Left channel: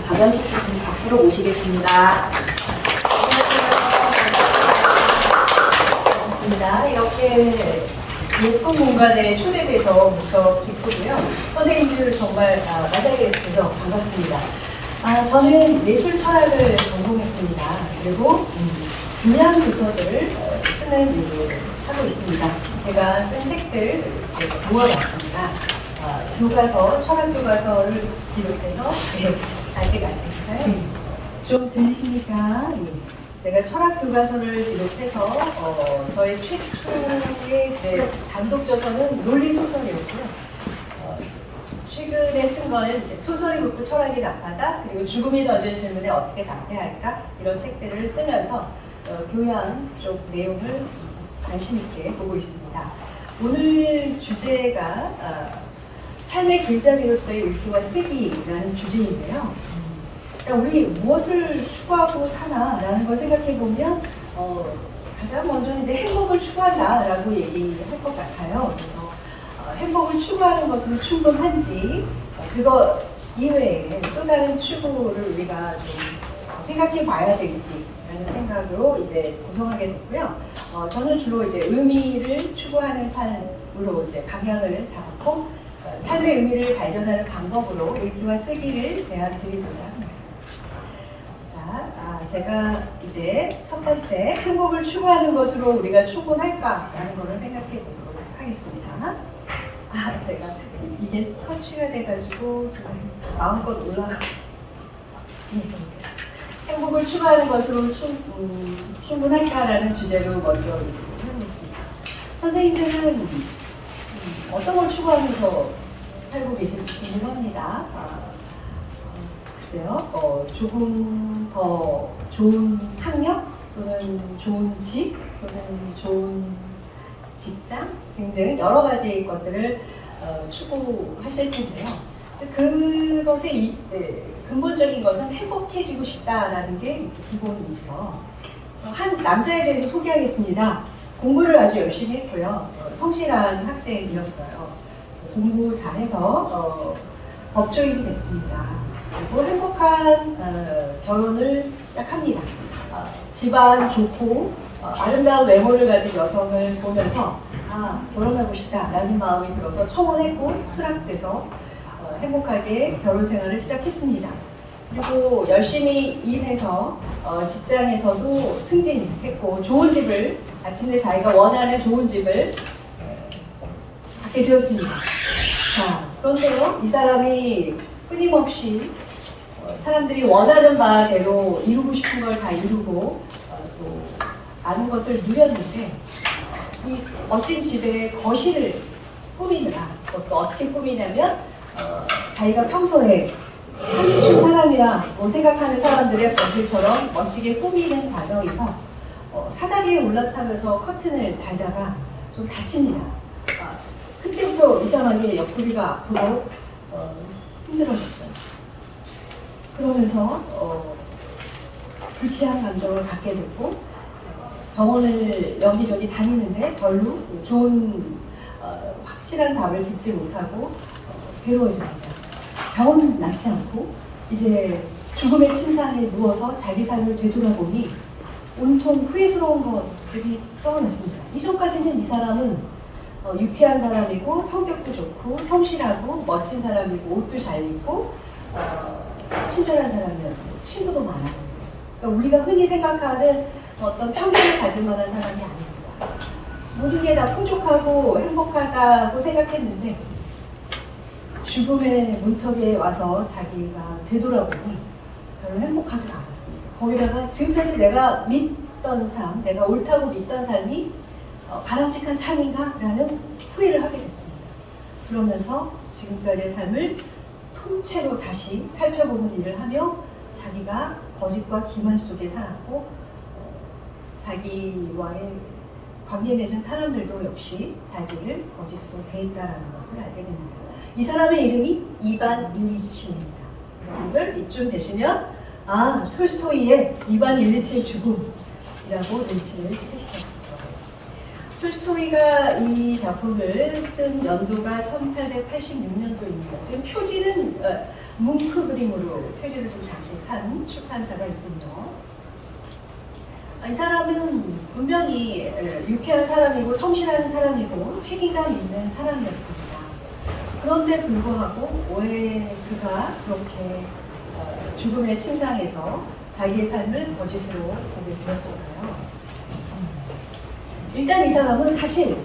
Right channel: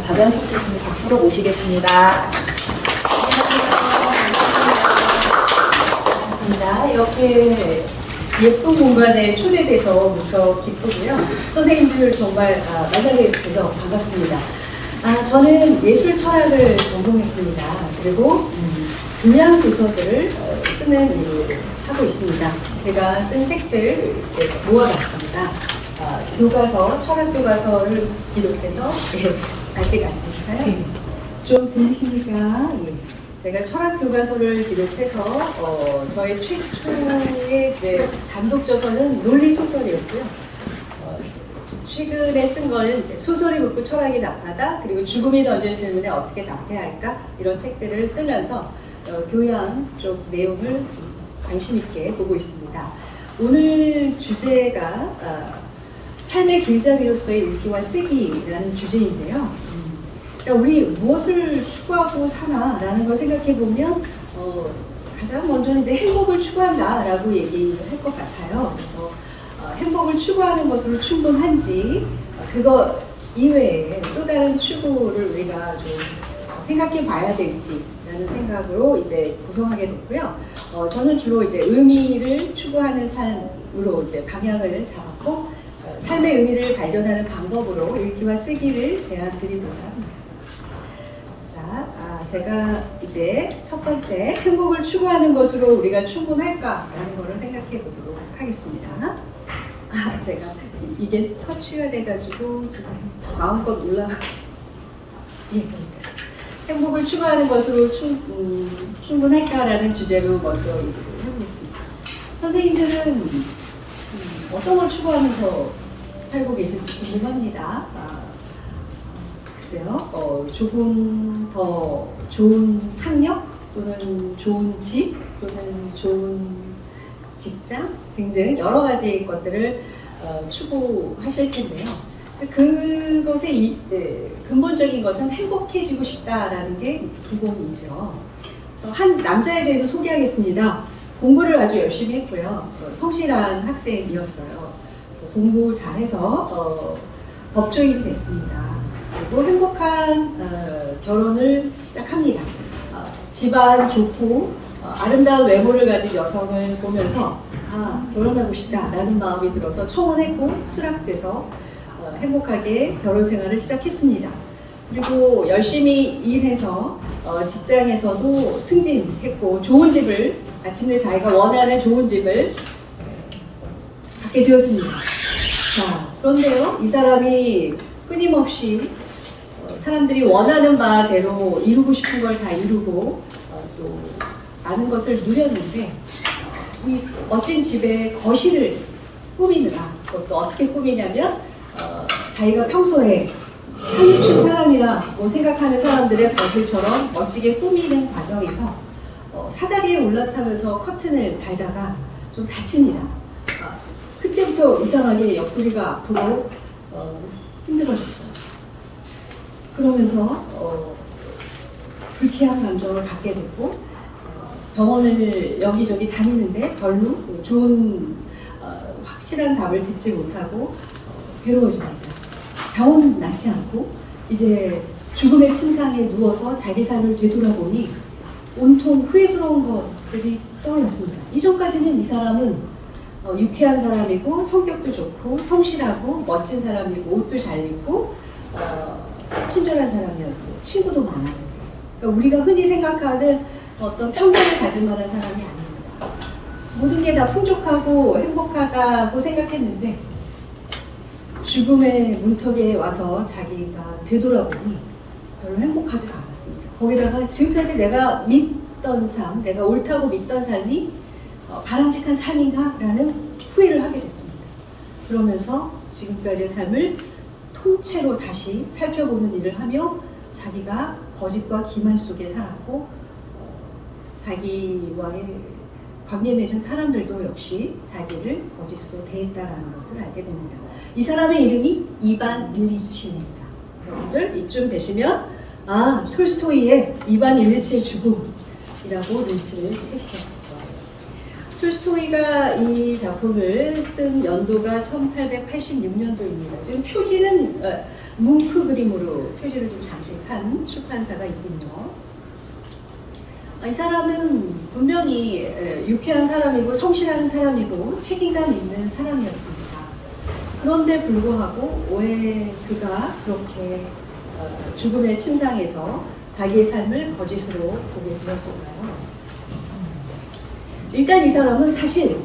박연식 교수님 박수로 모시겠습니다. 반갑습니다. 이렇게 예쁜 공간에 초대돼서 무척 기쁘고요. 선생님들 정말 만나게 돼서 반갑습니다. 저는 예술 철학을 전공했습니다. 그리고 교양 도서들을 쓰는 일을 하고 있습니다. 제가 쓴 책들 모아봤습니다. 교과서, 철학 교과서를 비롯해서 다시 갈까요? 좀 들리십니까? 제가 철학 교과서를 비롯해서 저의 최초의 감독저서는 논리 소설이었고요. 최근에 쓴 거는 소설이 묻고 철학이 답하다, 그리고 죽음이 던진 질문에 어떻게 답해야 할까, 이런 책들을 쓰면서 교양 쪽 내용을 관심 있게 보고 있습니다. 오늘 주제가 삶의 길잡이로서의 읽기와 쓰기라는 주제인데요. 그러니까 우리 무엇을 추구하고 사나라는 걸 생각해 보면 가장 먼저 이제 행복을 추구한다라고 얘기할 것 같아요. 그래서 행복을 추구하는 것으로 충분한지, 그거 이외에 또 다른 추구를 우리가 좀 생각해 봐야 될지라는 생각으로 이제 구성하게 됐고요. 저는 주로 이제 의미를 추구하는 삶으로 이제 방향을 잡았고, 삶의 의미를 발견하는 방법으로 읽기와 쓰기를 제안 드리고자 합니다. 자, 제가 이제 첫 번째, 행복을 추구하는 것으로 우리가 충분할까라는 것을 생각해 보도록 하겠습니다. 제가 이게 터치가 돼가지고 지금 마음껏 올라가고, 행복을 추구하는 것으로 충분할까라는 주제로 먼저 얘기를 해보겠습니다. 선생님들은 어떤 걸 추구하면서 살고 계신지 궁금합니다. 글쎄요, 조금 더 좋은 학력, 또는 좋은 집, 또는 좋은 직장 등등 여러 가지 것들을 추구하실 텐데요. 그것의 근본적인 것은 행복해지고 싶다라는 게 기본이죠. 그래서 한 남자에 대해서 소개하겠습니다. 공부를 아주 열심히 했고요. 성실한 학생이었어요. 공부 잘해서 법조인이 됐습니다. 그리고 행복한 결혼을 시작합니다. 집안 좋고 아름다운 외모를 가진 여성을 보면서 결혼하고 싶다라는 마음이 들어서 청혼했고 수락돼서 행복하게 결혼 생활을 시작했습니다. 그리고 열심히 일해서 직장에서도 승진했고 좋은 집을, 마침내 자기가 원하는 좋은 집을 갖게 되었습니다. 자, 그런데요, 이 사람이 끊임없이 사람들이 원하는 바대로 이루고 싶은 걸 다 이루고 또 많은 것을 누렸는데, 이 멋진 집의 거실을 꾸미느라, 그것도 어떻게 꾸미냐면 자기가 평소에 사기친 사람이라고 생각하는 사람들의 거실처럼 멋지게 꾸미는 과정에서 사다리에 올라타면서 커튼을 달다가 좀 다칩니다. 그때부터 이상하게 옆구리가 아프고 힘들어졌어요. 그러면서 불쾌한 감정을 갖게 됐고, 병원을 여기저기 다니는데 별로 좋은 확실한 답을 듣지 못하고 괴로워집니다. 병원은 낫지 않고 이제 죽음의 침상에 누워서 자기 삶을 되돌아보니 온통 후회스러운 것들이 떠올랐습니다. 이전까지는 이 사람은 유쾌한 사람이고 성격도 좋고 성실하고 멋진 사람이고 옷도 잘 입고 친절한 사람이었고 친구도 많았고, 그러니까 우리가 흔히 생각하는 어떤 편견을 가질 만한 사람이 아닙니다. 모든 게 다 풍족하고 행복하다고 생각했는데 죽음의 문턱에 와서 자기가 되돌아보니 별로 행복하지가 않았습니다. 거기다가 지금까지 내가 믿던 삶, 내가 옳다고 믿던 삶이 바람직한 삶인가? 라는 후회를 하게 됐습니다. 그러면서 지금까지의 삶을 통째로 다시 살펴보는 일을 하며 자기가 거짓과 기만 속에 살았고 자기와의 관계 맺은 사람들도 역시 자기를 거짓으로 대했다라는 것을 알게 됩니다. 이 사람의 이름이 이반 일리치입니다. 여러분들 이쯤 되시면 톨스토이의 이반 일리치의 죽음이라고 눈치를 채시겠을 거예요. 톨스토이가 이 작품을 쓴 연도가 1886년도입니다. 지금 표지는 뭉크 그림으로 표지를 좀 장식한 출판사가 있군요. 이 사람은 분명히 유쾌한 사람이고 성실한 사람이고 책임감 있는 사람이었습니다. 그런데 불구하고 왜 그가 그렇게 죽음의 침상에서 자기의 삶을 거짓으로 보게 되었을까요? 일단 이 사람은 사실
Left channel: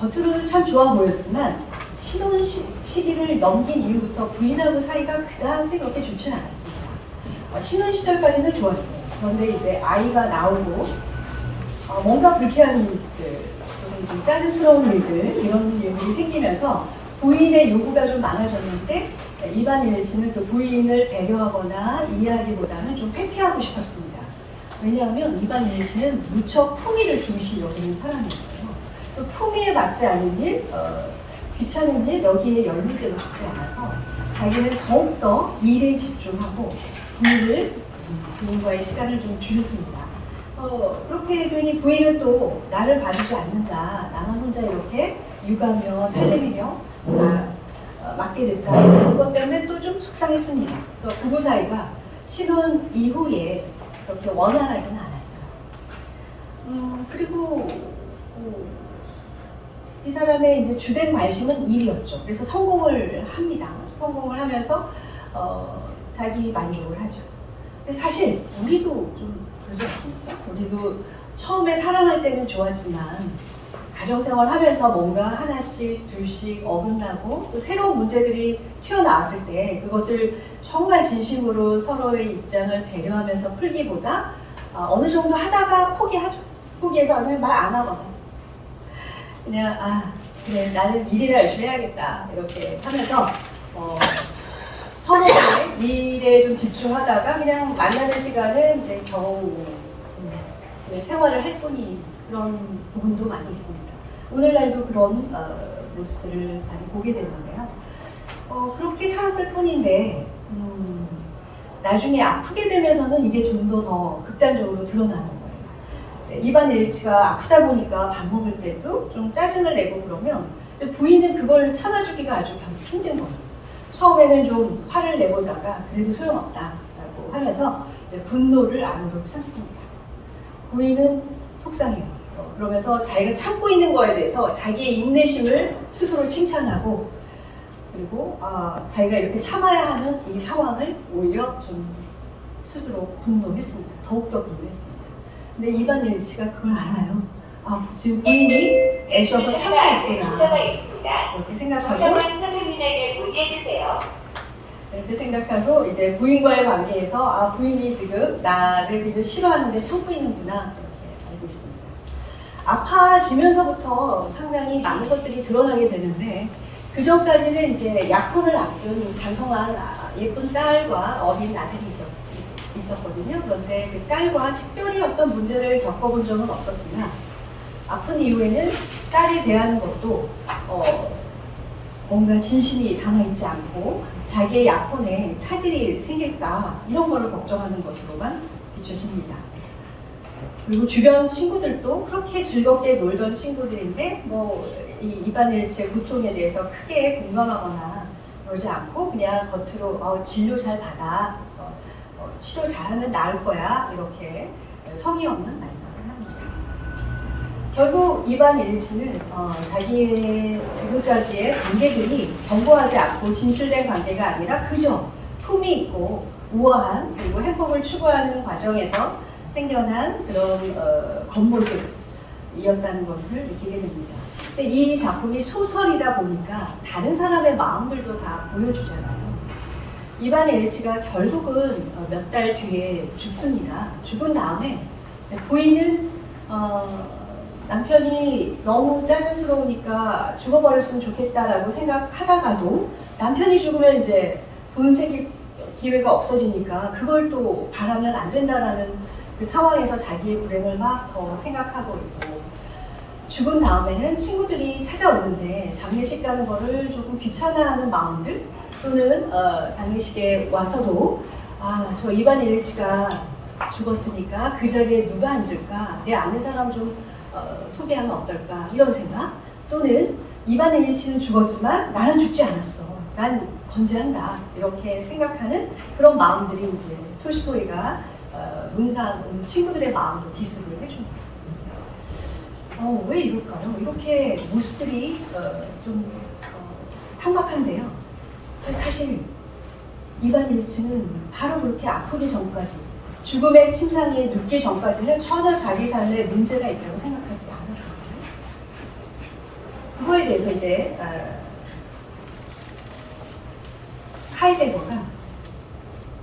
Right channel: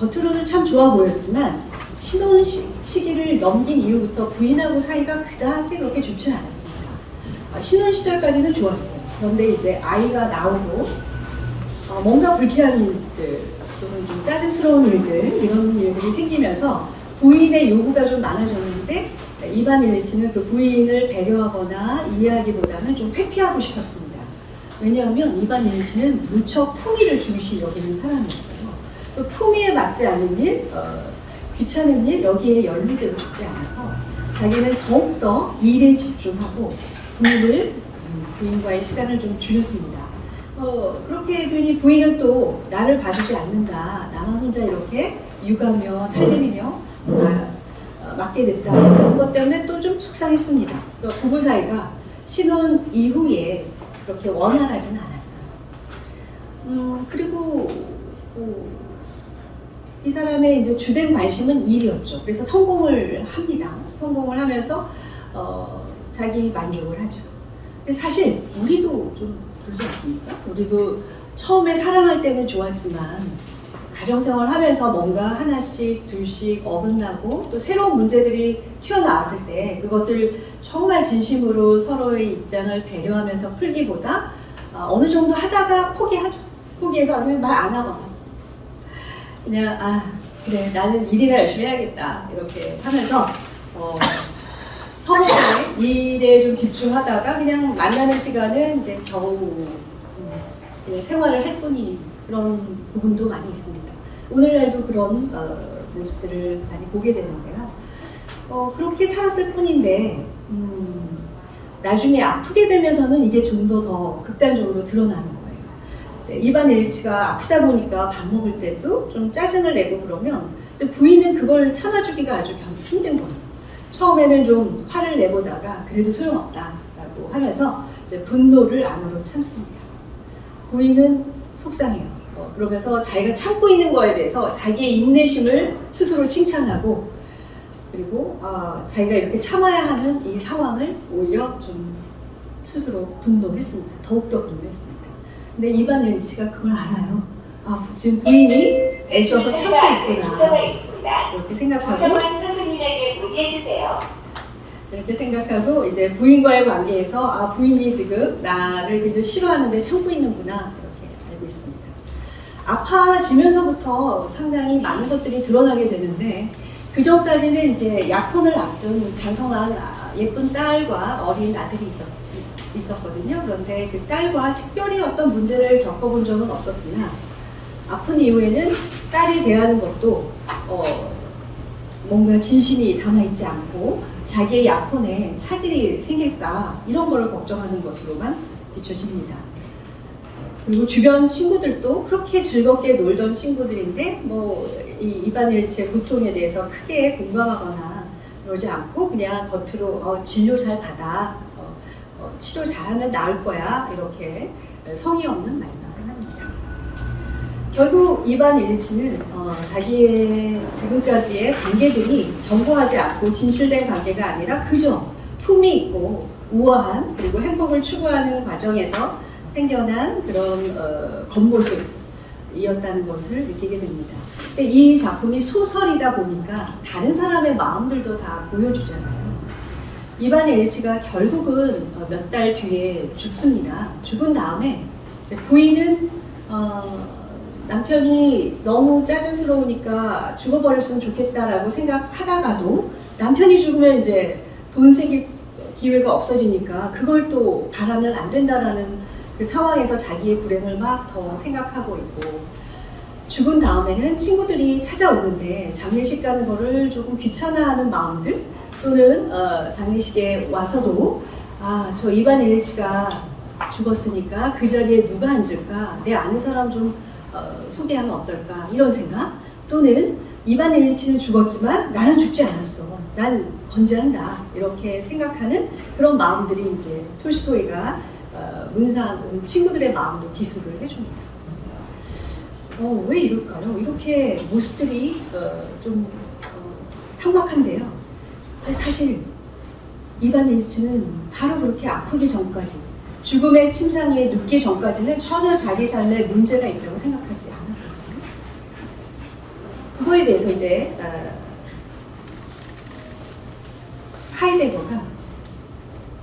겉으로는 참 좋아 보였지만 신혼 시기를 넘긴 이후부터 부인하고 사이가 그다지 그렇게 좋지는 않았습니다. 신혼 시절까지는 좋았어요. 그런데 이제 아이가 나오고 뭔가 불쾌한 일들, 좀 짜증스러운 일들, 이런 일들이 생기면서 부인의 요구가 좀 많아졌는데 이반 일리치는 그 부인을 배려하거나 이해하기보다는 좀 회피하고 싶었습니다. 왜냐하면 이반 일리치는 무척 품위를 중시 여기는 사람이었어요. 또 품위에 맞지 않는 일, 귀찮은 일, 여기에 연루되고 싶지 않아서 자기는 더욱더 일에 집중하고 부인과의 시간을 좀 줄였습니다. 그렇게 되니 부인은 또 나를 봐주지 않는다. 나만 혼자 이렇게 육아며 살림이며 맡게 됐다. 그런 것 때문에 또 좀 속상했습니다. 그래서 부부 사이가 신혼 이후에 그렇게 원활하지는 않았어요. 그리고 이 사람의 이제 주된 관심은 일이었죠. 그래서 성공을 합니다. 성공을 하면서 자기 만족을 하죠. 사실 우리도 좀 그러지 않습니까? 우리도 처음에 사랑할 때는 좋았지만 가정생활 하면서 뭔가 하나씩 둘씩 어긋나고 또 새로운 문제들이 튀어나왔을 때 그것을 정말 진심으로 서로의 입장을 배려하면서 풀기보다 어느 정도 하다가 포기하죠. 포기해서 그냥 말 안 하거나 그냥 그래 나는 일이나 열심히 해야겠다 이렇게 하면서 서로의 일에 좀 집중하다가 그냥 만나는 시간은 이제 겨우 생활을 할 뿐인 그런 부분도 많이 있습니다. 오늘날도 그런 모습들을 많이 보게 되는데요. 그렇게 살았을 뿐인데 나중에 아프게 되면서는 이게 좀 더 극단적으로 드러나는 거예요. 이반 일리치가 아프다 보니까 밥 먹을 때도 좀 짜증을 내고 그러면 부인은 그걸 참아주기가 아주 힘든 거예요. 처음에는 좀 화를 내보다가 그래도 소용없다라고 하면서 이제 분노를 안으로 참습니다. 부인은 속상해요. 그러면서 자기가 참고 있는 거에 대해서 자기의 인내심을 스스로 칭찬하고 그리고 자기가 이렇게 참아야 하는 이 상황을 오히려 좀 스스로 분노했습니다. 더욱더 분노했습니다. 근데 이반 일리치가 그걸 알아요. 지금 부인이 애써서 참고 있구나. 이렇게 생각하고 이렇게 생각하고 이제 부인과의 관계에서 부인이 지금 나를 굉장히 싫어하는데 참고 있는구나 이렇게 알고 있습니다. 아파지면서부터 상당히 많은 것들이 드러나게 되는데 그 전까지는 이제 약혼을 앞둔 장성한 예쁜 딸과 어린 아들이 있었거든요. 그런데 그 딸과 특별히 어떤 문제를 겪어본 적은 없었으나 아픈 이후에는 딸을 대하는 것도 뭔가 진심이 담아있지 않고 자기의 약혼에 차질이 생길까 이런 거를 걱정하는 것으로만 비춰집니다. 그리고 주변 친구들도 그렇게 즐겁게 놀던 친구들인데 이 이반 일리치의 고통에 대해서 크게 공감하거나 그러지 않고 그냥 겉으로 진료 잘 받아 치료 잘하면 나을 거야 이렇게 성의 없는 말만 합니다. 결국 이반 일리치는 자기의 지금까지의 관계들이 견고하지 않고 진실된 관계가 아니라 그저 품이 있고 우아한 그리고 행복을 추구하는 과정에서 생겨난 그런 겉모습이었다는 것을 느끼게 됩니다. 근데 이 작품이 소설이다 보니까 다른 사람의 마음들도 다 보여주잖아요. 이반 일리치가 결국은 몇 달 뒤에 죽습니다. 죽은 다음에 부인은 남편이 너무 짜증스러우니까 죽어버렸으면 좋겠다라고 생각하다가도 남편이 죽으면 이제 돈 새길 기회가 없어지니까 그걸 또 바라면 안 된다라는 그 상황에서 자기의 불행을 막 더 생각하고 있고 죽은 다음에는 친구들이 찾아오는데 장례식 가는 거를 조금 귀찮아하는 마음들 또는 장례식에 와서도 저 이반 일리치가 죽었으니까 그 자리에 누가 앉을까 내 아는 사람 좀 소개하면 어떨까 이런 생각, 또는 이반 일리치는 죽었지만 나는 죽지 않았어, 난 건재한다, 이렇게 생각하는 그런 마음들이 이제 톨스토이가 문상 친구들의 마음도 기술을 해줍니다. 왜 이럴까요? 이렇게 모습들이 좀 삭막한데요. 사실 이반 일치는 바로 그렇게 아프기 전까지, 죽음의 침상에 눕기 전까지는 전혀 자기 삶에 문제가 있다고 생각하지 않았거든요. 그거에 대해서 이제 하이데거가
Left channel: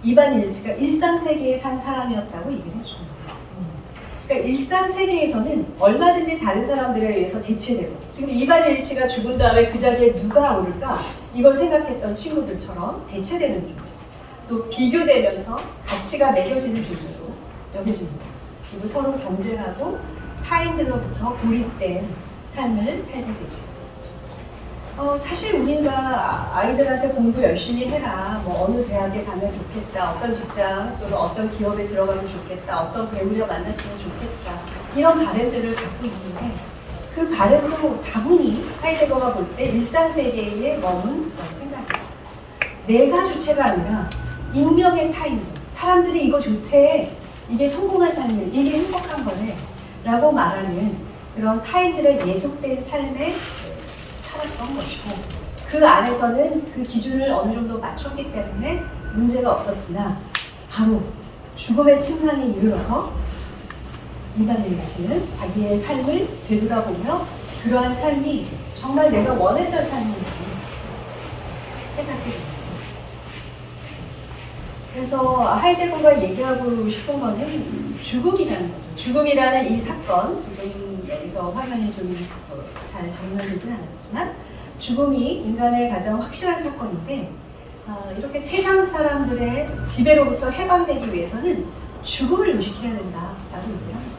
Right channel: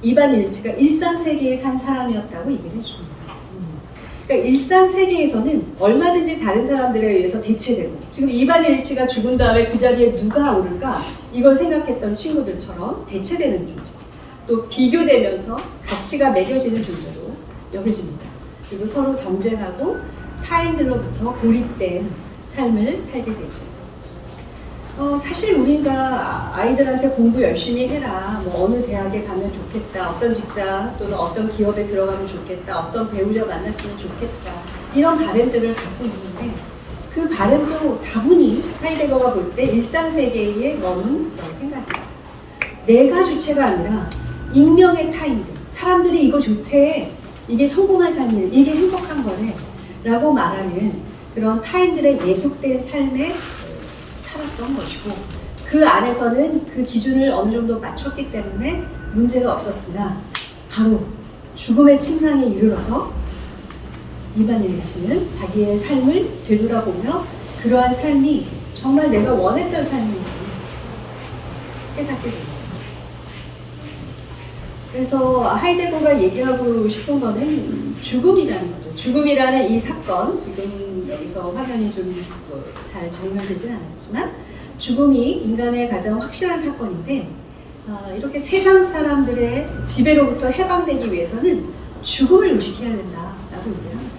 이반 일치가 일상세계에 산 사람이었다고 얘기를 해줍니다. 그러니까 일상세계에서는 얼마든지 다른 사람들에 의해서 대체되고, 지금 이반 일치가 죽은 다음에 그 자리에 누가 오를까 이걸 생각했던 친구들처럼 대체되는 존재, 또 비교되면서 가치가 매겨지는 존재로 여겨집니다. 그리고 서로 경쟁하고 타인들로부터 고립된 삶을 살게 되죠. 사실 우리가 아이들한테 공부 열심히 해라, 뭐 어느 대학에 가면 좋겠다, 어떤 직장 또는 어떤 기업에 들어가면 좋겠다, 어떤 배우자 만났으면 좋겠다, 이런 바램들을 갖고 있는데, 그 바램도 다분히 하이데거가 볼 때 일상세계에 머문 생각이에요. 내가 주체가 아니라 익명의 타인들, 사람들이 이거 좋대, 이게 성공한 삶이네, 이게 행복한 거네 라고 말하는 그런 타인들의 예속된 삶에 살았던 것이고, 그 안에서는 그 기준을 어느 정도 맞췄기 때문에 문제가 없었으나, 바로 죽음의 침상에 이르러서 이반 일치는 자기의 삶을 되돌아보며 그러한 삶이 정말 내가 원했던 삶인지 깨닫게 됩니다. 그래서 하이데거가 얘기하고 싶은 거는 죽음이라는 거죠. 죽음이라는 이 사건, 지금 여기서 화면이 좀 잘 정렬되진 않았지만, 죽음이 인간의 가장 확실한 사건인데, 이렇게 세상 사람들의 지배로부터 해방되기 위해서는 죽음을 의식해야 된다라고 얘기를 합니다.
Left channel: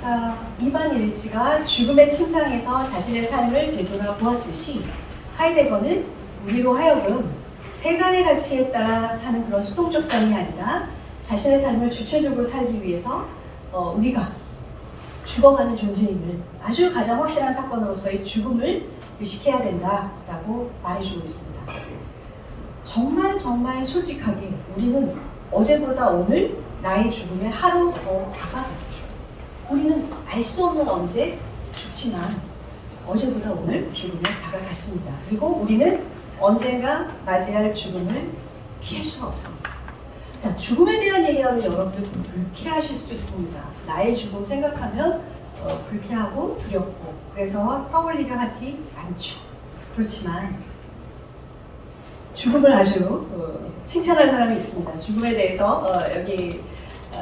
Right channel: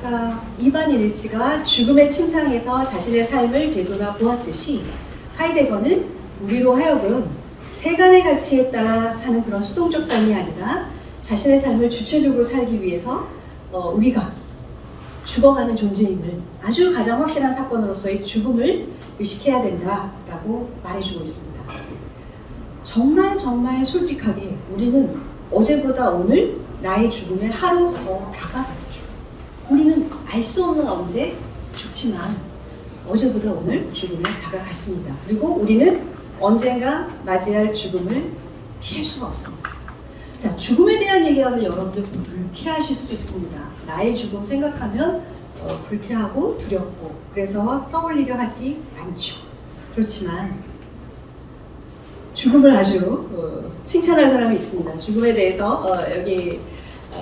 그러니까 이반 일치가 죽음의 침상에서 자신의 삶을 되돌아보았듯이, 하이데거는 우리로 하여금 세간의 가치에 따라 사는 그런 수동적 삶이 아니라 자신의 삶을 주체적으로 살기 위해서 우리가 죽어가는 존재임을, 아주 가장 확실한 사건으로서의 죽음을 의식해야 된다라고 말해주고 있습니다. 정말 솔직하게 우리는 어제보다 오늘 나의 죽음에 하루 더 다가갔죠. 우리는 알 수 없는 언제 죽지만 어제보다 오늘 죽음에 다가갔습니다. 그리고 우리는 언젠가 맞이할 죽음을 피할 수가 없습니다. 자, 죽음에 대한 얘기하면 여러분들 불쾌하실 수 있습니다. 나의 죽음 생각하면 불쾌하고 두렵고, 그래서 떠올리려 하지 않죠. 그렇지만 죽음을 아주 칭찬한 사람이 있습니다. 죽음에 대해서 여기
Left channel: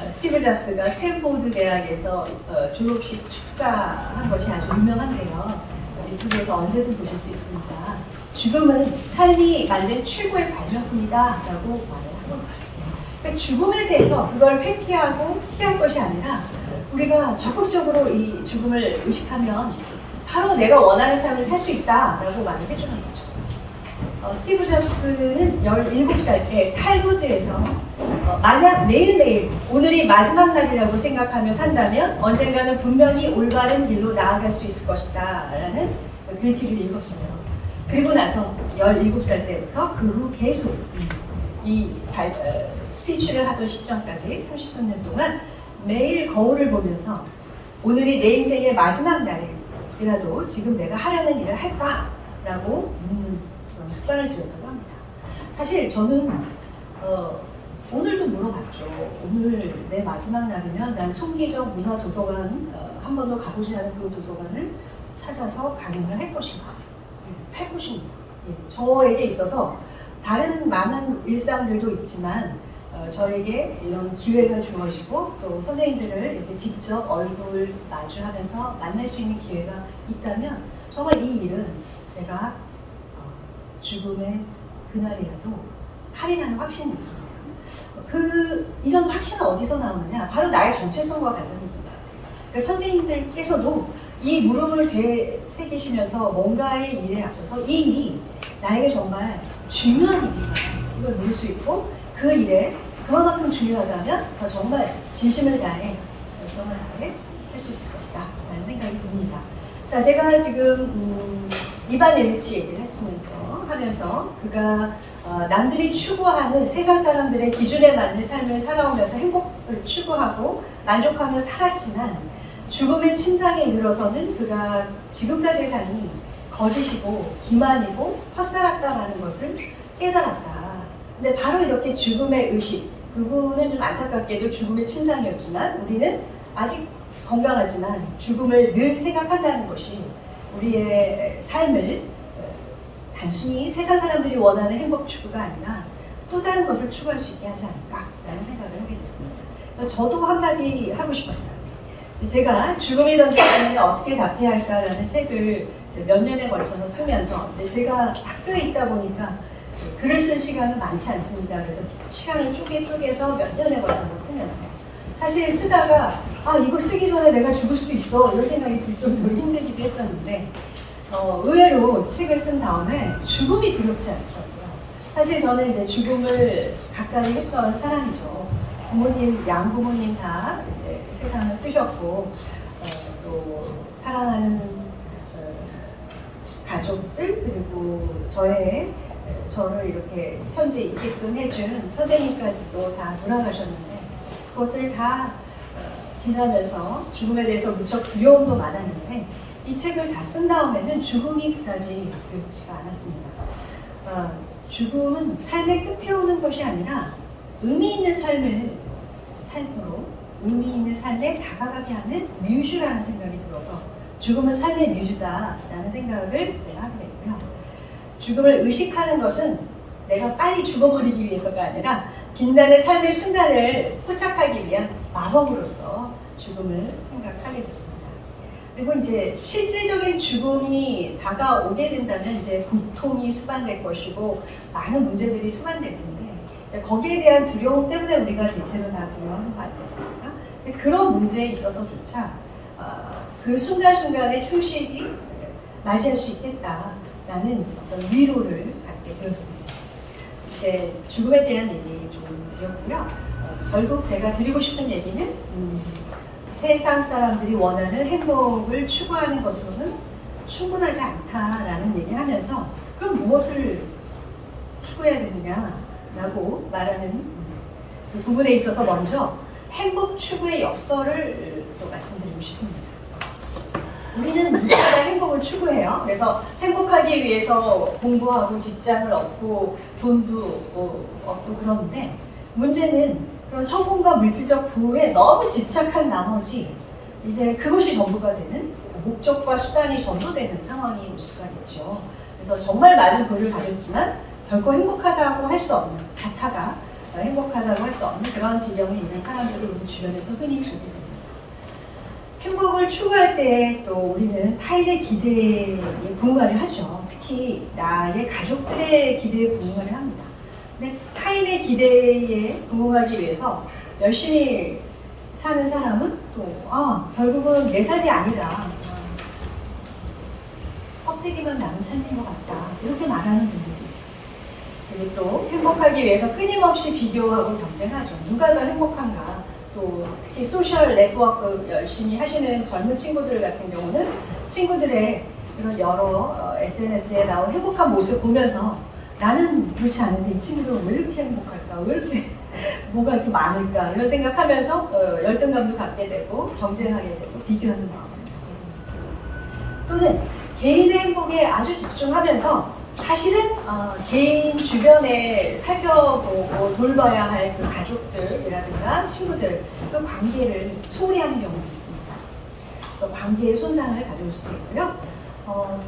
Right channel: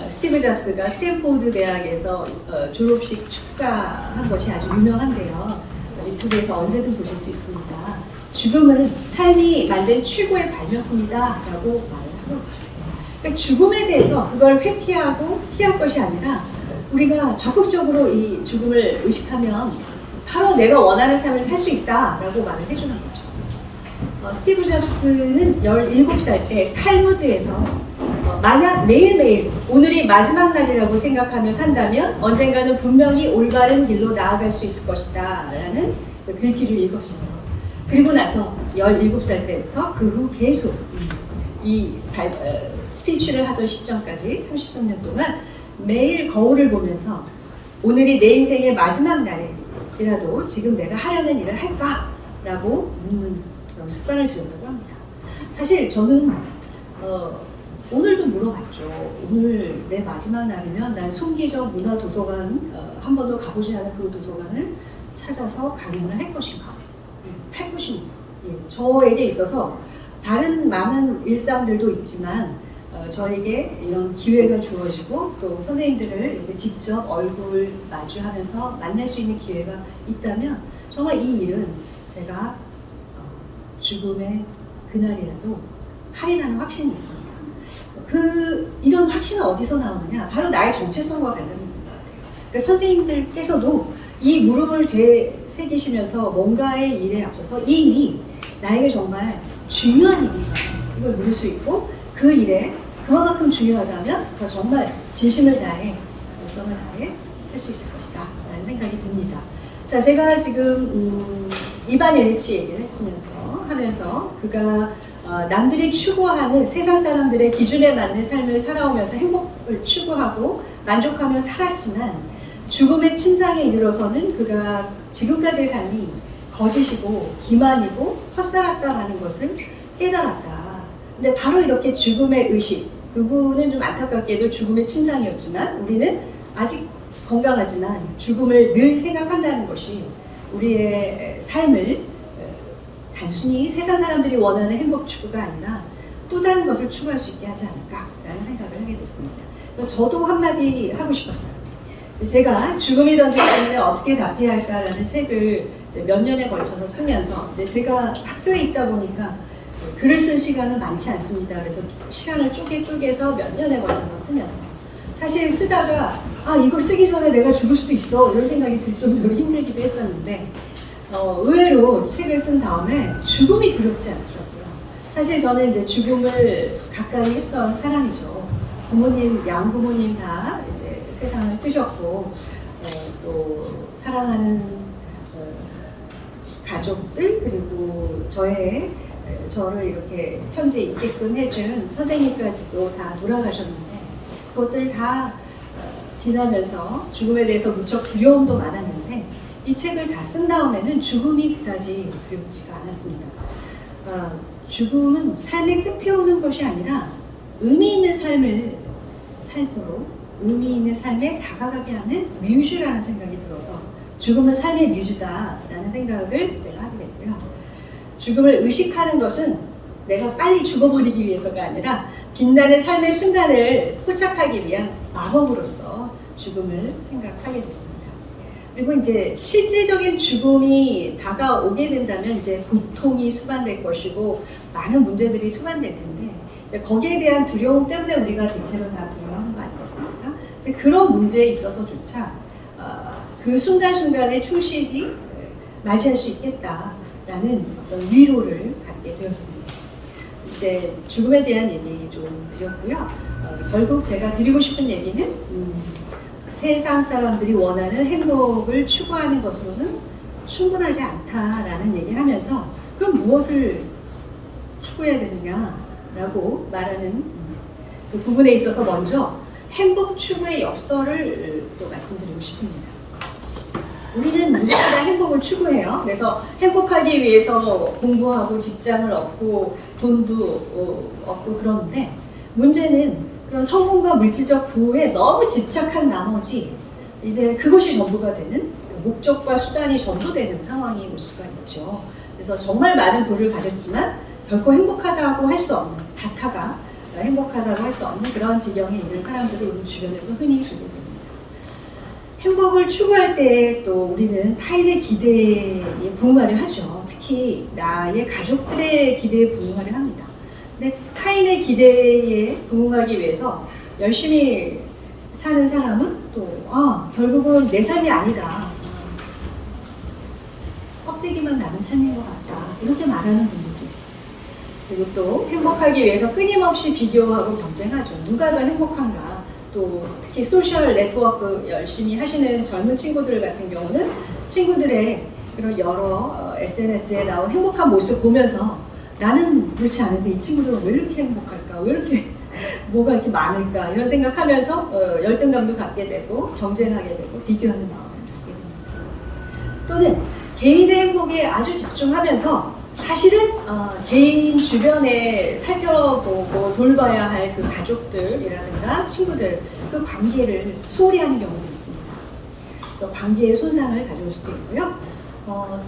스티브 잡스가 스탠포드 대학에서 졸업식 축사한 것이 아주 유명한데요. 유튜브에서 언제든 보실 수 있습니다. 죽음은 삶이 만든 최고의 발명품이다 라고 말을 하는 거죠. 그러니까 죽음에 대해서 그걸 회피하고 피할 것이 아니라, 우리가 적극적으로 이 죽음을 의식하면 바로 내가 원하는 삶을 살 수 있다라고 말을 해주는 거죠. 스티브 잡스는 17살 때 탈무드에서 만약 매일매일 오늘이 마지막 날이라고 생각하며 산다면 언젠가는 분명히 올바른 길로 나아갈 수 있을 것이다 라는 글귀를 읽었어요. 그리고 나서 17살 때부터 그 후 계속 이 스피치를 하던 시점까지 33년 동안 매일 거울을 보면서 오늘이 내 인생의 마지막 날일지라도 지금 내가 하려는 일을 할까? 라고 묻는 그런 습관을 들였다고 합니다. 사실 저는 오늘도 물어봤죠. 오늘 내 마지막 날이면 난 송기적 문화도서관, 한 번도 가보지 않은 그 도서관을 찾아서 강연을 할 것인가? 할 것인가? 저에게 있어서 다른 많은 일상들도 있지만 저에게 이런 기회가 주어지고, 또 선생님들을 이렇게 직접 얼굴 마주하면서 만날 수 있는 기회가 있다면 정말 이 일은 제가 죽음의 그날이라도 하리라는 확신이 있습니다. 이런 확신은 어디서 나오느냐? 바로 나의 정체성과 관련된 것 같아요. 그러니까 선생님들께서도 이 물음을 되새기시면서 뭔가의 일에 앞서서 이 일이 나에게 정말 중요한 일인가, 이걸 물을 수 있고, 그 일에 그만큼 중요하다면 더 정말 진심을 다해, 열성을 다해 할 수 있을 것이다 라는 라는 생각이 듭니다. 자, 제가 지금 이반 옐리치 얘기를 하면서 그가 남들이 추구하는 세상 사람들의 기준에 맞는 삶을 살아오면서 행복을 추구하고 만족하며 살았지만 죽음의 침상에 이르러서는 그가 지금까지의 삶이 거짓이고 기만이고 헛살았다라는 것을 깨달았다. 근데 바로 이렇게 죽음의 의식, 그분은 좀 안타깝게도 죽음의 침상이었지만 우리는 아직 건강하지만 죽음을 늘 생각한다는 것이 우리의 삶을 단순히 세상 사람들이 원하는 행복 추구가 아니라 또 다른 것을 추구할 수 있게 하지 않을까라는 생각을 하게 됐습니다. 저도 한마디 하고 싶었어요. 제가 죽음이 던진 질문에 어떻게 답해야 할까라는 책을 몇 년에 걸쳐서 쓰면서 제가 학교에 있다 보니까 글을 쓸 시간은 많지 않습니다. 그래서 시간을 쪼개서 몇 년에 걸쳐서 쓰면서요. 사실 쓰다가 이거 쓰기 전에 내가 죽을 수도 있어 이런 생각이 들 정도로 힘들기도 했었는데 의외로 책을 쓴 다음에 죽음이 두렵지 않더라고요. 사실 저는 이제 죽음을 가까이 했던 사람이죠. 양부모님 다 이제 세상을 뜨셨고 또 사랑하는 가족들 그리고 저를 이렇게 현재 있게끔 해준 선생님까지도 다 돌아가셨는데 그것들 다 지나면서 죽음에 대해서 무척 두려움도 많았는데 이 책을 다 쓴 다음에는 죽음이 그다지 두렵지가 않았습니다. 죽음은 삶의 끝에 오는 것이 아니라 의미 있는 삶을 삶으로 의미 있는 삶에 다가가게 하는 뮤즈라는 생각이 들어서 죽음은 삶의 뮤즈다라는 생각을 제가 하게 됐고요. 죽음을 의식하는 것은 내가 빨리 죽어버리기 위해서가 아니라 빛나는 삶의 순간을 포착하기 위한 마법으로서 죽음을 생각하게 됐습니다. 그리고 이제 실질적인 죽음이 다가오게 된다면 이제 고통이 수반될 것이고 많은 문제들이 수반될 텐데 거기에 대한 두려움 때문에 우리가 대체로 다 두려워하는 거 아니겠습니까? 그런 문제에 있어서조차 그 순간순간에 충실히 맞이할 수 있겠다라는 어떤 위로를 갖게 되었습니다. 이제 죽음에 대한 얘기 좀 드렸고요. 결국 제가 드리고 싶은 얘기는 세상 사람들이 원하는 행복을 추구하는 것으로는 충분하지 않다라는 얘기를 하면서 그럼 무엇을 추구해야 되느냐라고 말하는 그 부분에 있어서 먼저 행복 추구의 역설을 또 말씀드리고 싶습니다. 우리는 누구나 다 행복을 추구해요. 그래서 행복하기 위해서 공부하고 직장을 얻고 돈도 얻고 그러는데 문제는 그런 성공과 물질적 부에 너무 집착한 나머지 이제 그것이 전부가 되는 목적과 수단이 전부 되는 상황이 올 수가 있죠. 그래서 정말 많은 부를 가졌지만 결코 행복하다고 할 수 없는 자타가 행복하다고 할 수 없는 그런 지경에 있는 사람들을 우리 주변에서 흔히 보게 됩니다. 행복을 추구할 때 또 우리는 타인의 기대에 부응하려 하죠. 특히 나의 가족들의 기대에 부응하려 합니다. 근데 타인의 기대에 부응하기 위해서 열심히 사는 사람은 또 결국은 내 삶이 아니다. 껍데기만 남은 삶인 것 같다. 이렇게 말하는 분들도 있어요. 그리고 또 행복하기 위해서 끊임없이 비교하고 경쟁하죠. 누가 더 행복한가. 또 특히 소셜 네트워크 열심히 하시는 젊은 친구들 같은 경우는 친구들의 이런 여러 SNS에 나온 행복한 모습 보면서 나는 그렇지 않은데 이 친구들은 왜 이렇게 행복할까? 왜 이렇게 뭐가 이렇게 많을까? 이런 생각하면서 열등감도 갖게 되고 경쟁하게 되고 비교하는 마음을 갖게 됩니다. 또는 개인의 행복에 아주 집중하면서 사실은 개인 주변에 살펴보고 돌봐야 할 그 가족들이라든가 친구들 그 관계를 소홀히 하는 경우도 있습니다. 그래서 관계의 손상을 가져올 수도 있고요.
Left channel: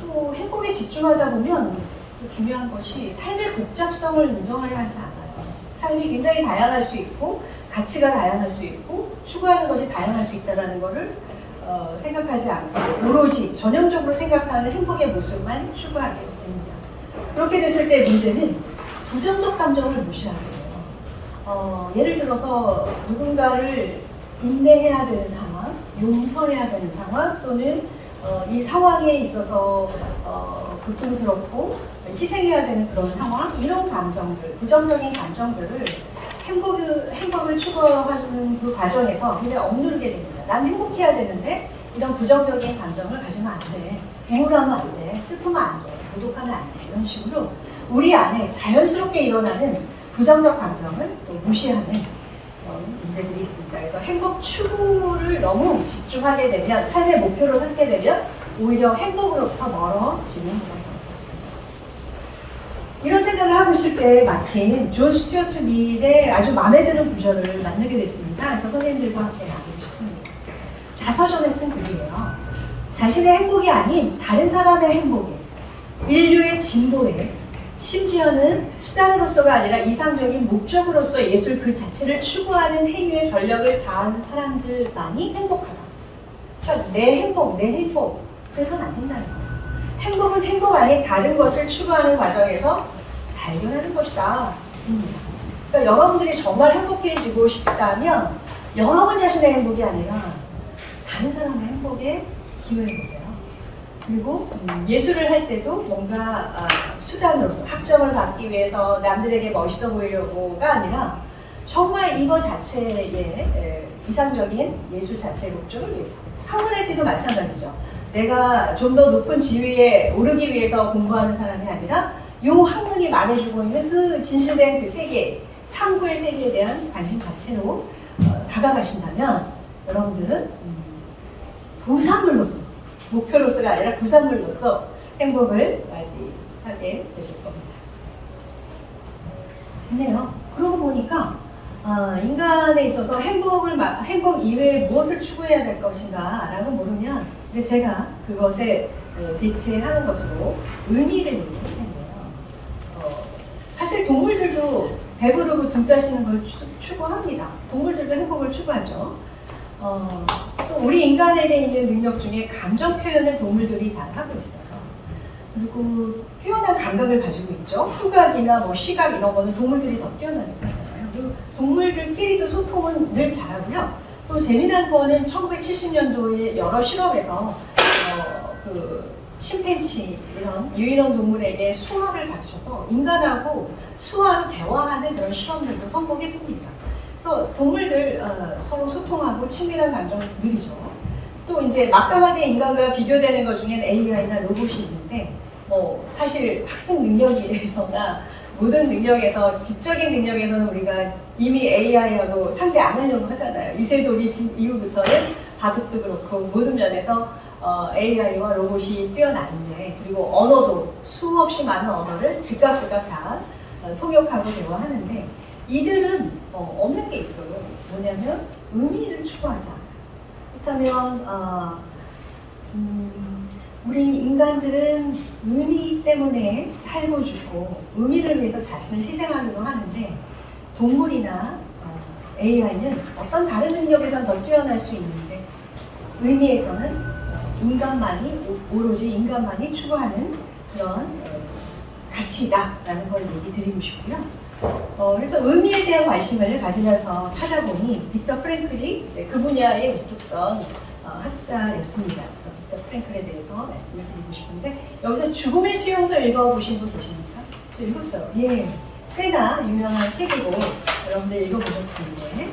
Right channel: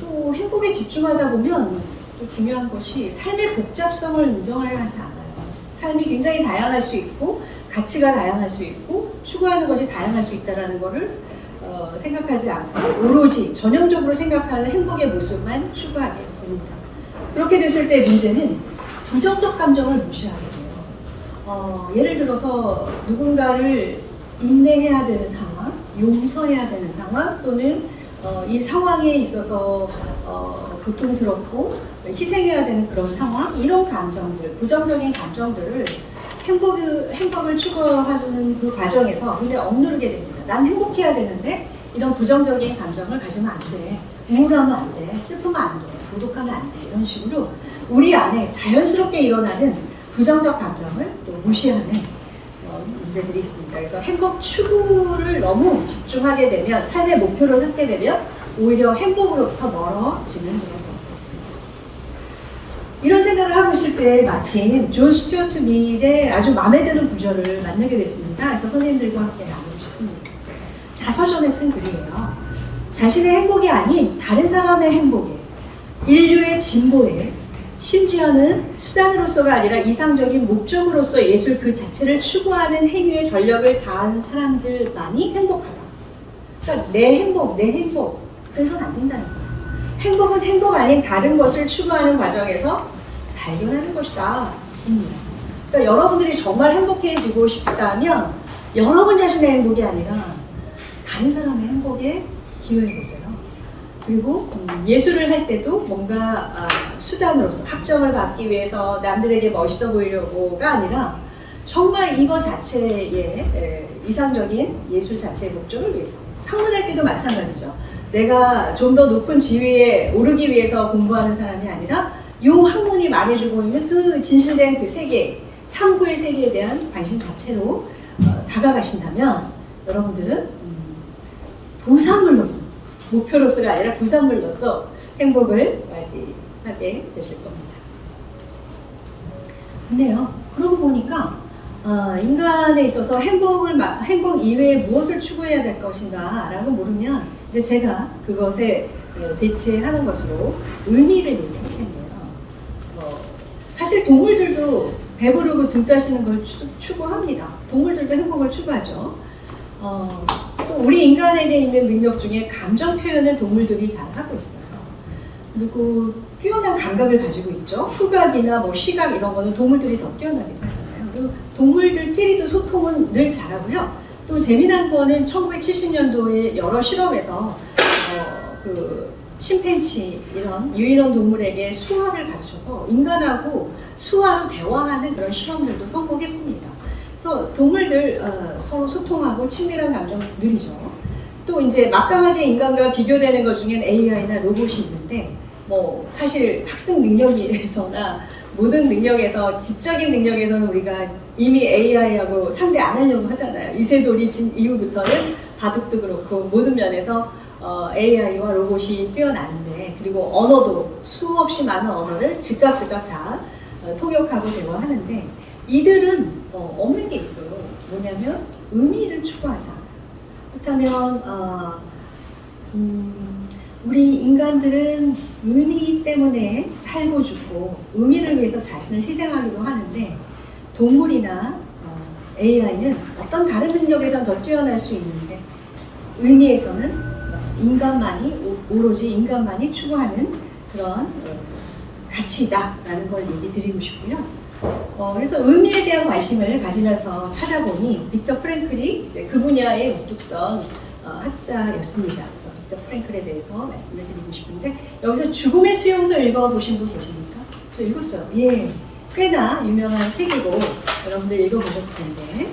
또 행복에 집중하다 보면 또 중요한 것이 삶의 복잡성을 인정하려 하지 않아요. 삶이 굉장히 다양할 수 있고 가치가 다양할 수 있고 추구하는 것이 다양할 수 있다는 것을 생각하지 않고 오로지 전형적으로 생각하는 행복의 모습만 추구하게 됩니다. 그렇게 됐을 때 문제는 부정적 감정을 무시하게 돼요. 예를 들어서 누군가를 인내해야 되는 상황, 용서해야 되는 상황 또는 이 상황에 있어서 고통스럽고 희생해야 되는 그런 상황, 이런 감정들, 부정적인 감정들을 행복을 추구하는 그 과정에서 굉장히 억누르게 됩니다. 난 행복해야 되는데 이런 부정적인 감정을 가지면 안 돼. 우울하면 안 돼. 슬프면 안 돼. 고독하면 안 돼. 이런 식으로 우리 안에 자연스럽게 일어나는 부정적 감정을 또 무시하는 그런 문제들이 있습니다. 그래서 행복 추구를 너무 집중하게 되면, 삶의 목표로 삼게 되면 오히려 행복으로부터 멀어지는 그런 경우가 있습니다. 이런 생각을 하고 있을 때 마침 존 스튜어트 밀의 아주 마음에 드는 구절을 만나게 됐습니다. 그래서 선생님들과 함께 나누고 싶습니다. 자서전에 쓴 글이에요. 자신의 행복이 아닌 다른 사람의 행복에, 인류의 진보에, 심지어는 수단으로서가 아니라 이상적인 목적으로서 예술 그 자체를 추구하는 행위에 전력을 다한 사람들만이 행복하다. 그러니까 내 행복, 그래서는 안 된다는 거예요. 행복은 행복 아닌 다른 것을 추구하는 과정에서 발견하는 것이다. 그러니까 여러분들이 정말 행복해지고 싶다면 여러분 자신의 행복이 아니라 다른 사람의 행복에 기여해보세요. 그리고 예술을 할 때도 뭔가 수단으로서 학점을 받기 위해서 남들에게 멋있어 보이려고가 아니라 정말 이거 자체의 이상적인 예술 자체의 목적을 위해서. 학문할 때도 마찬가지죠. 내가 좀 더 높은 지위에 오르기 위해서 공부하는 사람이 아니라 이 학문이 말해주고 있는 그 진실된 그 세계, 탐구의 세계에 대한 관심 자체로 다가가신다면 여러분들은 부산물로서, 목표로서가 아니라 부산물로서 행복을 맞이하게 되실 겁니다. 근데요, 그러고 보니까 인간에 있어서 행복 이외에 무엇을 추구해야 될 것인가 라고 물으면 이제 제가 그것에 배치하는 것으로 의미를 얘기할 텐데요. 사실 동물들도 배부르고 등 따시는 걸 추구합니다. 동물들도 행복을 추구하죠. 또 우리 인간에게 있는 능력 중에 감정 표현을 동물들이 잘 하고 있어요. 그리고 뛰어난 감각을 가지고 있죠. 후각이나 뭐 시각 이런 거는 동물들이 더 뛰어나게 하잖아요. 그리고 동물들끼리도 소통은 늘 잘하고요. 또 재미난 거는 1970년도에 여러 실험에서 그 침팬치 이런 유인원 동물에게 수화를 가르쳐서 인간하고 수화로 대화하는 그런 실험들도 성공했습니다. 그래서 동물들 서로 소통하고 친밀한 감정 느리죠. 또 이제 막강하게 인간과 비교되는 것 중엔 AI나 로봇이 있는데 뭐 사실 학습 능력에서나 모든 능력에서 지적인 능력에서는 우리가 이미 AI하고 상대 안 하려고 하잖아요. 이세돌이 진 이후부터는 바둑도 그렇고 모든 면에서 AI와 로봇이 뛰어나는데, 그리고 언어도 수없이 많은 언어를 즉각 다 통역하고 대화하는데 이들은 없는 게 있어요. 뭐냐면 의미를 추구하지 않아요. 그렇다면 우리 인간들은 의미 때문에 살고 죽고 의미를 위해서 자신을 희생하기도 하는데 동물이나 AI는 어떤 다른 능력에선 더 뛰어날 수 있는데 의미에서는 오로지 인간만이 추구하는 그런 가치다라는 걸 얘기 드리고 싶고요. 그래서 의미에 대한 관심을 가지면서 찾아보니 빅터 프랭클이 이제 그 분야의 우뚝성 학자였습니다. 그래서 빅터 프랭클에 대해서 말씀을 드리고 싶은데, 여기서 죽음의 수용소 읽어보신 분 계십니까? 저 읽었어요. 예, 꽤나 유명한 책이고 여러분들 읽어보셨을 텐데,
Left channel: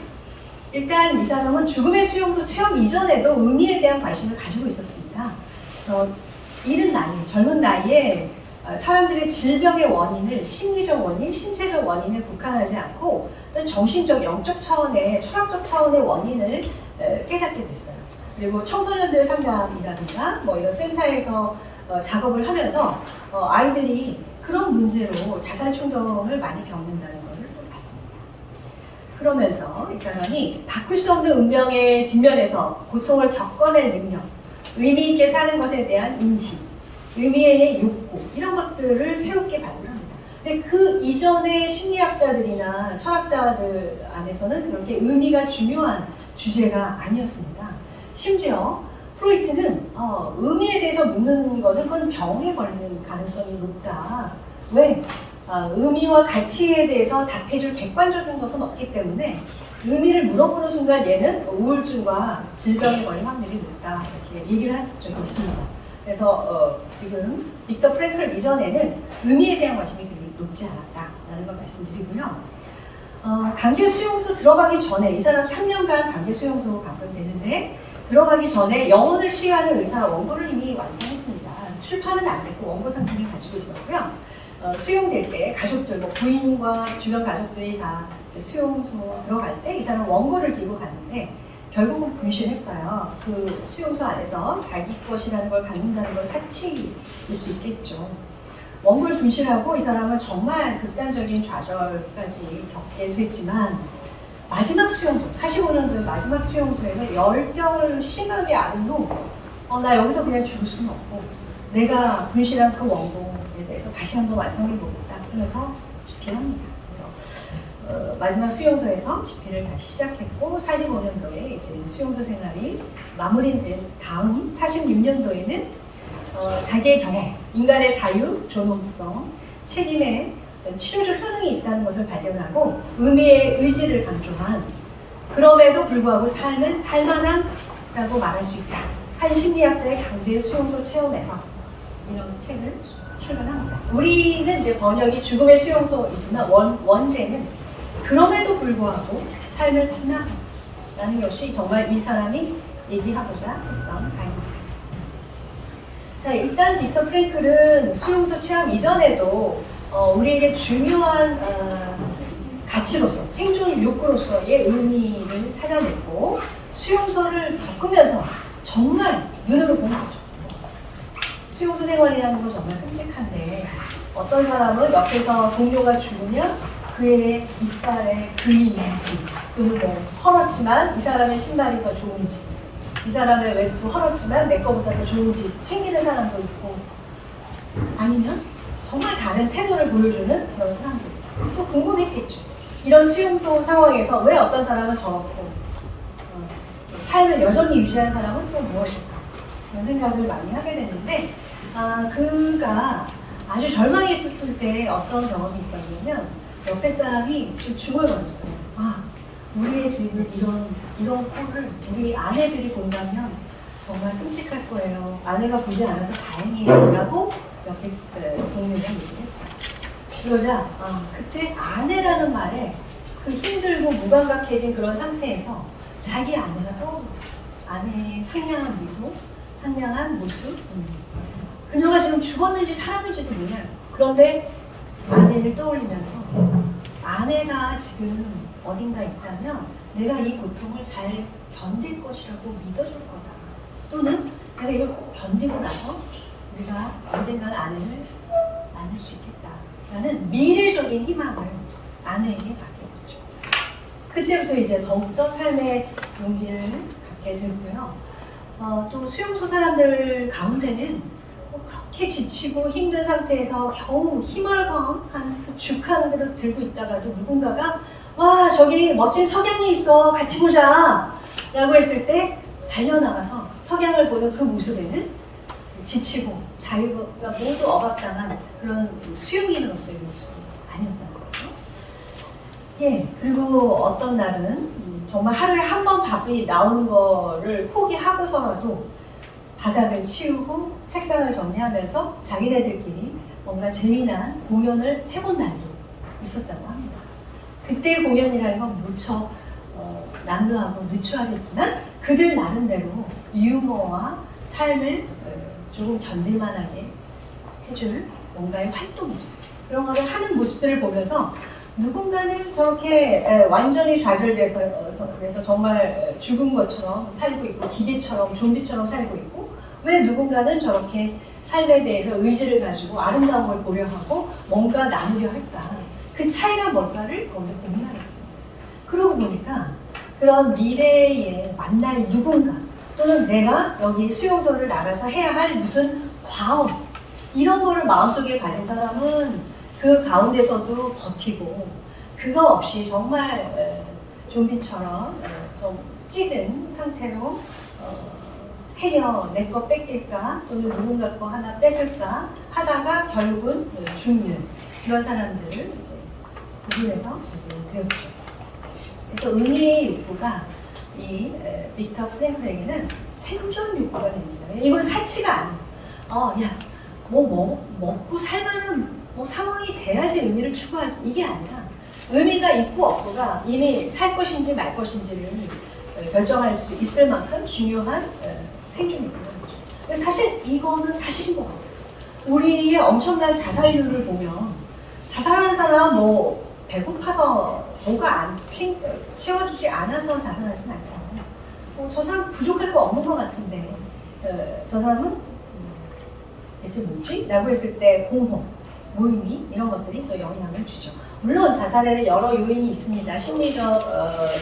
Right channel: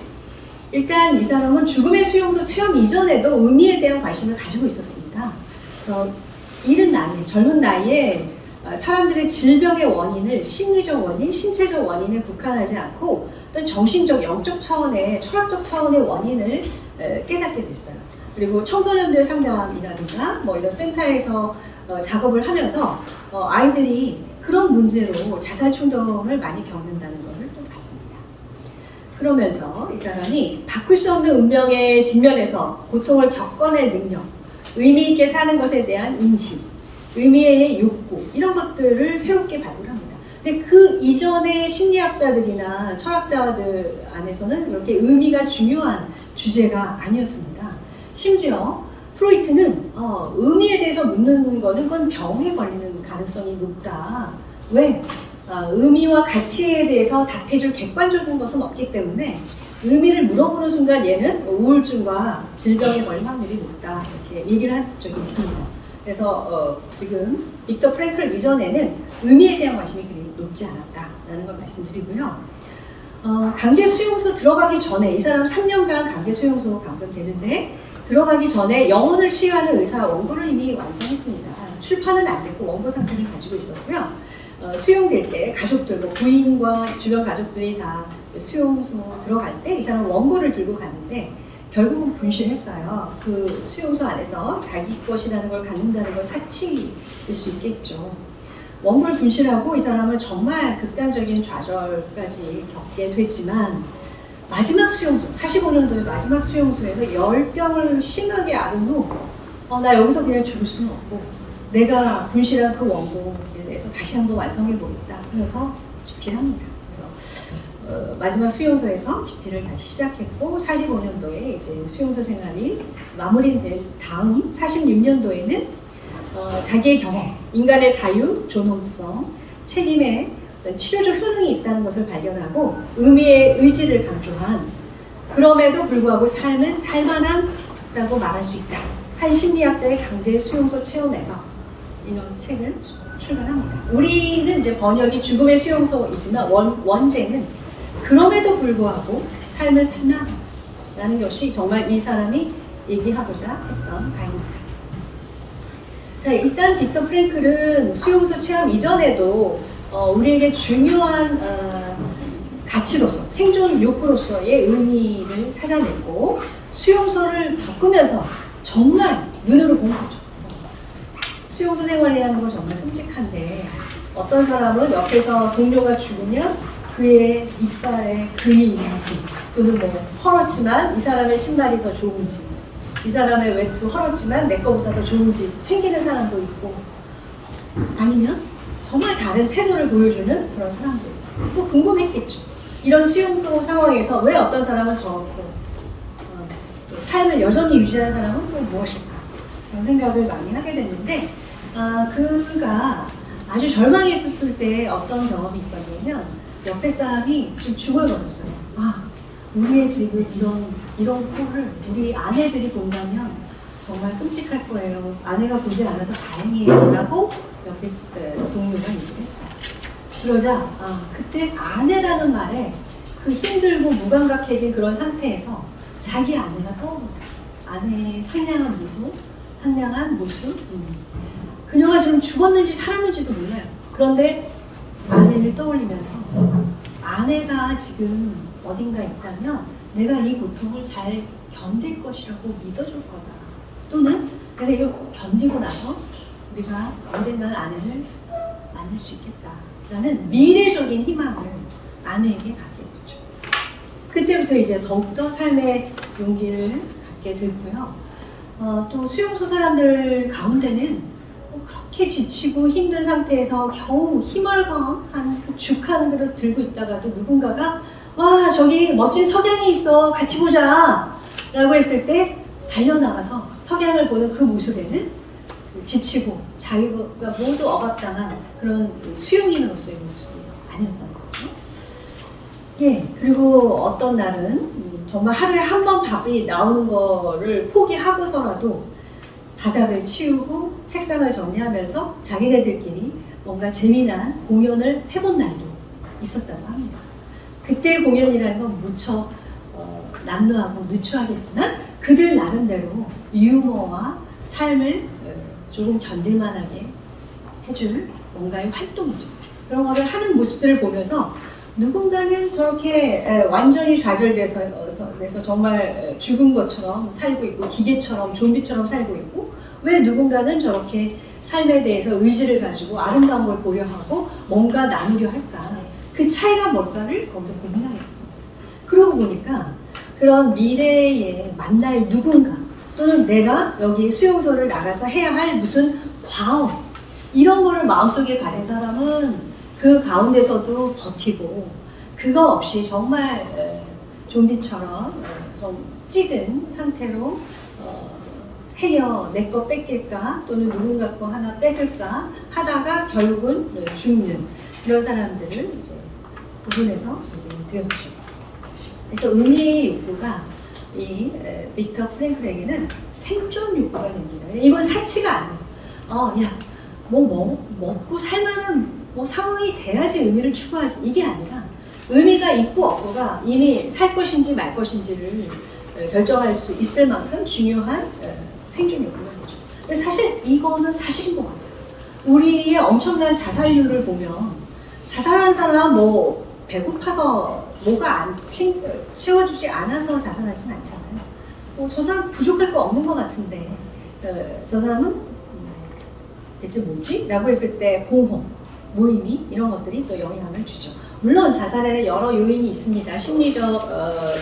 일단 이 사람은 죽음의 수용소 체험 이전에도 의미에 대한 관심을 가지고 있었습니다. 그래서 이른 나이에, 젊은 나이에 사람들의 질병의 원인을 심리적 원인, 신체적 원인에 국한하지 않고 어떤 정신적, 영적 차원의, 철학적 차원의 원인을 깨닫게 됐어요. 그리고 청소년들 상담이라든가 뭐 이런 센터에서 작업을 하면서 아이들이 그런 문제로 자살 충동을 많이 겪는다는 것을 또 봤습니다. 그러면서 이 사람이 바꿀 수 없는 운명의 직면에서 고통을 겪어낼 능력, 의미 있게 사는 것에 대한 인식, 의미의 욕구, 이런 것들을 새롭게 발굴합니다. 근데 그 이전의 심리학자들이나 철학자들 안에서는 이렇게 의미가 중요한 주제가 아니었습니다. 심지어 프로이트는 의미에 대해서 묻는 거는 그건 병에 걸리는 가능성이 높다. 왜? 의미와 가치에 대해서 답해줄 객관적인 것은 없기 때문에 의미를 물어보는 순간 얘는 우울증과 질병에 걸릴 확률이 높다. 이렇게 얘기를 한 적이 있습니다. 그래서 지금 빅터 프랭클 이전에는 의미에 대한 관심이 그리 높지 않았다라는 걸 말씀드리고요. 강제 수용소 들어가기 전에 이 사람 3년간 강제 수용소 감금되는데 들어가기 전에 영혼을 치유하는 의사 원고를 이미 완성했습니다. 출판은 안 됐고 원고 상태를 가지고 있었고요. 수용될 때 가족들, 뭐 부인과 주변 가족들이 다 수용소 들어갈 때 이 사람은 원고를 들고 갔는데 결국은 분실했어요. 그 수용소 안에서 자기 것이라는 걸 갖는다는 건 사치일 수 있겠죠. 원고를 분실하고 이 사람은 정말 극단적인 좌절까지 겪게 됐지만 마지막 수용소, 45년도의 마지막 수용소에서 10병을 심하게 앓은 후 나 여기서 그냥 죽을 수는 없고 내가 분실한 그 원고에 대해서 다시 한번 완성해보겠다 하면서 집필합니다. 그래서 마지막 수용소에서 집필을 다시 시작했고 45년도에 이제 수용소 생활이 마무리된 다음 46년도에는 자기의 경험, 인간의 자유, 존엄성, 책임에 치료적 효능이 있다는 것을 발견하고 의미의 의지를 강조한 그럼에도 불구하고 삶은 살만함이라고 말할 수 있다. 한 심리학자의 강제 수용소 체험에서 이런 책을 출간합니다. 우리는 이제 번역이 죽음의 수용소이지만 원제는 그럼에도 불구하고 삶은 살만하다는 것이 정말 이 사람이 얘기하고자 했던 바입니다. 자, 일단 빅터 프랭클은 수용소 체험 이전에도 우리에게 중요한 가치로서 생존 욕구로서의 의미를 찾아냈고 수용소를 겪으면서 정말 눈으로 본 거죠. 수용소 생활이라는 건 정말 끔찍한데 어떤 사람은 옆에서 동료가 죽으면 그의 이빨에 금이 있는지 또는 뭐 헐었지만 이 사람의 신발이 더 좋은지 이 사람의 외투 헐었지만 내 거보다 더 좋은지 챙기는 사람도 있고 아니면 정말 다른 태도를 보여주는 그런 사람들 또 궁금했겠죠. 이런 수용소 상황에서 왜 어떤 사람은 저렇고 삶을 여전히 유지하는 사람은 또 무엇일까 그런 생각을 많이 하게 됐는데 그가 아주 절망에 있었을 때 어떤 경험이 있었냐면 옆에 사람이 좀 중얼거렸어요. 우리의 지금 이런 꼴을 우리 아내들이 본다면 정말 끔찍할 거예요. 아내가 보지 않아서 다행이에요. 라고 옆에 동료가 얘기를 했어요. 그러자 그때 아내라는 말에 그 힘들고 무감각해진 그런 상태에서 자기 아내가 떠오르는 아내의 상냥한 미소, 상냥한 모습 그녀가 지금 죽었는지 살았는지도 몰라요. 그런데 아내를 떠올리면서 아내가 지금 어딘가 있다면 내가 이 고통을 잘 견딜 것이라고 믿어줄 거다. 또는 내가 이걸 견디고 나서 우리가 언젠가는 아내를 만날 수 있겠다. 라는 미래적인 희망을 아내에게 갖게 됐죠. 그때부터 이제 더욱더 삶의 용기를 갖게 됐고요. 또 수용소 사람들 가운데는 그렇게 지치고 힘든 상태에서 겨우 힘을 가한 죽하는 대로 들고 있다가도 누군가가 와 저기 멋진 석양이 있어 같이 보자 라고 했을 때 달려나가서 석양을 보는 그 모습에는 지치고 자유가 모두 억압당한 그런 수용인으로서의 모습이 아니었다는 거죠. 예, 그리고 어떤 날은 정말 하루에 한 번 밥이 나오는 거를 포기하고서라도 바닥을 치우고 책상을 정리하면서 자기네들끼리 뭔가 재미난 공연을 해본 날도 있었다고 합니다. 그때 공연이라는 건 무척 남루하고 누추하겠지만 그들 나름대로 유머와 삶을 조금 견딜만하게 해줄 뭔가의 활동이죠. 그런 거를 하는 모습들을 보면서 누군가는 저렇게 완전히 좌절돼서 그래서 정말 죽은 것처럼 살고 있고 기계처럼 좀비처럼 살고 있고 왜 누군가는 저렇게 삶에 대해서 의지를 가지고 아름다운 걸 보려 하고 뭔가 나누려 할까 그 차이가 뭘까를 거기서 고민하게 됐습니다. 그러고 보니까 그런 미래에 만날 누군가 또는 내가 여기 수용소를 나가서 해야 할 무슨 과업 이런 거를 마음속에 가진 사람은 그 가운데서도 버티고 그거 없이 정말 좀비처럼 좀 찌든 상태로 행여 내 거 뺏길까 또는 누군가 거 하나 뺏을까 하다가 결국은 죽는 그런 사람들을 이제 구분해서 되었죠. 그래서 의미의 욕구가 이 빅터 프랭클에게는 생존 욕구가 됩니다. 이건 사치가 아니에요. 먹고 살만한 상황이 돼야지 의미를 추구하지 이게 아니라 의미가 있고 없고가 이미 살 것인지 말 것인지를 결정할 수 있을 만큼 중요한 생존 욕구라는 거죠. 근데 사실 이거는 사실인 것 같아요. 우리의 엄청난 자살률을 보면 자살한 사람 뭐 배고파서 뭐가 안 채워주지 않아서 자살하진 않잖아요. 저 사람 부족할 거 없는 것 같은데 저 사람은 대체 뭐지? 라고 했을 때 공허, 무의미 이런 것들이 또 영향을 주죠. 물론 자살에는 여러 요인이 있습니다. 심리적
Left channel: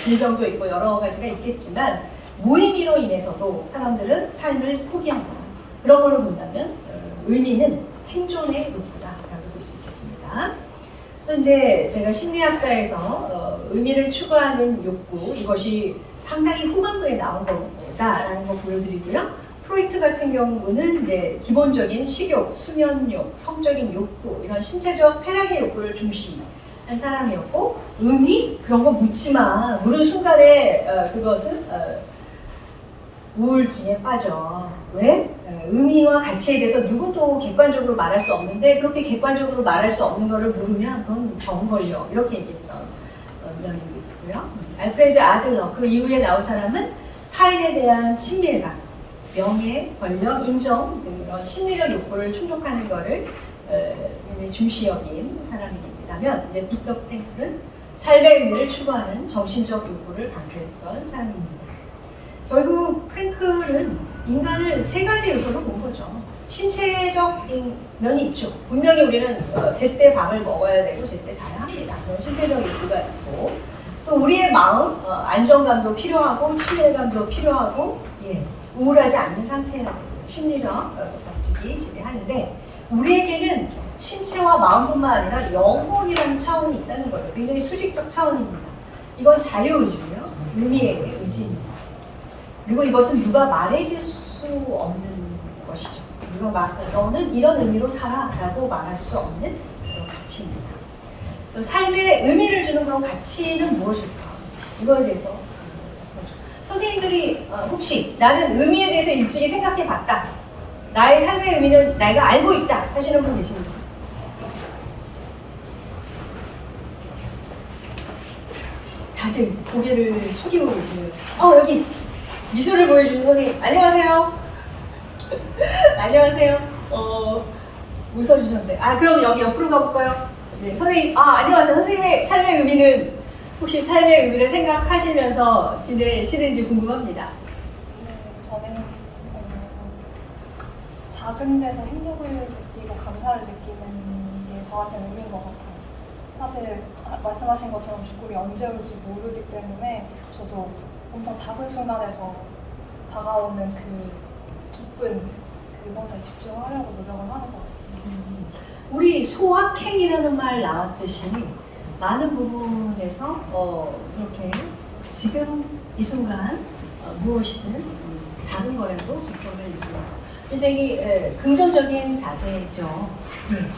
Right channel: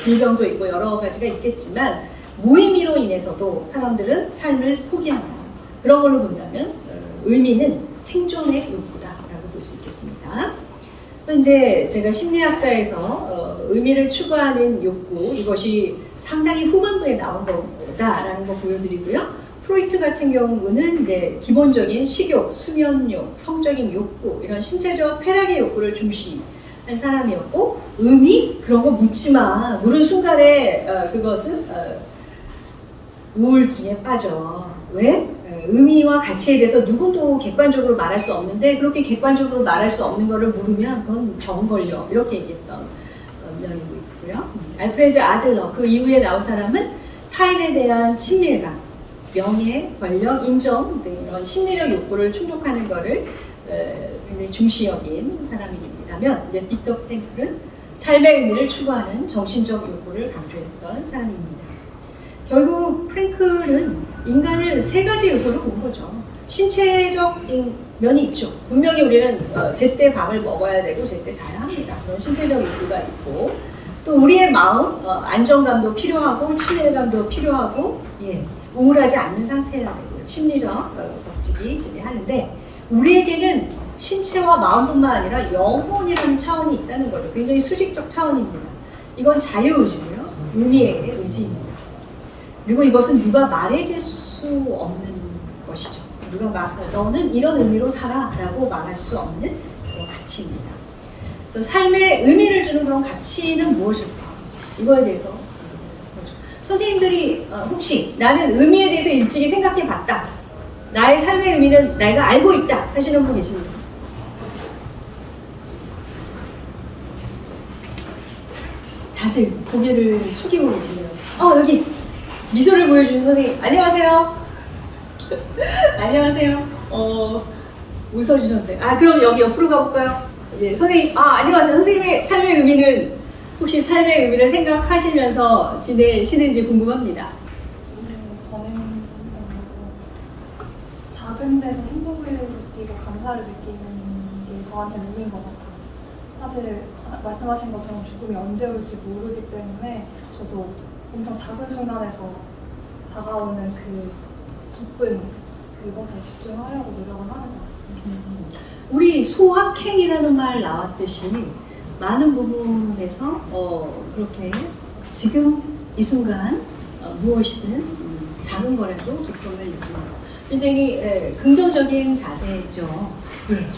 질병도 있고 여러 가지가 있겠지만 무의미로 인해서도 사람들은 삶을 포기한다. 그런 걸로 본다면 의미는 생존의 욕구다라고 볼 수 있겠습니다. 또 이제 제가 심리학사에서 의미를 추구하는 욕구 이것이 상당히 후반부에 나온 거다라는 거 보여드리고요. 프로이트 같은 경우는 이제 기본적인 식욕, 수면욕, 성적인 욕구 이런 신체적 쾌락의 욕구를 중시한 사람이었고 의미 그런 거 묻지 마. 물은 순간에 그것은 우울증에 빠져. 왜? 의미와 가치에 대해서 누구도 객관적으로 말할 수 없는데 그렇게 객관적으로 말할 수 없는 거를 물으면 그건 병 걸려. 이렇게 얘기했던 면이 있고요. 알프레드 아들러 그 이후에 나온 사람은 타인에 대한 친밀감, 명예, 권력, 인정 등 이런 심리적 욕구를 충족하는 것을 굉장히 중시 여긴 사람이라면 이제 빅터 프랭클은 삶의 의미를 추구하는 정신적 욕구를 강조했던 사람입니다. 결국 프랭클은 인간을 세 가지 요소로 본 거죠. 신체적인 면이 있죠. 분명히 우리는 제때 밥을 먹어야 되고 제때 자야 합니다. 그런 신체적 욕구가 있고 또 우리의 마음, 안정감도 필요하고 친밀감도 필요하고 우울하지 않는 상태여야 되고요. 심리적 법칙이 지배하는데 우리에게는 신체와 마음뿐만 아니라 영혼이라는 차원이 있다는 거죠. 굉장히 수직적 차원입니다. 이건 자유의지고요. 의미의 의지입니다. 그리고 이것은 누가 말해줄 수 없는 것이죠. 누가 너는 이런 의미로 살아 라고 말할 수 없는 그런 가치입니다. 그래서 삶에 의미를 주는 그런 가치는 무엇일까? 이거에 대해서 선생님들이 혹시 나는 의미에 대해서 일찍이 생각해 봤다. 나의 삶의 의미는 내가 알고 있다 하시는 분 계십니까? 다들 고개를 숙이고 계시네요. 여기 미소를 보여주신 선생님 안녕하세요. 안녕하세요. 웃어주셨는데 그럼 여기 옆으로 가볼까요? 선생님 안녕하세요. 선생님의 삶의 의미는 혹시 삶의 의미를 생각하시면서 지내시는지 궁금합니다. 저는 작은 데서 행복을 느끼고 감사를 느끼는 게 저한테 의미인 것 같아요. 사실 말씀하신 것처럼 죽음이 언제 올지 모르기 때문에 저도 엄청 작은 순간에서 다가오는 그 기쁜 그것에 집중하려고 노력을 하는 것 같습니다. 우리 소확행이라는 말 나왔듯이 많은 부분에서 그렇게 지금 이 순간 무엇이든 작은 거라도 기쁨을 느끼는 것 굉장히 긍정적인 자세죠.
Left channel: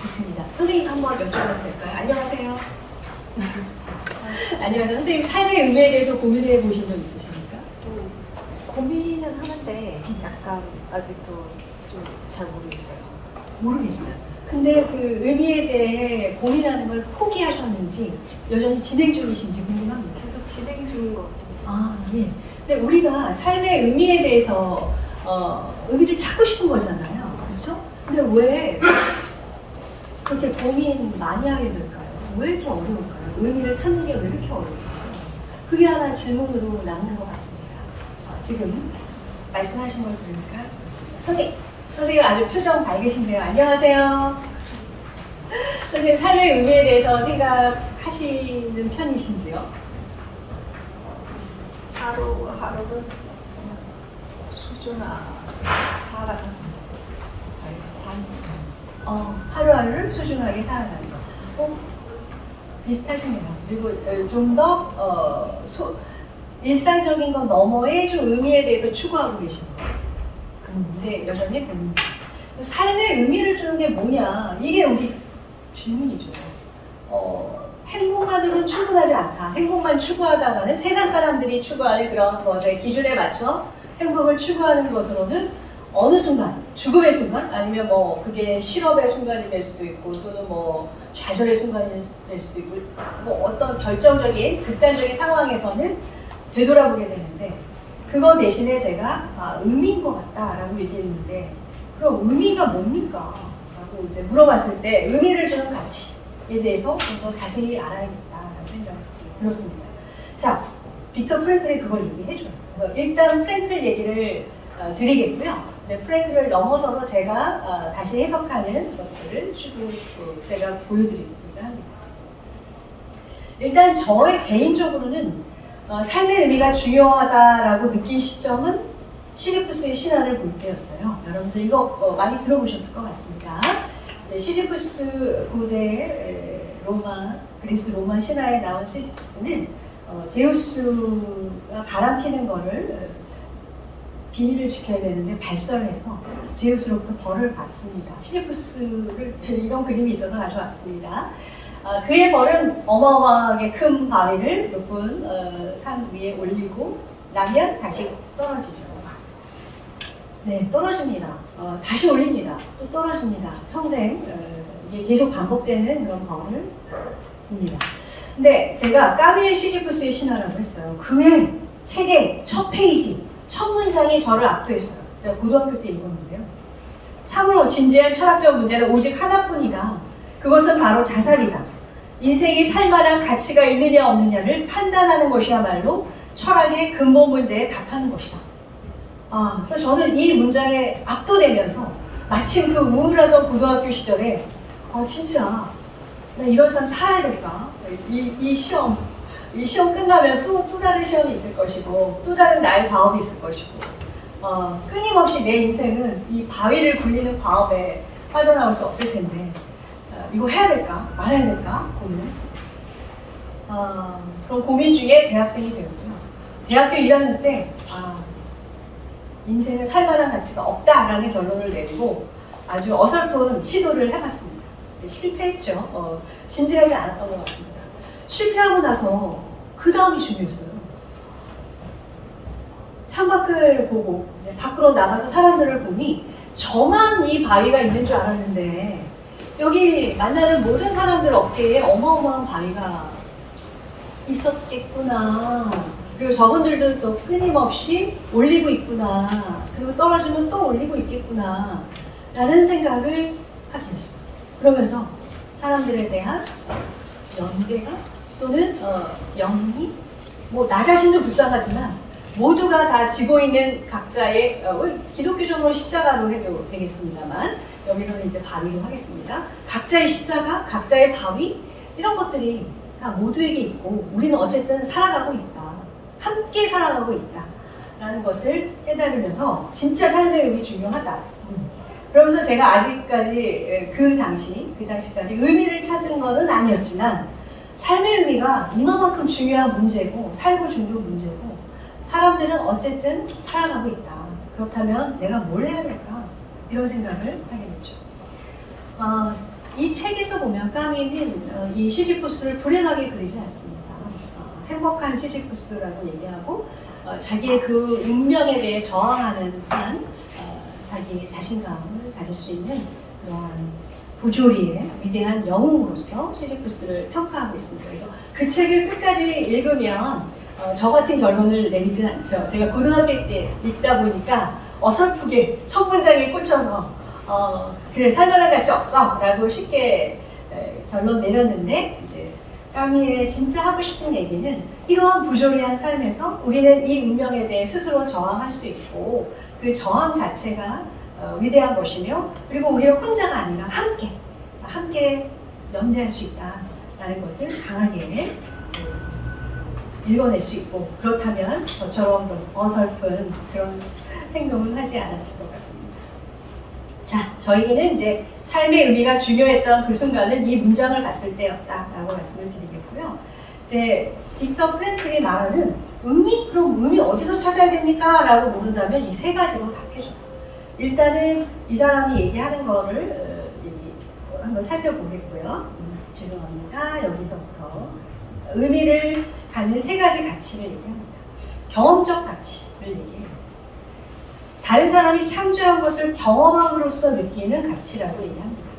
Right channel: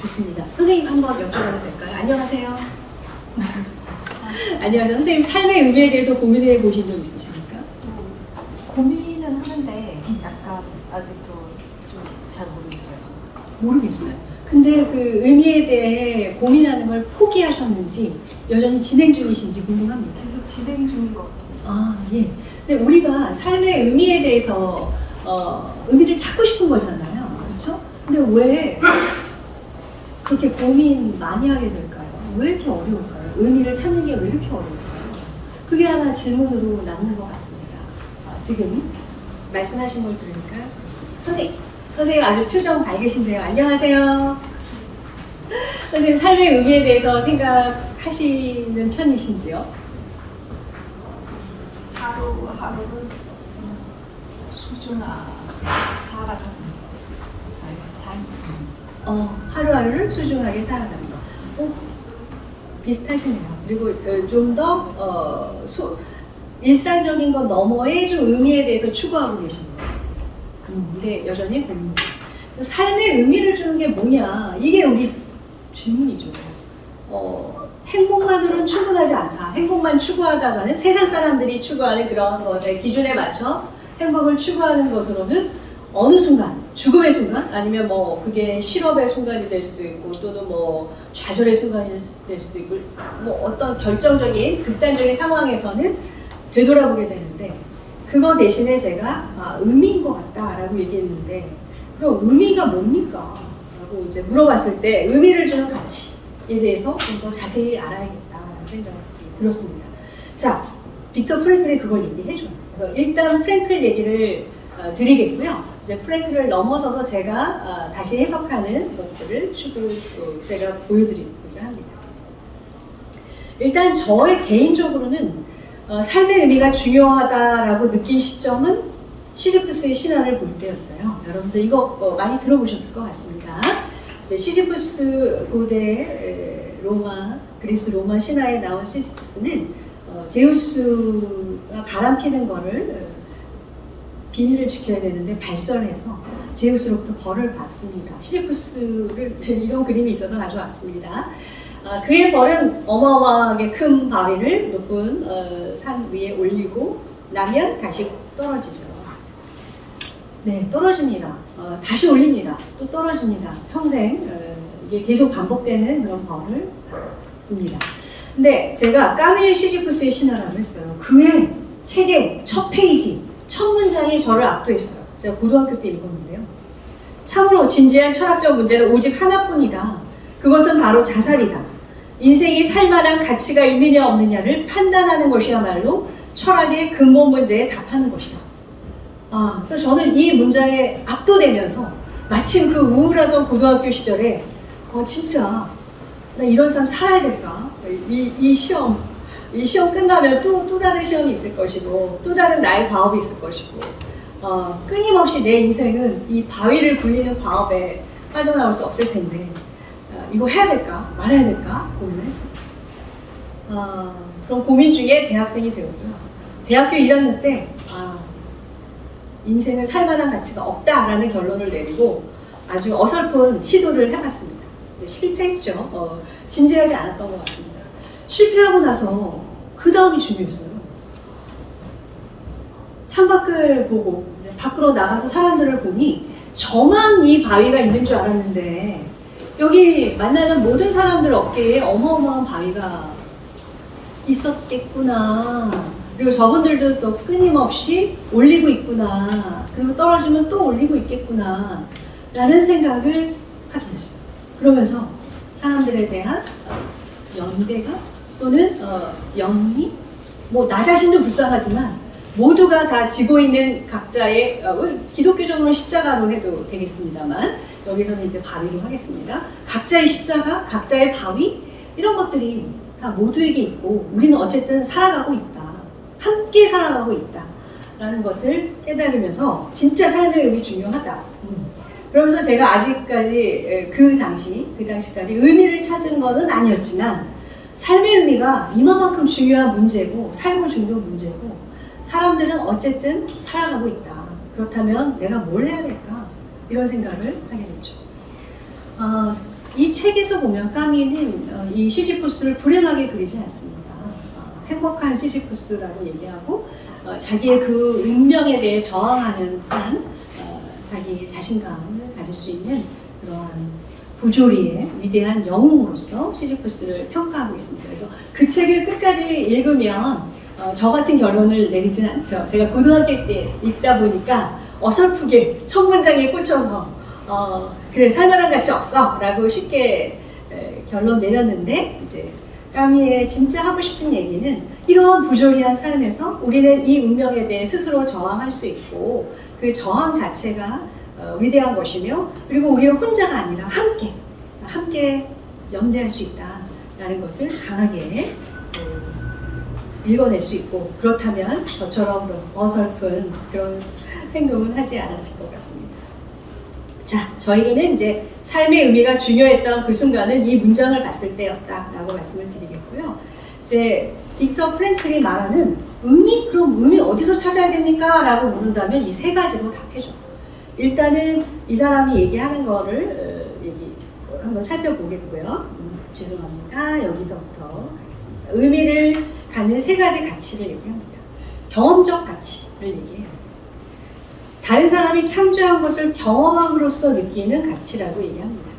좋습니다. 선생님 한번 여쭤봐도 될까요? 안녕하세요. 안녕하세요. 선생님 삶의 의미에 대해서 고민해 보신 적 있으십니까? 고민은 하는데 약간 아직도 잘 모르겠어요. 근데 그 의미에 대해 고민하는 걸 포기하셨는지 여전히 진행 중이신지 궁금합니다. 계속 진행 중인 것 같아요. 예. 근데 우리가 삶의 의미에 대해서 의미를 찾고 싶은 거잖아요. 그렇죠? 근데 왜 그렇게 고민 많이 하게 될까요? 왜 이렇게 어려울까요? 의미를 찾는 게 왜 이렇게 어려울까요? 그게 하나 질문으로 남는 것 같습니다. 지금 말씀하신 걸 들으니까 그렇습니다. 선생님 아주 표정 밝으신데요. 안녕하세요. 선생님 삶의 의미에 대해서 생각하시는 편이신지요? 하루하루를 소중하게 살아가는 삶. 하루하루를 소중하게 살아가는 거. 비슷하시네요. 그리고 좀 더 일상적인 것 너머의 좀 의미에 대해서 추구하고 계시는 거예요. 근데 여전히 고민이죠. 삶의 의미를 주는 게 뭐냐? 이게 우리 질문이죠. 행복만으로는 충분하지 않다. 행복만 추구하다가는 세상 사람들이 추구하는 그런 것의 기준에 맞춰 행복을 추구하는 것으로는 어느 순간, 죽음의 순간, 아니면 뭐 그게 실업의 순간이 될 수도 있고, 또는 뭐 좌절의 순간이 될 수도 있고, 뭐 어떤 결정적인 극단적인 상황에서는 되돌아보게 되는데 그거 대신에 제가 의미인 것 같다라고 얘기했는데 그럼 의미가 뭡니까? 라고 이제 물어봤을 때 의미를 주는 가치에 대해서 좀 더 자세히 알아야겠다라는 생각이 들었습니다. 자, 빅터 프랭클이 그걸 얘기해줘요. 그래서 일단 프랭클 얘기를 드리겠고요. 이제 프랭클을 넘어서서 제가 다시 해석하는 것들을 제가 보여드리고자 합니다. 일단 저의 개인적으로는 삶의 의미가 중요하다라고 느낀 시점은 시지프스의 신화를 볼 때였어요. 여러분들 이거 많이 들어보셨을 것 같습니다. 이제 시지프스 고대 그리스 로마 신화에 나온 시지프스는 제우스가 바람 피는 거를 비밀을 지켜야 되는데 발설을 해서 제우스로부터 벌을 받습니다. 시지프스를 이런 그림이 있어서 가져왔습니다. 그의 벌은 어마어마하게 큰 바위를 높은 산 위에 올리고 나면 다시 떨어지죠. 네, 떨어집니다. 다시 올립니다. 또 떨어집니다. 평생 이게 계속 반복되는 그런 벌을 받습니다. 근데 제가 까밀 시지프스의 신화라고 했어요. 그의 책의 첫 페이지, 첫 문장이 저를 압도했어요. 제가 고등학교 때 읽었는데요. 참으로 진지한 철학적 문제는 오직 하나뿐이다. 그것은 바로 자살이다. 인생이 살만한 가치가 있느냐 없느냐를 판단하는 것이야말로 철학의 근본 문제에 답하는 것이다. 그래서 저는 이 문장에 압도되면서 마침 그 우울하던 고등학교 시절에 진짜 나 이런 삶 살아야 될까? 이 시험 끝나면 또 다른 시험이 있을 것이고 또 다른 나의 과업이 있을 것이고 끊임없이 내 인생은 이 바위를 굴리는 과업에 빠져나올 수 없을 텐데 이거 해야 될까? 말아야 될까? 고민을 했습니다. 그런 고민 중에 대학생이 되었고요. 대학교 1학년 때 인생은 살만한 가치가 없다라는 결론을 내리고 아주 어설픈 시도를 해봤습니다. 실패했죠. 진지하지 않았던 것 같습니다. 실패하고 나서 그 다음이 중요했어요. 창밖을 보고 이제 밖으로 나가서 사람들을 보니 저만 이 바위가 있는 줄 알았는데 여기 만나는 모든 사람들 어깨에 어마어마한 바위가 있었겠구나. 그리고 저분들도 또 끊임없이 올리고 있구나. 그리고 떨어지면 또 올리고 있겠구나. 라는 생각을 하게 됐어요. 그러면서 사람들에 대한 연대감 또는 연미? 나 자신도 불쌍하지만 모두가 다 지고 있는 각자의 기독교적으로 십자가로 해도 되겠습니다만 여기서는 이제 바위로 하겠습니다. 각자의 십자가, 각자의 바위 이런 것들이 다 모두에게 있고 우리는 어쨌든 살아가고 있다. 함께 살아가고 있다. 라는 것을 깨달으면서 진짜 삶의 의미 중요하다. 그러면서 제가 아직까지 그 당시까지 의미를 찾은 것은 아니었지만 삶의 의미가 이만큼 중요한 문제고 삶을 중독 문제고 사람들은 어쨌든 살아가고 있다. 그렇다면 내가 뭘 해야 될까? 이런 생각을 하게 됐죠. 이 책에서 보면 까미는 이 시지프스를 불행하게 그리지 않습니다. 행복한 시지프스라고 얘기하고 자기의 그 운명에 대해 저항하는 한 자기의 자신감을 가질 수 있는 그러한 부조리의 위대한 영웅으로서 시지프스를 평가하고 있습니다. 그래서 그 책을 끝까지 읽으면 저 같은 결론을 내리진 않죠. 제가 고등학교 때 읽다 보니까 어설프게 첫 문장에 꽂혀서 그래 살만한 가치 없어 라고 쉽게 결론 내렸는데 이제 까미의 진짜 하고 싶은 얘기는 이러한 부조리한 삶에서 우리는 이 운명에 대해 스스로 저항할 수 있고 그 저항 자체가 위대한 것이며 그리고 우리는 혼자가 아니라 함께 연대할 수 있다라는 것을 강하게 읽어낼 수 있고 그렇다면 저처럼 어설픈 그런 행동은 하지 않았을 것 같습니다. 자, 저에게는 이제 삶의 의미가 중요했던 그 순간은 이 문장을 봤을 때였다라고 말씀을 드리겠고요. 이제 빅터 프랭클이 말하는 의미? 그럼 의미 어디서 찾아야 됩니까? 라고 물은다면 이 세 가지로 답해줘요. 일단은 이 사람이 얘기하는 거를 한번 살펴보겠고요. 죄송합니다. 여기서부터 가겠습니다. 의미를 갖는 세 가지 가치를 얘기합니다. 경험적 가치를 얘기해요. 다른 사람이 창조한 것을 경험함으로써 느끼는 가치라고 얘기합니다.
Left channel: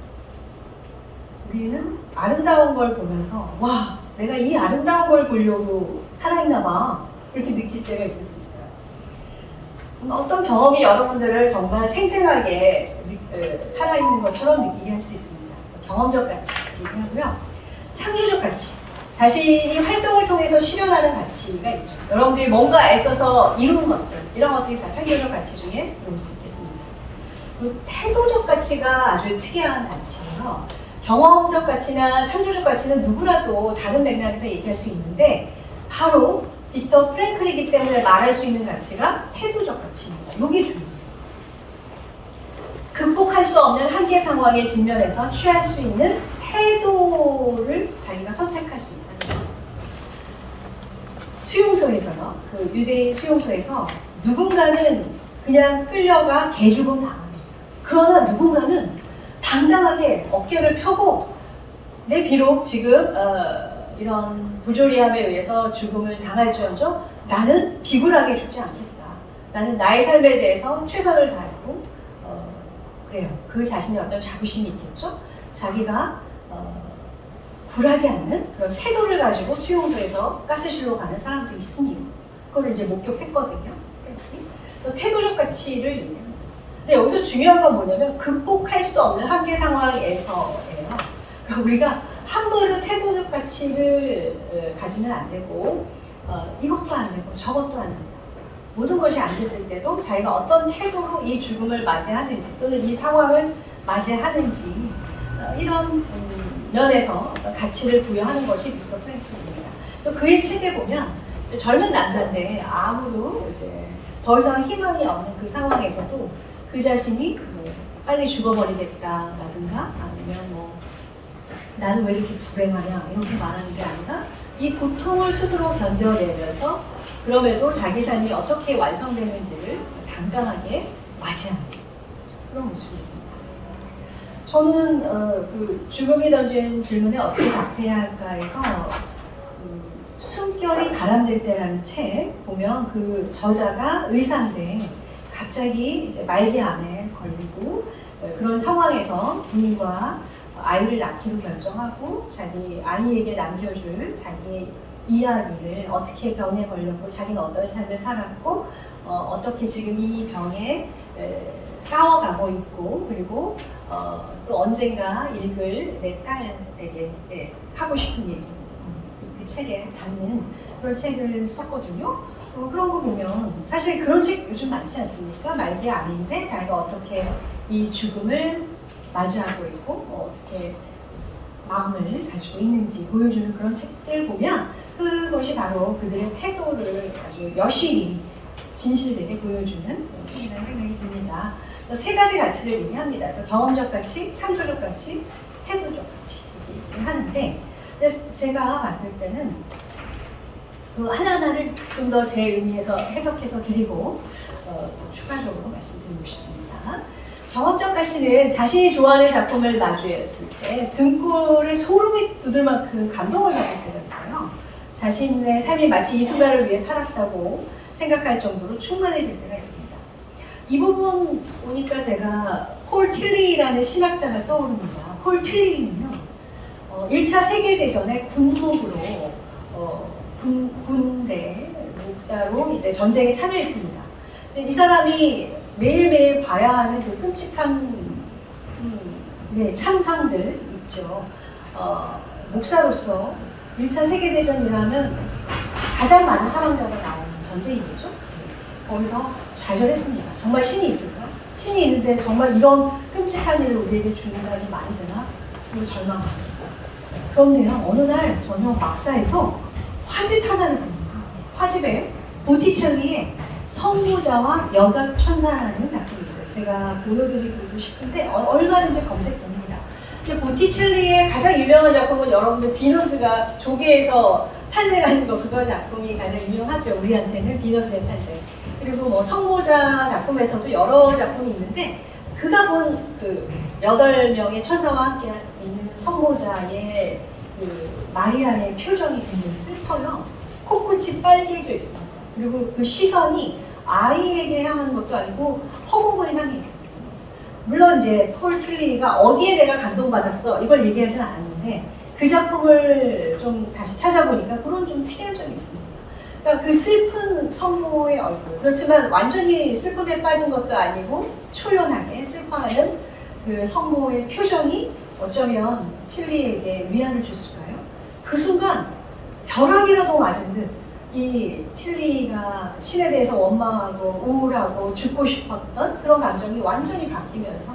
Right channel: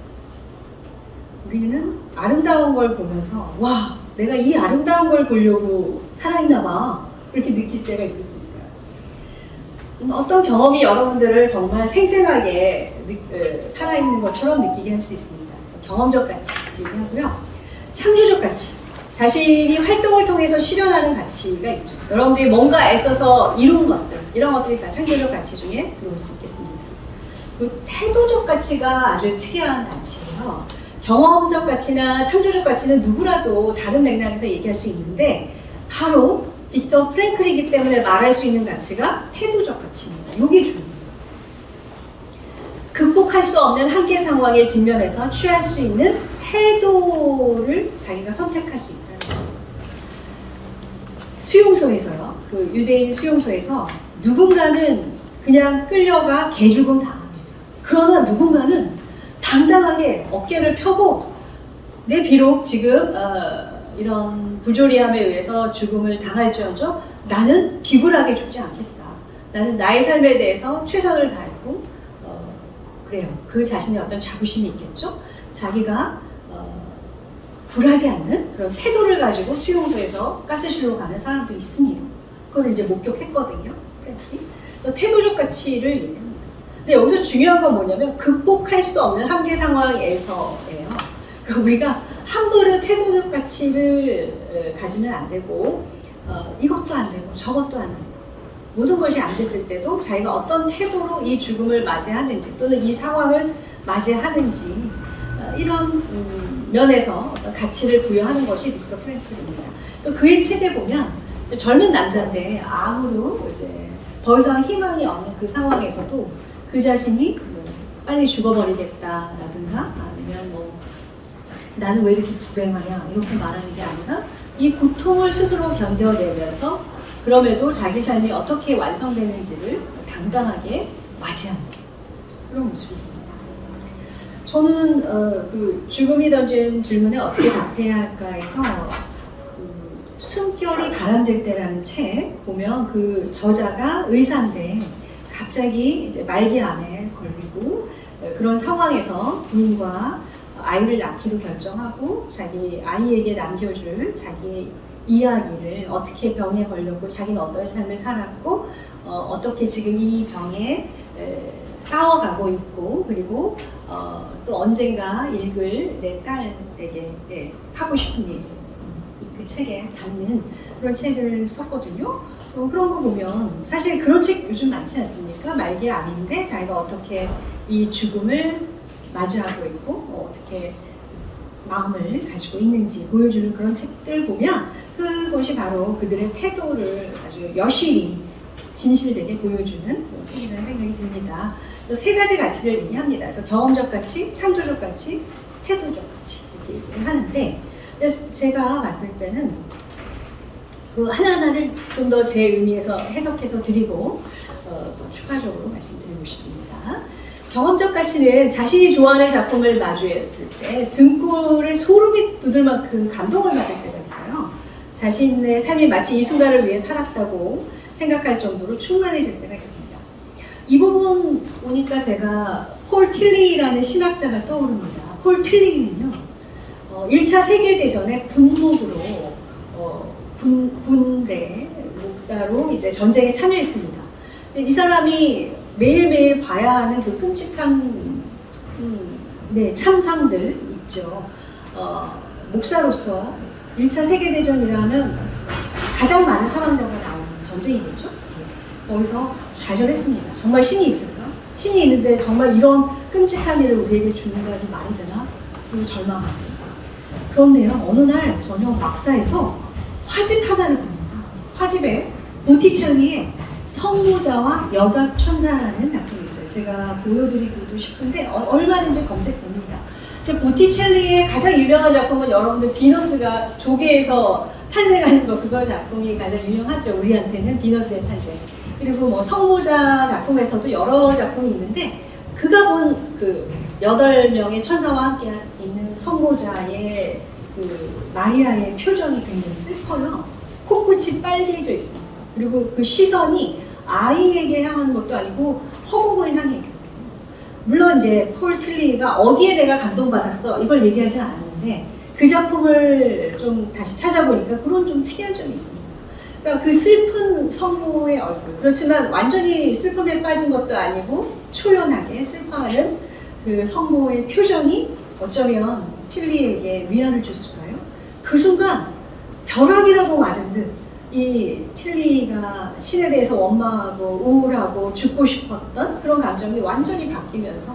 우리는 아름다운 걸 보면서 와, 내가 이 아름다운 걸 보려고 살아있나 봐 그렇게 느낄 때가 있을 수 있어요. 어떤 경험이 여러분들을 정말 생생하게 살아있는 것처럼 느끼게 할 수 있습니다. 경험적 가치 얘기하고요. 창조적 가치. 자신이 활동을 통해서 실현하는 가치가 있죠. 여러분들이 뭔가 애써서 이룬 것들, 이런 것들이 다 창조적 가치 중에 들어올 수 있겠습니다. 그 태도적 가치가 아주 특이한 가치예요. 경험적 가치나 창조적 가치는 누구라도 다른 맥락에서 얘기할 수 있는데 바로 빅터 프랭클이기 때문에 말할 수 있는 가치가 태도적 가치입니다. 이게 중요해요. 극복할 수 없는 한계 상황에 직면해서 취할 수 있는 태도를 자기가 선택할 수 있다는 거예요. 수용소에서요. 그 유대인 수용소에서 누군가는 그냥 끌려가 개죽음 당합니다. 그러나 누군가는 당당하게 어깨를 펴고 내 비록 지금 이런 부조리함에 의해서 죽음을 당할지언정 나는 비굴하게 죽지 않겠다. 나는 나의 삶에 대해서 최선을 다했고 그래요. 그 자신의 어떤 자부심이 있겠죠. 자기가 굴하지 않는 그런 태도를 가지고 수용소에서 가스실로 가는 사람도 있습니다. 그걸 이제 목격했거든요. 태도적 가치를 얘기합니다. 근데 여기서 중요한 건 뭐냐면 극복할 수 없는 한계 상황에서예요. 그러니까 우리가 함부로 태도적 가치를 가지면 안 되고 이것도 안 되고 저것도 안 되고 모든 것이 안 됐을 때도 자기가 어떤 태도로 이 죽음을 맞이하는지 또는 이 상황을 맞이하는지 이런 면에서 어떤 가치를 부여하는 것이 빅터 프랭클입니다. 그의 책에 보면 젊은 남자인데 암으로 이제 더 이상 희망이 없는 그 상황에서도 그 자신이 뭐 빨리 죽어버리겠다라든가 아니면 뭐 나는 왜 이렇게 불행하냐 이렇게 말하는 게 아니라 이 고통을 스스로 견뎌내면서 그럼에도 자기 삶이 어떻게 완성되는지를 당당하게 맞이하는 그런 모습이 있습니다. 저는 그 죽음이 던진 질문에 어떻게 답해야 할까에서 숨결이 바람될 때라는 책 보면 그 저자가 의사인데 갑자기 이제 말기암에 걸리고 그런 상황에서 부인과 아이를 낳기로 결정하고 자기 아이에게 남겨줄 자기의 이야기를 어떻게 병에 걸렸고 자기는 어떤 삶을 살았고 어떻게 지금 이 병에 싸워가고 있고 그리고 또 언젠가 읽을 내 딸에게 하고 싶은 얘기 그 책에 담는 그런 책을 썼거든요. 그런 거 보면 사실 그런 책 요즘 많지 않습니까? 말기암인데 자기가 어떻게 이 죽음을 맞이하고 있고 어떻게 마음을 가지고 있는지 보여주는 그런 책들 보면 그것이 바로 그들의 태도를 아주 여실히 진실되게 보여주는 그런 책이라는 생각이 듭니다. 세 가지 가치를 얘기합니다. 그래서 경험적 가치, 창조적 가치, 태도적 가치 이렇게 얘기를 하는데 그래서 제가 봤을 때는 그 하나하나를 좀 더 제 의미에서 해석해서 드리고 또 추가적으로 말씀드리고 싶습니다. 경험적 가치는 자신이 좋아하는 작품을 마주했을 때 등골에 소름이 돋을 만큼 감동을 받을 때가 있어요. 자신의 삶이 마치 이 순간을 위해 살았다고 생각할 정도로 충만해질 때가 있습니다. 이 부분 보니까 제가 폴 틸리라는 신학자가 떠오릅니다. 폴 틸리는요, 1차 세계대전에 군목으로 군대 목사로 이제 전쟁에 참여했습니다. 이 사람이 매일매일 봐야 하는 그 끔찍한 참상들 있죠. 목사로서 1차 세계대전이라면 가장 많은 사망자가 나오는 전쟁이겠죠. 거기서 좌절했습니다. 정말 신이 있을까? 신이 있는데 정말 이런 끔찍한 일을 우리에게 주는다니 말이 되나? 그리고 절망합니다. 그런데요, 어느 날 저녁 막사에서 화집 하나를 봅니다. 화집에 보티첼리의 성모자와 여덟 천사라는 작품이 있어요. 제가 보여드리고 싶은데 얼마든지 검색됩니다. 근데 보티첼리의 가장 유명한 작품은 여러분들 비너스가 조개에서 탄생하는 거 그거 작품이 가장 유명하죠. 우리한테는 비너스의 탄생. 그리고 뭐 성모자 작품에서도 여러 작품이 있는데 그가 본 그 8명의 천사와 함께 있는 성모자의 그 마리아의 표정이 굉장히 슬퍼요. 코끝이 빨개져 있습니다. 그리고 그 시선이 아이에게 향한 것도 아니고 허공을 향해. 물론 이제 폴 틸리가 어디에 내가 감동받았어 이걸 얘기하지는 않았는데 그 작품을 좀 다시 찾아보니까 그런 좀 특이한 점이 있습니다. 그러니까 그 슬픈 성모의 얼굴. 그렇지만 완전히 슬픔에 빠진 것도 아니고 초연하게 슬퍼하는 그 성모의 표정이 어쩌면 틸리에게 위안을 줬을까요? 그 순간 벼락이라도 맞은 듯 이 틸리가 신에 대해서 원망하고 우울하고 죽고 싶었던 그런 감정이 완전히 바뀌면서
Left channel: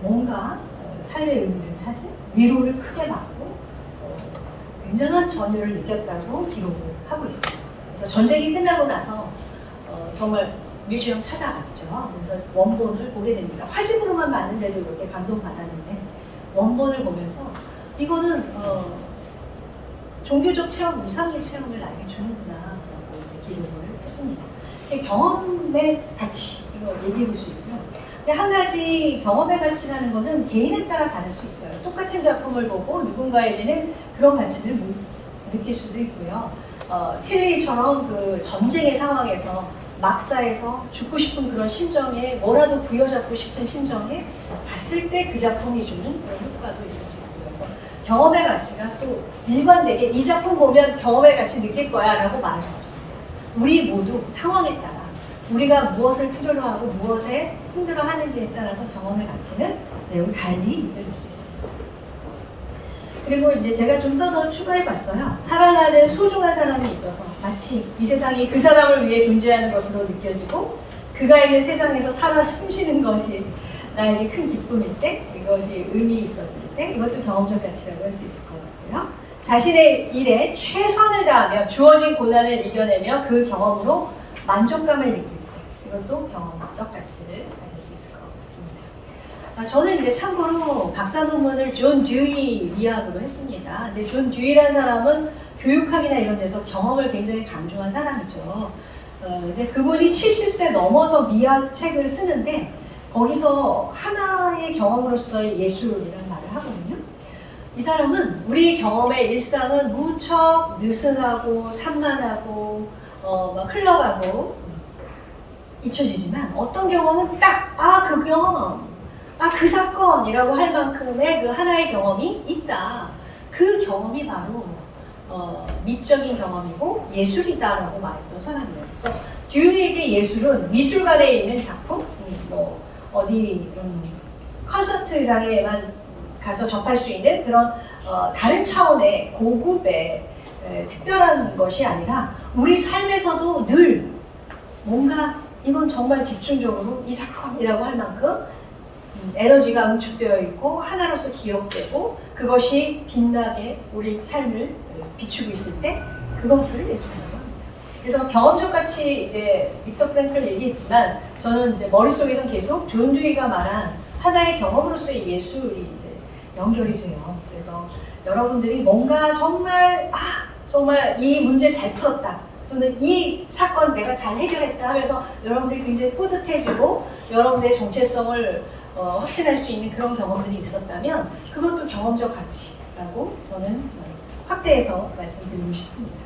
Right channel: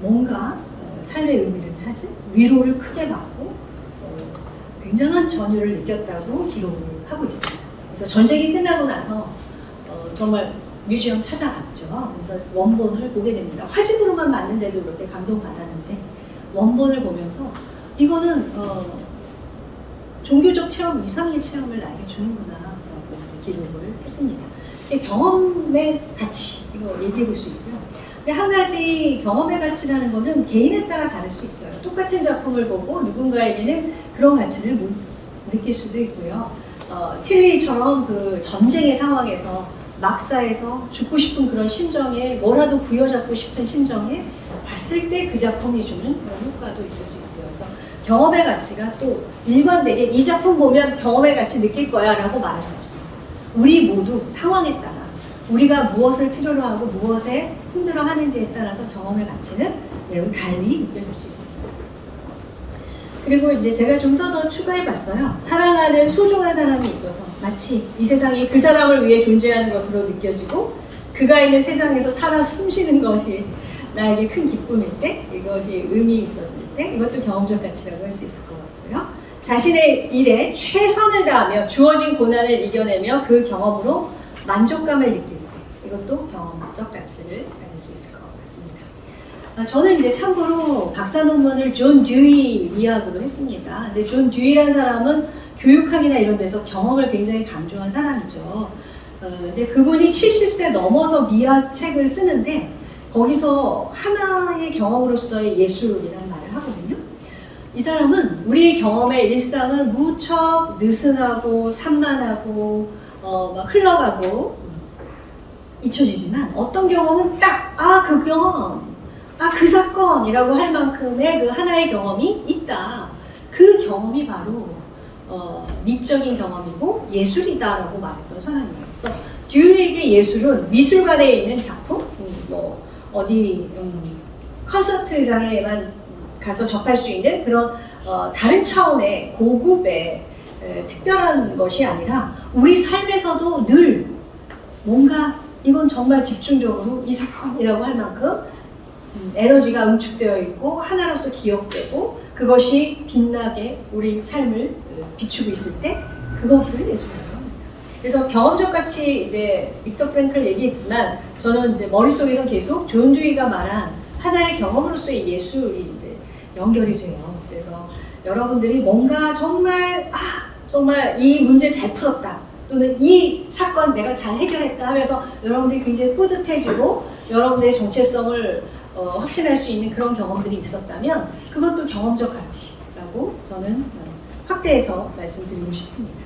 뭔가 삶의 의미를 찾은 위로를 크게 받고 굉장한 전율을 느꼈다고 기록을 하고 있습니다. 그래서 전쟁이 끝나고 나서 정말 뮤지엄 찾아갔죠. 그래서 원본을 보게 됩니다. 화질로만 봤는데도 그렇게 감동받았는데 원본을 보면서 이거는 종교적 체험 이상의 체험을 나에게 주는구나 라고 이제 기록을 했습니다. 경험의 가치 이거 얘기해 볼 수 있고요. 근데 한 가지 경험의 가치라는 것은 개인에 따라 다를 수 있어요. 똑같은 작품을 보고 누군가에게는 그런 가치를 못 느낄 수도 있고요. 틸리처럼 그 전쟁의 상황에서 막사에서 죽고 싶은 그런 심정에 뭐라도 부여잡고 싶은 심정에 봤을 때 그 작품이 주는 그런 효과도 있을 수 있고요. 그래서 경험의 가치가 또 일관되게 이 작품 보면 경험의 가치 느낄 거야 라고 말할 수 없습니다. 우리 모두 상황에 따라 우리가 무엇을 필요로 하고 무엇에 힘들어 하는지에 따라서 경험의 가치는 매우 달리 느껴질 수 있습니다. 그리고 이제 제가 좀 더 추가해 봤어요. 사랑하는 소중한 사람이 있어서 마치 이 세상이 그 사람을 위해 존재하는 것으로 느껴지고 그가 있는 세상에서 살아 숨쉬는 것이 나에게 큰 기쁨일 때, 이것이 의미 있었을 때, 이것도 경험적 가치라고 할 수 있을 것 같고요. 자신의 일에 최선을 다하며 주어진 고난을 이겨내며 그 경험으로 만족감을 느낄 때, 이것도 경험적 가치를 가질 수 있을 것 같습니다. 저는 이제 참고로 박사 논문을 존 듀이 미학으로 했습니다. 근데 존 듀이라는 사람은 교육학이나 이런 데서 경험을 굉장히 강조한 사람이죠. 근데 그분이 70세 넘어서 미학 책을 쓰는데 거기서 하나의 경험으로서의 예술이라는 말을 하거든요. 이 사람은 우리 경험의 일상은 무척 느슨하고 산만하고 막 흘러가고 잊혀지지만 어떤 경험은 딱 그 경험, 그 사건이라고 할 만큼의 그 하나의 경험이 있다. 그 경험이 바로 미적인 경험이고 예술이다라고 말했던 사람이에요. 그래서 듀에게 예술은 미술관에 있는 작품, 어디 콘서트장에만 가서 접할 수 있는 그런 다른 차원의 고급의 특별한 것이 아니라 우리 삶에서도 늘 뭔가 이건 정말 집중적으로 이 사건이라고 할 만큼 에너지가 응축되어 있고 하나로서 기억되고 그것이 빛나게 우리 삶을 비추고 있을 때 그것을 예술이라고 합니다. 그래서 경험적 가치 이제 빅터 프랭클 얘기했지만 저는 이제 머릿속에서 계속 존 듀이가 말한 하나의 경험으로서의 예술이 이제 연결이 돼요. 그래서 여러분들이 뭔가 정말 이 문제 잘 풀었다 또는 이 사건 내가 잘 해결했다 하면서 여러분들이 굉장히 뿌듯해지고 여러분들의 정체성을 확신할 수 있는 그런 경험들이 있었다면 그것도 경험적 가치라고 저는 확대해서 말씀드리고 싶습니다.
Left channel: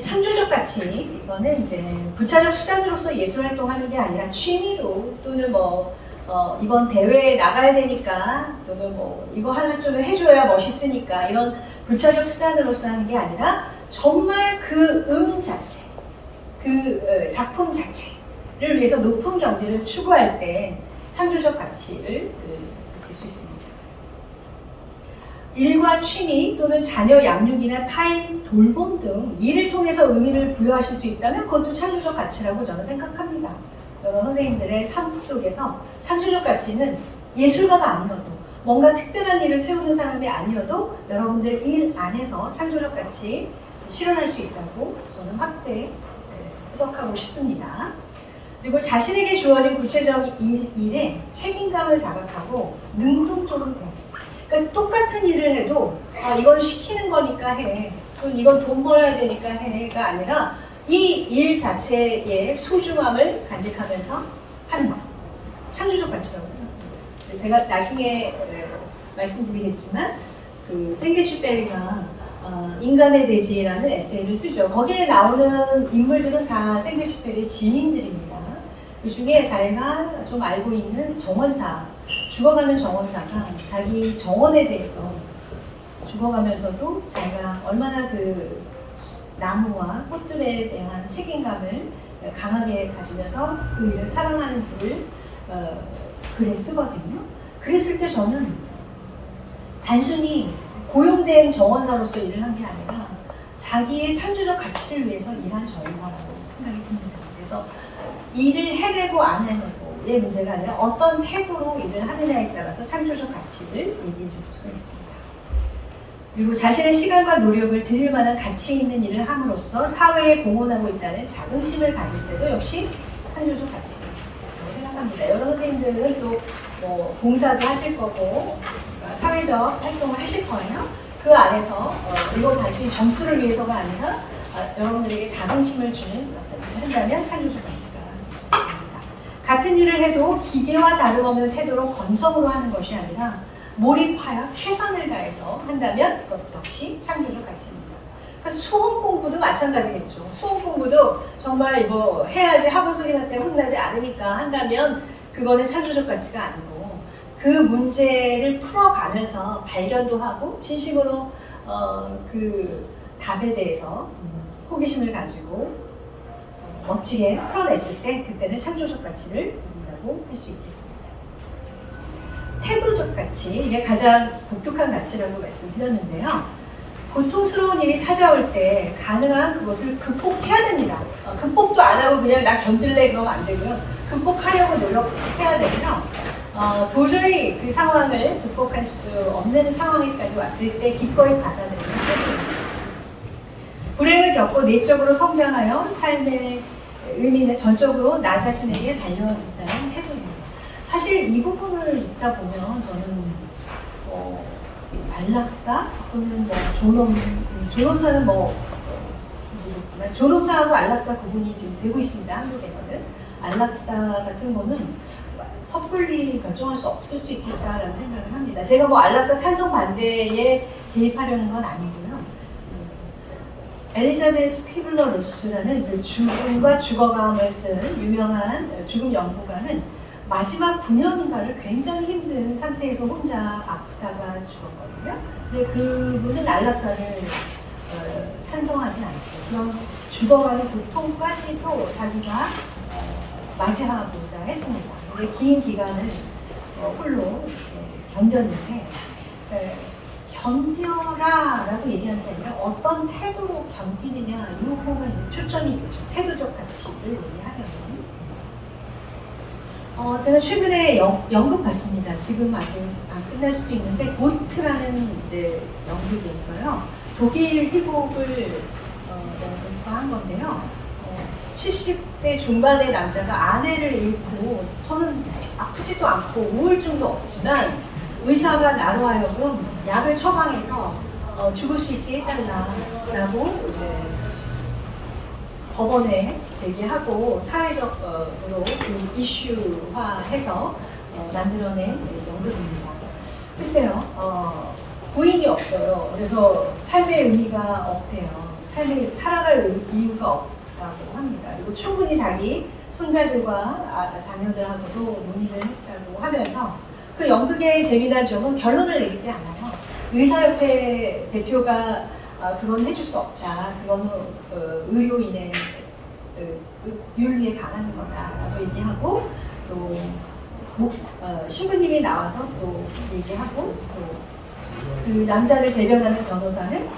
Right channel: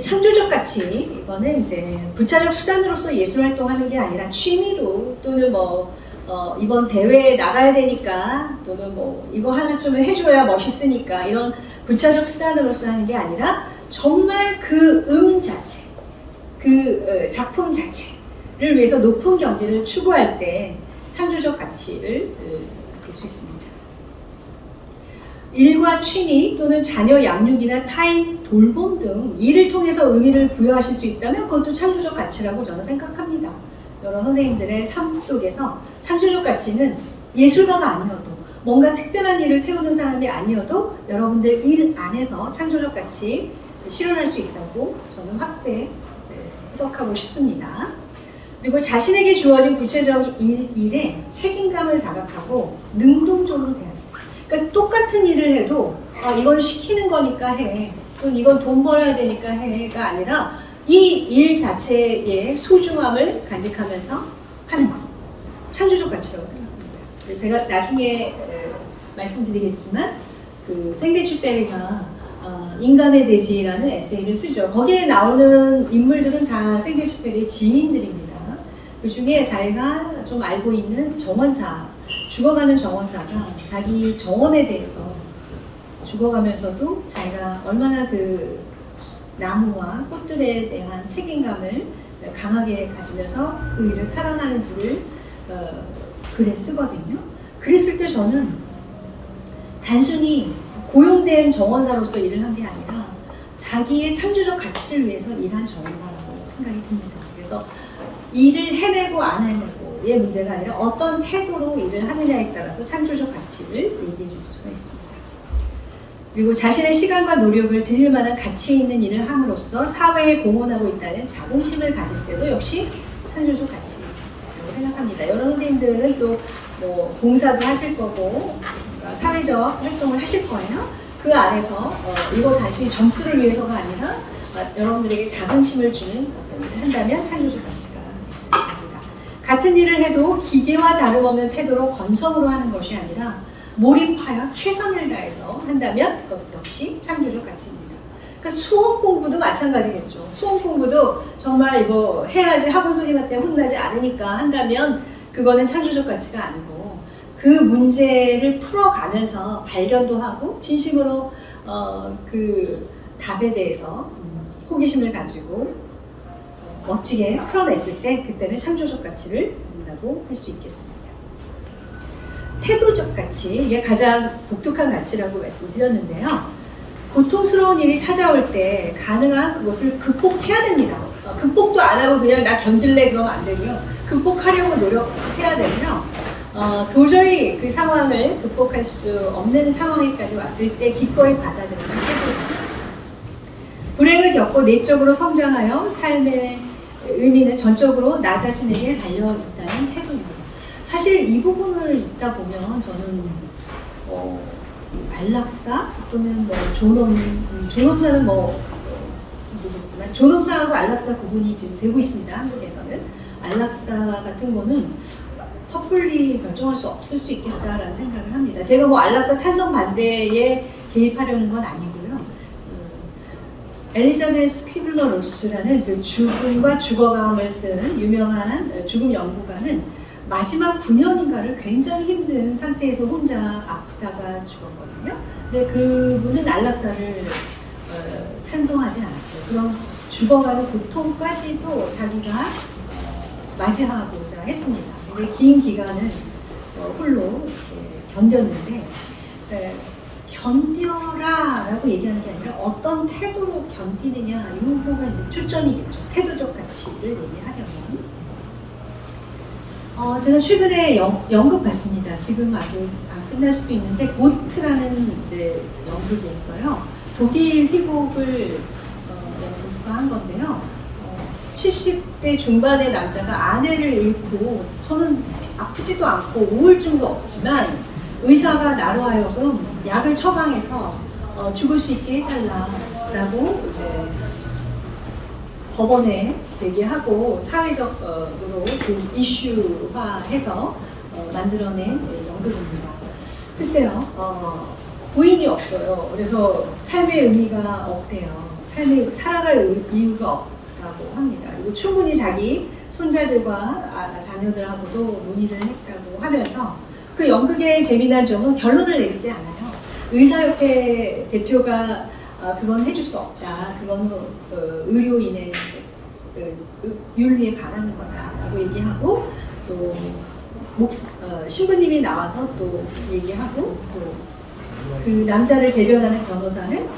창조적 가치, 이거는 이제 부차적 수단으로서 예술 활동하는 게 아니라 취미로 또는 이번 대회에 나가야 되니까 또는 이거 하나쯤은 해줘야 멋있으니까 이런 부차적 수단으로서 하는 게 아니라 정말 그 자체, 그 작품 자체를 위해서 높은 경지를 추구할 때 창조적 가치를 느낄 수 있습니다. 일과 취미 또는 자녀 양육이나 타인 돌봄 등 일을 통해서 의미를 부여하실 수 있다면 그것도 창조적 가치라고 저는 생각합니다. 여러 선생님들의 삶 속에서 창조적 가치는 예술가가 아니어도 뭔가 특별한 일을 세우는 사람이 아니어도 여러분들 일 안에서 창조적 가치 실현할 수 있다고 저는 확대 해석하고 싶습니다. 그리고 자신에게 주어진 구체적인 일에 책임감을 자각하고 능동적으로 대하는. 그러니까 똑같은 일을 해도 이건 시키는 거니까 해, 또는 이건 돈 벌어야 되니까 해가 아니라 이 일 자체의 소중함을 간직하면서 하는 것. 창조적 가치라고 생각합니다. 제가 나중에 말씀드리겠지만 그 생게슈페리가 인간의 대지라는 에세이를 쓰죠. 거기에 나오는 인물들은 다 생게슈페리의 지인들입니다. 그 중에 자기가 좀 알고 있는 정원사, 죽어가는 정원사가 자기 정원에 대해서 죽어가면서도 자기가 얼마나 그 나무와 꽃들에 대한 책임감을 강하게 가지면서 그 일을 사랑하는지를 글에 쓰거든요. 그랬을 때 저는 단순히 고용된 정원사로서 일을 한 게 아니라 자기의 창조적 가치를 위해서 일한 정원사라고 생각이 듭니다. 그래서 일을 해내고 안 해내고의 문제가 아니라 어떤 태도로 일을 하느냐에 따라서 창조적 가치를 얘기해 줄 수가 있습니다. 그리고 자신의 시간과 노력을 들일 만한 가치 있는 일을 함으로써 사회에 공헌하고 있다는 자긍심을 가질 때도 역시 창조적 가치라고 생각합니다. 여러 선생님들은 또 뭐 봉사도 하실 거고 사회적 활동을 하실 거예요. 그 안에서 이거 단순히 점수를 위해서가 아니라 여러분들에게 자긍심을 주는 어떤 일을 한다면 창조적 가치가 있습니다. 같은 일을 해도 기계와 다름없는 태도로 건성으로 하는 것이 아니라 몰입하여 최선을 다해서 한다면 그것 역시 창조적 가치입니다. 그러니까 수험 공부도 마찬가지겠죠. 수험 공부도 정말 이거 해야지 학원 선생님한테 혼나지 않으니까 한다면 그거는 창조적 가치가 아니고 그 문제를 풀어가면서 발견도 하고 진심으로 그 답에 대해서 호기심을 가지고 멋지게 풀어냈을 때 그때는 창조적 가치를 갖는다고 할 수 있겠습니다. 태도적 가치, 이게 가장 독특한 가치라고 말씀드렸는데요. 고통스러운 일이 찾아올 때 가능한 그것을 극복해야 됩니다. 극복도 안 하고 그냥 나 견딜래 그러면 안 되고요. 극복하려고 노력해야 되고요. 도저히 그 상황을 극복할 수 없는 상황에까지 왔을 때 기꺼이 받아들이는 태도입니다. 불행을 겪고 내적으로 성장하여 삶의 의미는 전적으로 나 자신에게 달려있다는 태도입니다. 사실 이 부분을 읽다 보면 저는 안락사 또는 뭐 존엄사는 모르겠지만 존엄사하고 안락사 구분이 지금 되고 있습니다. 한국에서는 안락사 같은 거는 섣불리 결정할 수 없을 수 있겠다라는 생각을 합니다. 제가 뭐 안락사 찬성 반대에 개입하려는 건 아니고요. 엘리자베스 퀴블러 로스라는 그 죽음과 죽어감을 쓰는 유명한 죽음 연구가는 마지막 9년인가를 굉장히 힘든 상태에서 혼자 아프다가 죽었거든요. 근데 그분은 안락사를 찬성하지 않았어요. 그럼 죽어가는 고통까지도 자기가 맞이하고자 했습니다. 근데 긴 기간은 홀로 견뎠는데 견뎌라라고 얘기하는 게 아니라 어떤 태도로 견디느냐 이 부분은 이제 초점이 있죠. 태도적 가치를 얘기하려면 제가 최근에 연극 봤습니다. 지금 아직 안 끝날 수도 있는데 고트라는 이제 연극이 있어요. 독일 희곡을 연극화한 건데요. 70대 중반의 남자가 아내를 잃고 저는 아프지도 않고 우울증도 없지만 의사가 나로 하여금 약을 처방해서 죽을 수 있게 해달라고 이제 법원에 제기하고 사회적으로 그 이슈화해서 만들어낸 연극입니다. 글쎄요, 부인이 없어요. 그래서 삶의 의미가 없대요. 살아갈 이유가 없다고 합니다. 그리고 충분히 자기 손자들과 자녀들하고도 논의를 했다고 하면서 그 연극의 재미난 점은 결론을 내리지 않아요. 의사협회 대표가 그건 해줄 수 없다. 그건 의료인의 윤리에 반하는 거다라고 얘기하고 또 신부님이 나와서 또 얘기하고 또 그 남자를 대변하는 변호사는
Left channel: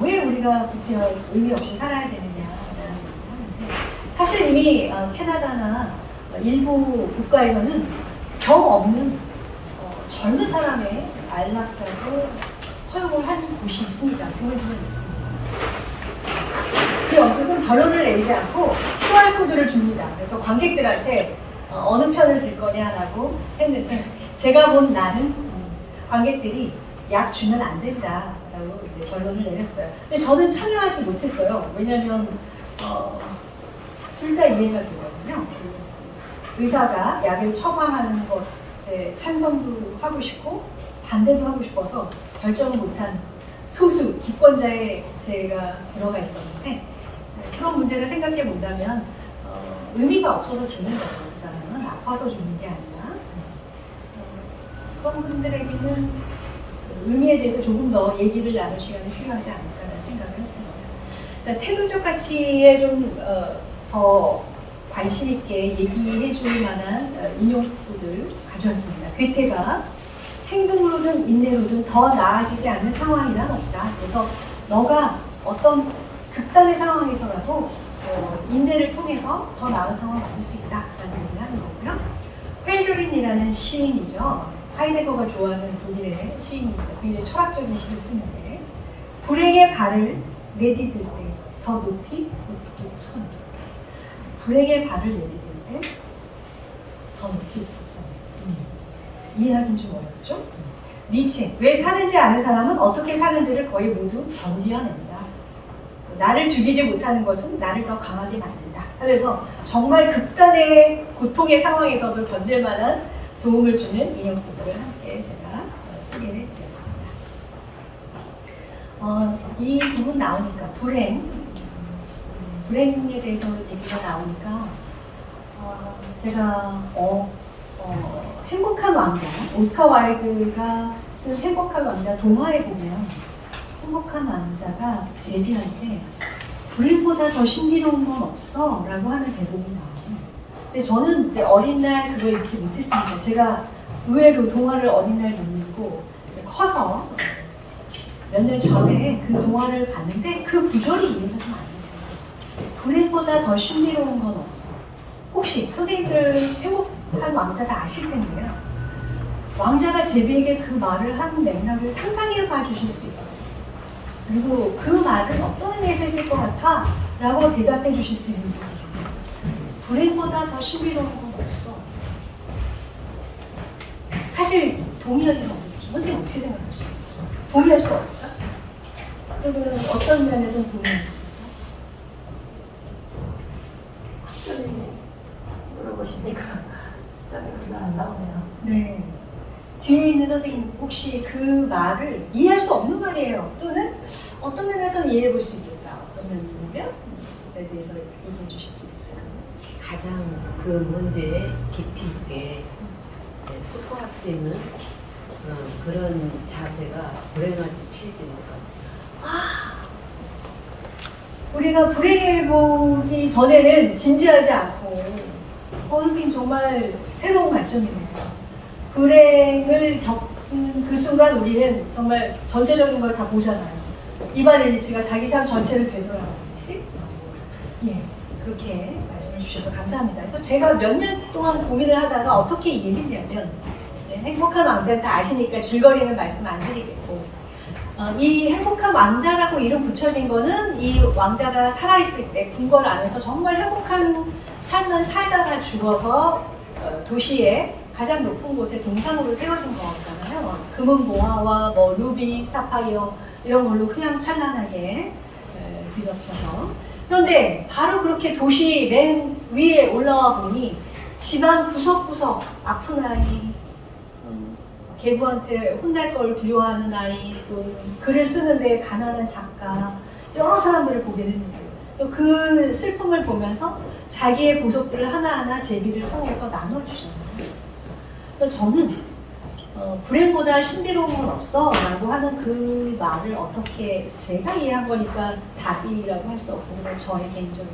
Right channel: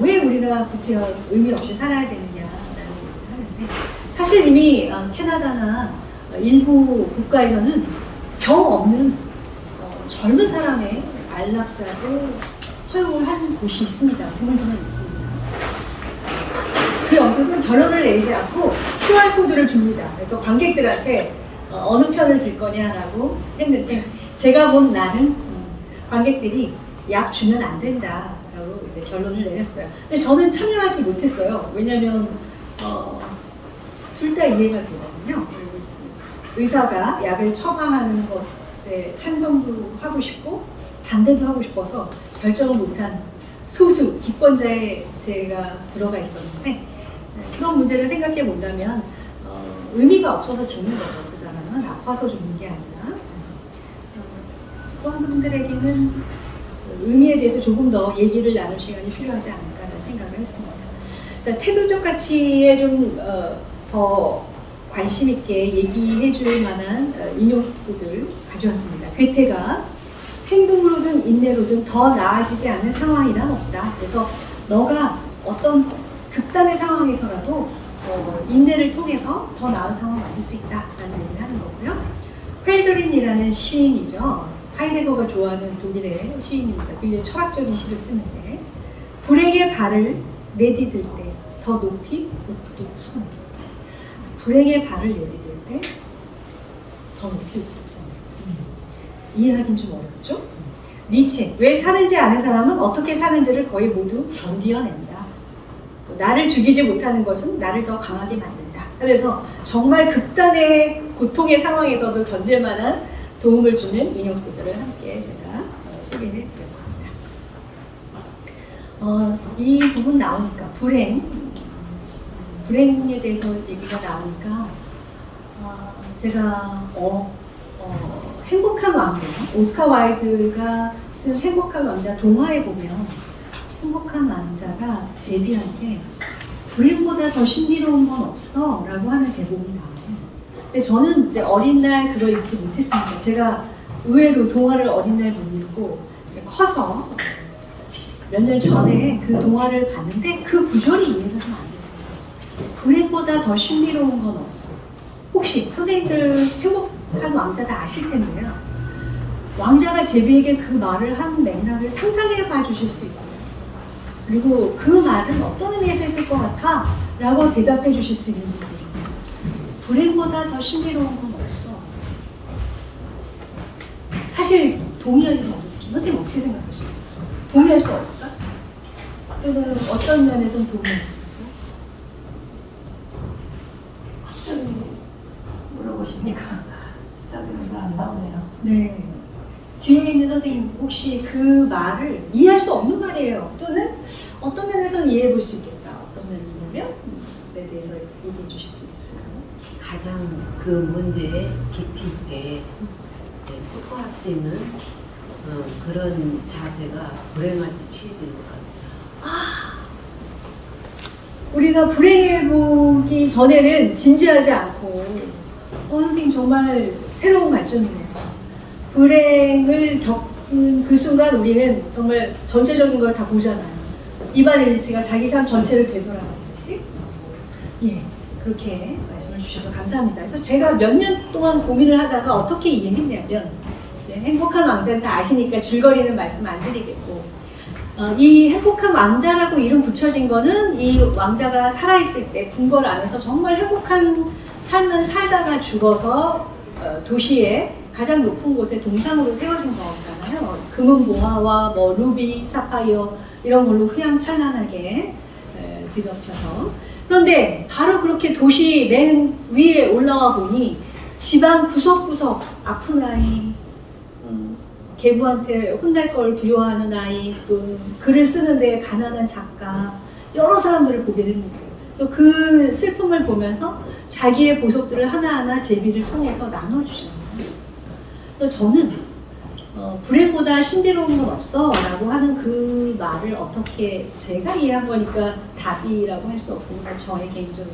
왜 우리가 구태여 의미 없이 살아야 되느냐라는 얘기를 하는데 사실 이미 캐나다나 일부 국가에서는 병 없는 젊은 사람의 안락사도 허용을 한 곳이 있습니다. 드물지만 있습니다. 그 연극은 결론을 내리지 않고 QR코드를 줍니다. 그래서 관객들한테 어느 편을 들 거냐라고 했는데 제가 본 나는 관객들이 약 주면 안 된다라고 이제 결론을 내렸어요. 근데 저는 참여하지 못했어요. 왜냐하면 둘 다 이해가 되거든요. 의사가 약을 처방하는 것에 찬성도 하고 싶고 반대도 하고 싶어서 결정을 못한 소수 기권자에 제가 들어가 있었는데 그런 문제를 생각해 본다면 의미가 없어서 죽는 거죠. 그 사람은 아파서 죽는 게 아니라 그런 분들에게는 의미에 대해서 조금 더 얘기를 나눌 시간이 필요하지 않을까라는 생각을 했습니다. 자, 태도적 가치에 좀 더 관심 있게 얘기해 줄 만한 인용구들 가져왔습니다. 괴테가 행동으로든 인내로든 더 나아지지 않는 상황이란 없다. 그래서 너가 어떤 극단의 상황에서라도 인내를 통해서 더 나은 상황을 만들 수 있다라는 얘기를 하는 거고요. 훻도린이라는 시인이죠. 하이데거가 좋아하는 독일의 시인입니다. 굉장히 철학적인 시를 쓰는데 불행의 발을 내디딜 때 더 높이 우뚝 서는 불행의 발을 내디딜 때 더 높이 우뚝 서는 이해하기는 좀 어렵죠? 니체, 왜 사는지 아는 사람은 어떻게 사는지를 거의 모두 견디어낸다. 또 나를 죽이지 못하는 것은 나를 더 강하게 만든다. 그래서 정말 극단의 고통의 상황에서도 견딜 만한 도움을 주는 인형구들을 함께 제가 소개해 드렸습니다. 이 부분 나오니까 불행에 대해서 얘기가 나오니까 제가 행복한 왕자, 오스카 와일드가 쓴 행복한 왕자 동화에 보면 행복한 왕자가 제비한테 불행보다 더 신비로운 건 없어 라고 하는 대목이 나와요. 근데 저는 이제 어린 날 그걸 읽지 못했습니다. 제가 의외로 동화를 어린 날 못 읽고 커서 몇 년 전에 그 동화를 봤는데 그 구절이 이해가 좀 안 됐어요. 불행보다 더 신비로운 건 없어. 혹시 선생님들 행복한 왕자가 아실 텐데요. 왕자가 제비에게 그 말을 한 맥락을 상상해 봐 주실 수 있어요. 그리고 그 말은 어떤 의미에서 했을 것 같아? 라고 대답해 주실 수 있는 거거든요. 불행보다 더 신비로운 건 없어. 사실 동의하기 좀 어렵죠. 선생님 어떻게 생각하세요? 동의할 수 없다? 그래서 어떤 면에서는 동의할 수 있다? 확실히 물어보시니까 답이 안 나오네요. 네. 뒤에 있는 선생님 혹시 그 말을 이해할 수 없는 말이에요. 또는 어떤 면에서는 이해해 볼 수 있겠다. 어떤 면이냐면 에 대해서 얘기해 주실 수 있어요. 가장 그 문제에 깊이 있게 숙고할 수 있는 그런 자세가 불행할 때 취해지는 것 같아요. 우리가 불행해보기 전에는 진지하지 않고 선생님 정말 새로운 관점이네요. 불행을 겪은 그 순간 우리는 정말 전체적인 걸 다 보잖아요. 이반의 위치가 자기 삶 전체를 되돌아가듯이. 예, 그렇게 말씀을 주셔서 감사합니다. 그래서 제가 몇 년 동안 고민을 하다가 어떻게 이해했냐면 행복한 왕자는 다 아시니까 줄거리는 말씀 안 드리겠고 이 행복한 왕자라고 이름 붙여진 거는 이 왕자가 살아있을 때 궁궐 안에서 정말 행복한 삶을 살다가 죽어서 도시의 가장 높은 곳에 동상으로 세워진 거잖아요. 금은 보화와 뭐 루비, 사파이어 이런 걸로 휘황찬란하게 뒤덮여서. 그런데 바로 그렇게 도시 맨 위에 올라와 보니 집안 구석구석 아픈 아이, 계부한테 혼날 걸 두려워하는 아이, 또 글을 쓰는데 가난한 작가, 여러 사람들을 보게 됩니다. 그래서 그 슬픔을 보면서 자기의 보석들을 하나하나 제비를 통해서 나눠주잖아요. 그래서 저는 불행보다 신비로운 건 없어 라고 하는 그 말을 어떻게 제가 이해한 거니까 답이라고 할 수 없고 그냥 저의 개인적인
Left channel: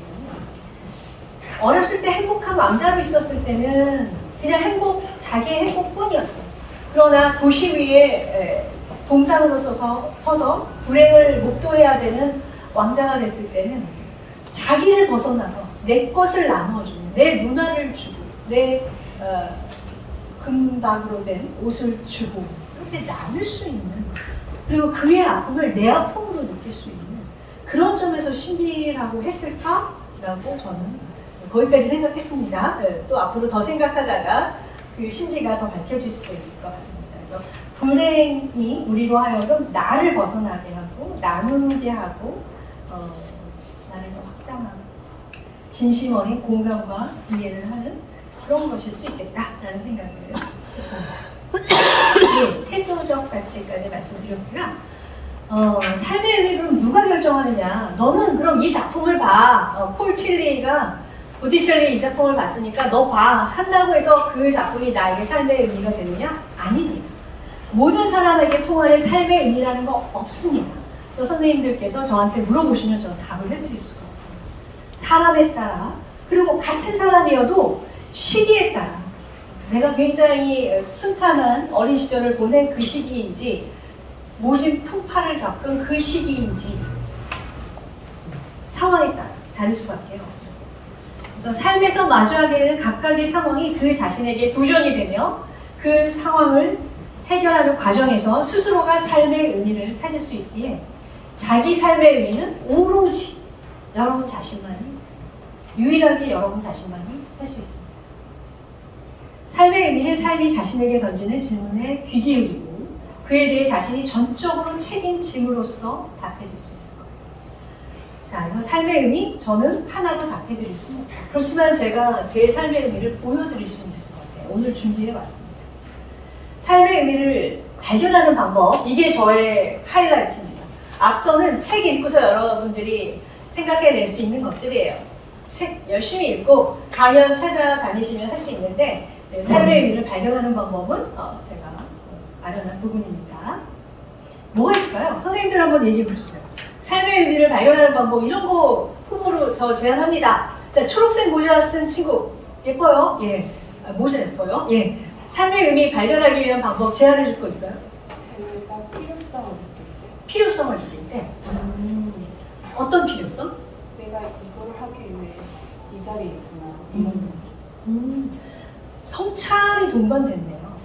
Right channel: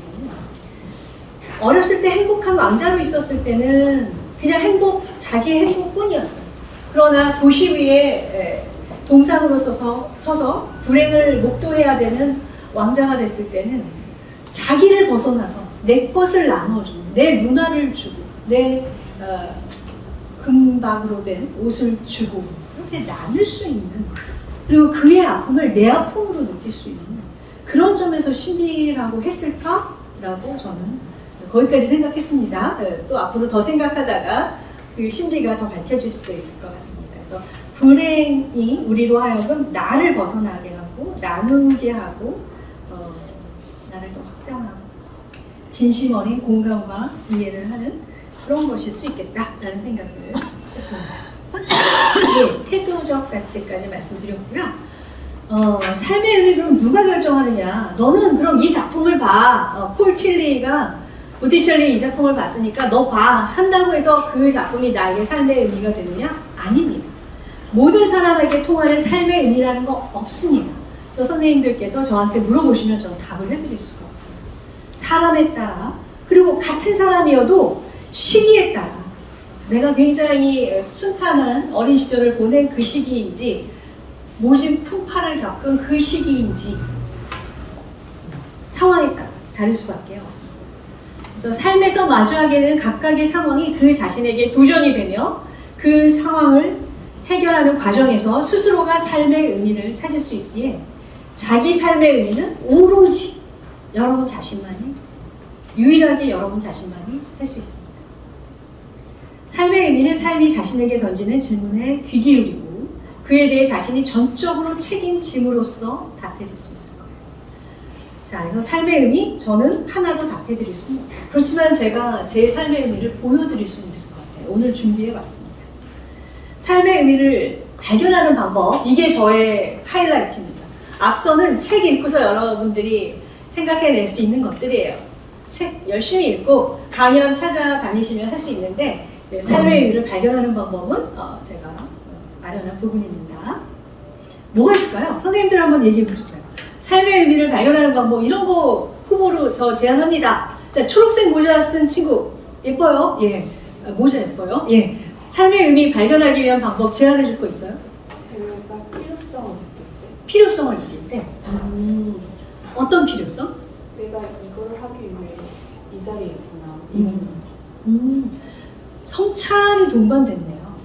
어렸을 때 행복한 왕자로 있었을 때는 그냥 자기의 행복뿐이었어요. 그러나 도시 위에 동상으로 서서 불행을 목도해야 되는 왕자가 됐을 때는 자기를 벗어나서 내 것을 나눠주고 내 누나를 주고 내 금박으로 된 옷을 주고 이렇게 나눌 수 있는 그리고 그의 아픔을 내 아픔으로 느낄 수 있는 그런 점에서 신비라고 했을까라고 저는 거기까지 생각했습니다. 또 앞으로 더 생각하다가 그 신비가 더 밝혀질 수도 있을 것 같습니다. 그래서 불행이 우리로 하여금 나를 벗어나게 하고 나누게 하고 나를 더 확장하고 진심 어린 공감과 이해를 하는 그런 것일 수 있겠다라는 생각을 했습니다. 네, 태도적 가치까지 말씀드렸고요. 삶의 의미 그럼 누가 결정하느냐? 너는 그럼 이 작품을 봐. 폴 틸리가 보티첼리 이 작품을 봤으니까 너 봐. 한다고 해서 그 작품이 나에게 삶의 의미가 되느냐? 아닙니다. 모든 사람에게 통하는 삶의 의미라는 거 없습니다. 그래서 선생님들께서 저한테 물어보시면 저는 답을 해드릴 수가 없어요. 사람에 따라, 그리고 같은 사람이어도 시기에 따라, 내가 굉장히 순탄한 어린 시절을 보낸 그 시기인지, 모진 풍파를 겪은 그 시기인지, 상황에 따라 다를 수밖에 없습니다. 그래서 삶에서 마주하게 되는 각각의 상황이 그 자신에게 도전이 되며 그 상황을 해결하는 과정에서 스스로가 삶의 의미를 찾을 수 있기에 자기 삶의 의미는 오로지 여러분 자신만이, 유일하게 여러분 자신만이 할 수 있습니다. 삶의 의미를 삶이 자신에게 던지는 질문에 귀 기울이고 그에 대해 자신이 전적으로 책임짐으로써 답해줄 수 있을 거예요. 자, 그래서 삶의 의미, 저는 하나로 답해드릴 수는 없어요. 그렇지만 제가 제 삶의 의미를 보여드릴 수는 있을 것 같아요. 오늘 준비해봤습니다. 삶의 의미를 발견하는 방법, 이게 저의 하이라이트입니다. 앞서는 책 읽고서 여러분들이 생각해낼 수 있는 것들이에요. 책 열심히 읽고 강연 찾아다니시면 할 수 있는데 삶의 의미를 발견하는 방법은 제가 마련한 부분입니다. 뭐가 있을까요? 선생님들 한번 얘기해 보세요. 삶의 의미를 발견하는 방법, 이런 거 후보로 저 제안합니다. 자, 초록색 모자 쓴 친구 예뻐요? 예. 모자 예뻐요? 예. 삶의 의미 발견하기 위한 방법 제안해 줄 거 있어요? 제가 필요성을 느낄 때, 필요성을 느낄 때. 어떤 필요성? 내가 이걸 하기 위해 이 자리에 있구나. 성찰이 동반됐네요.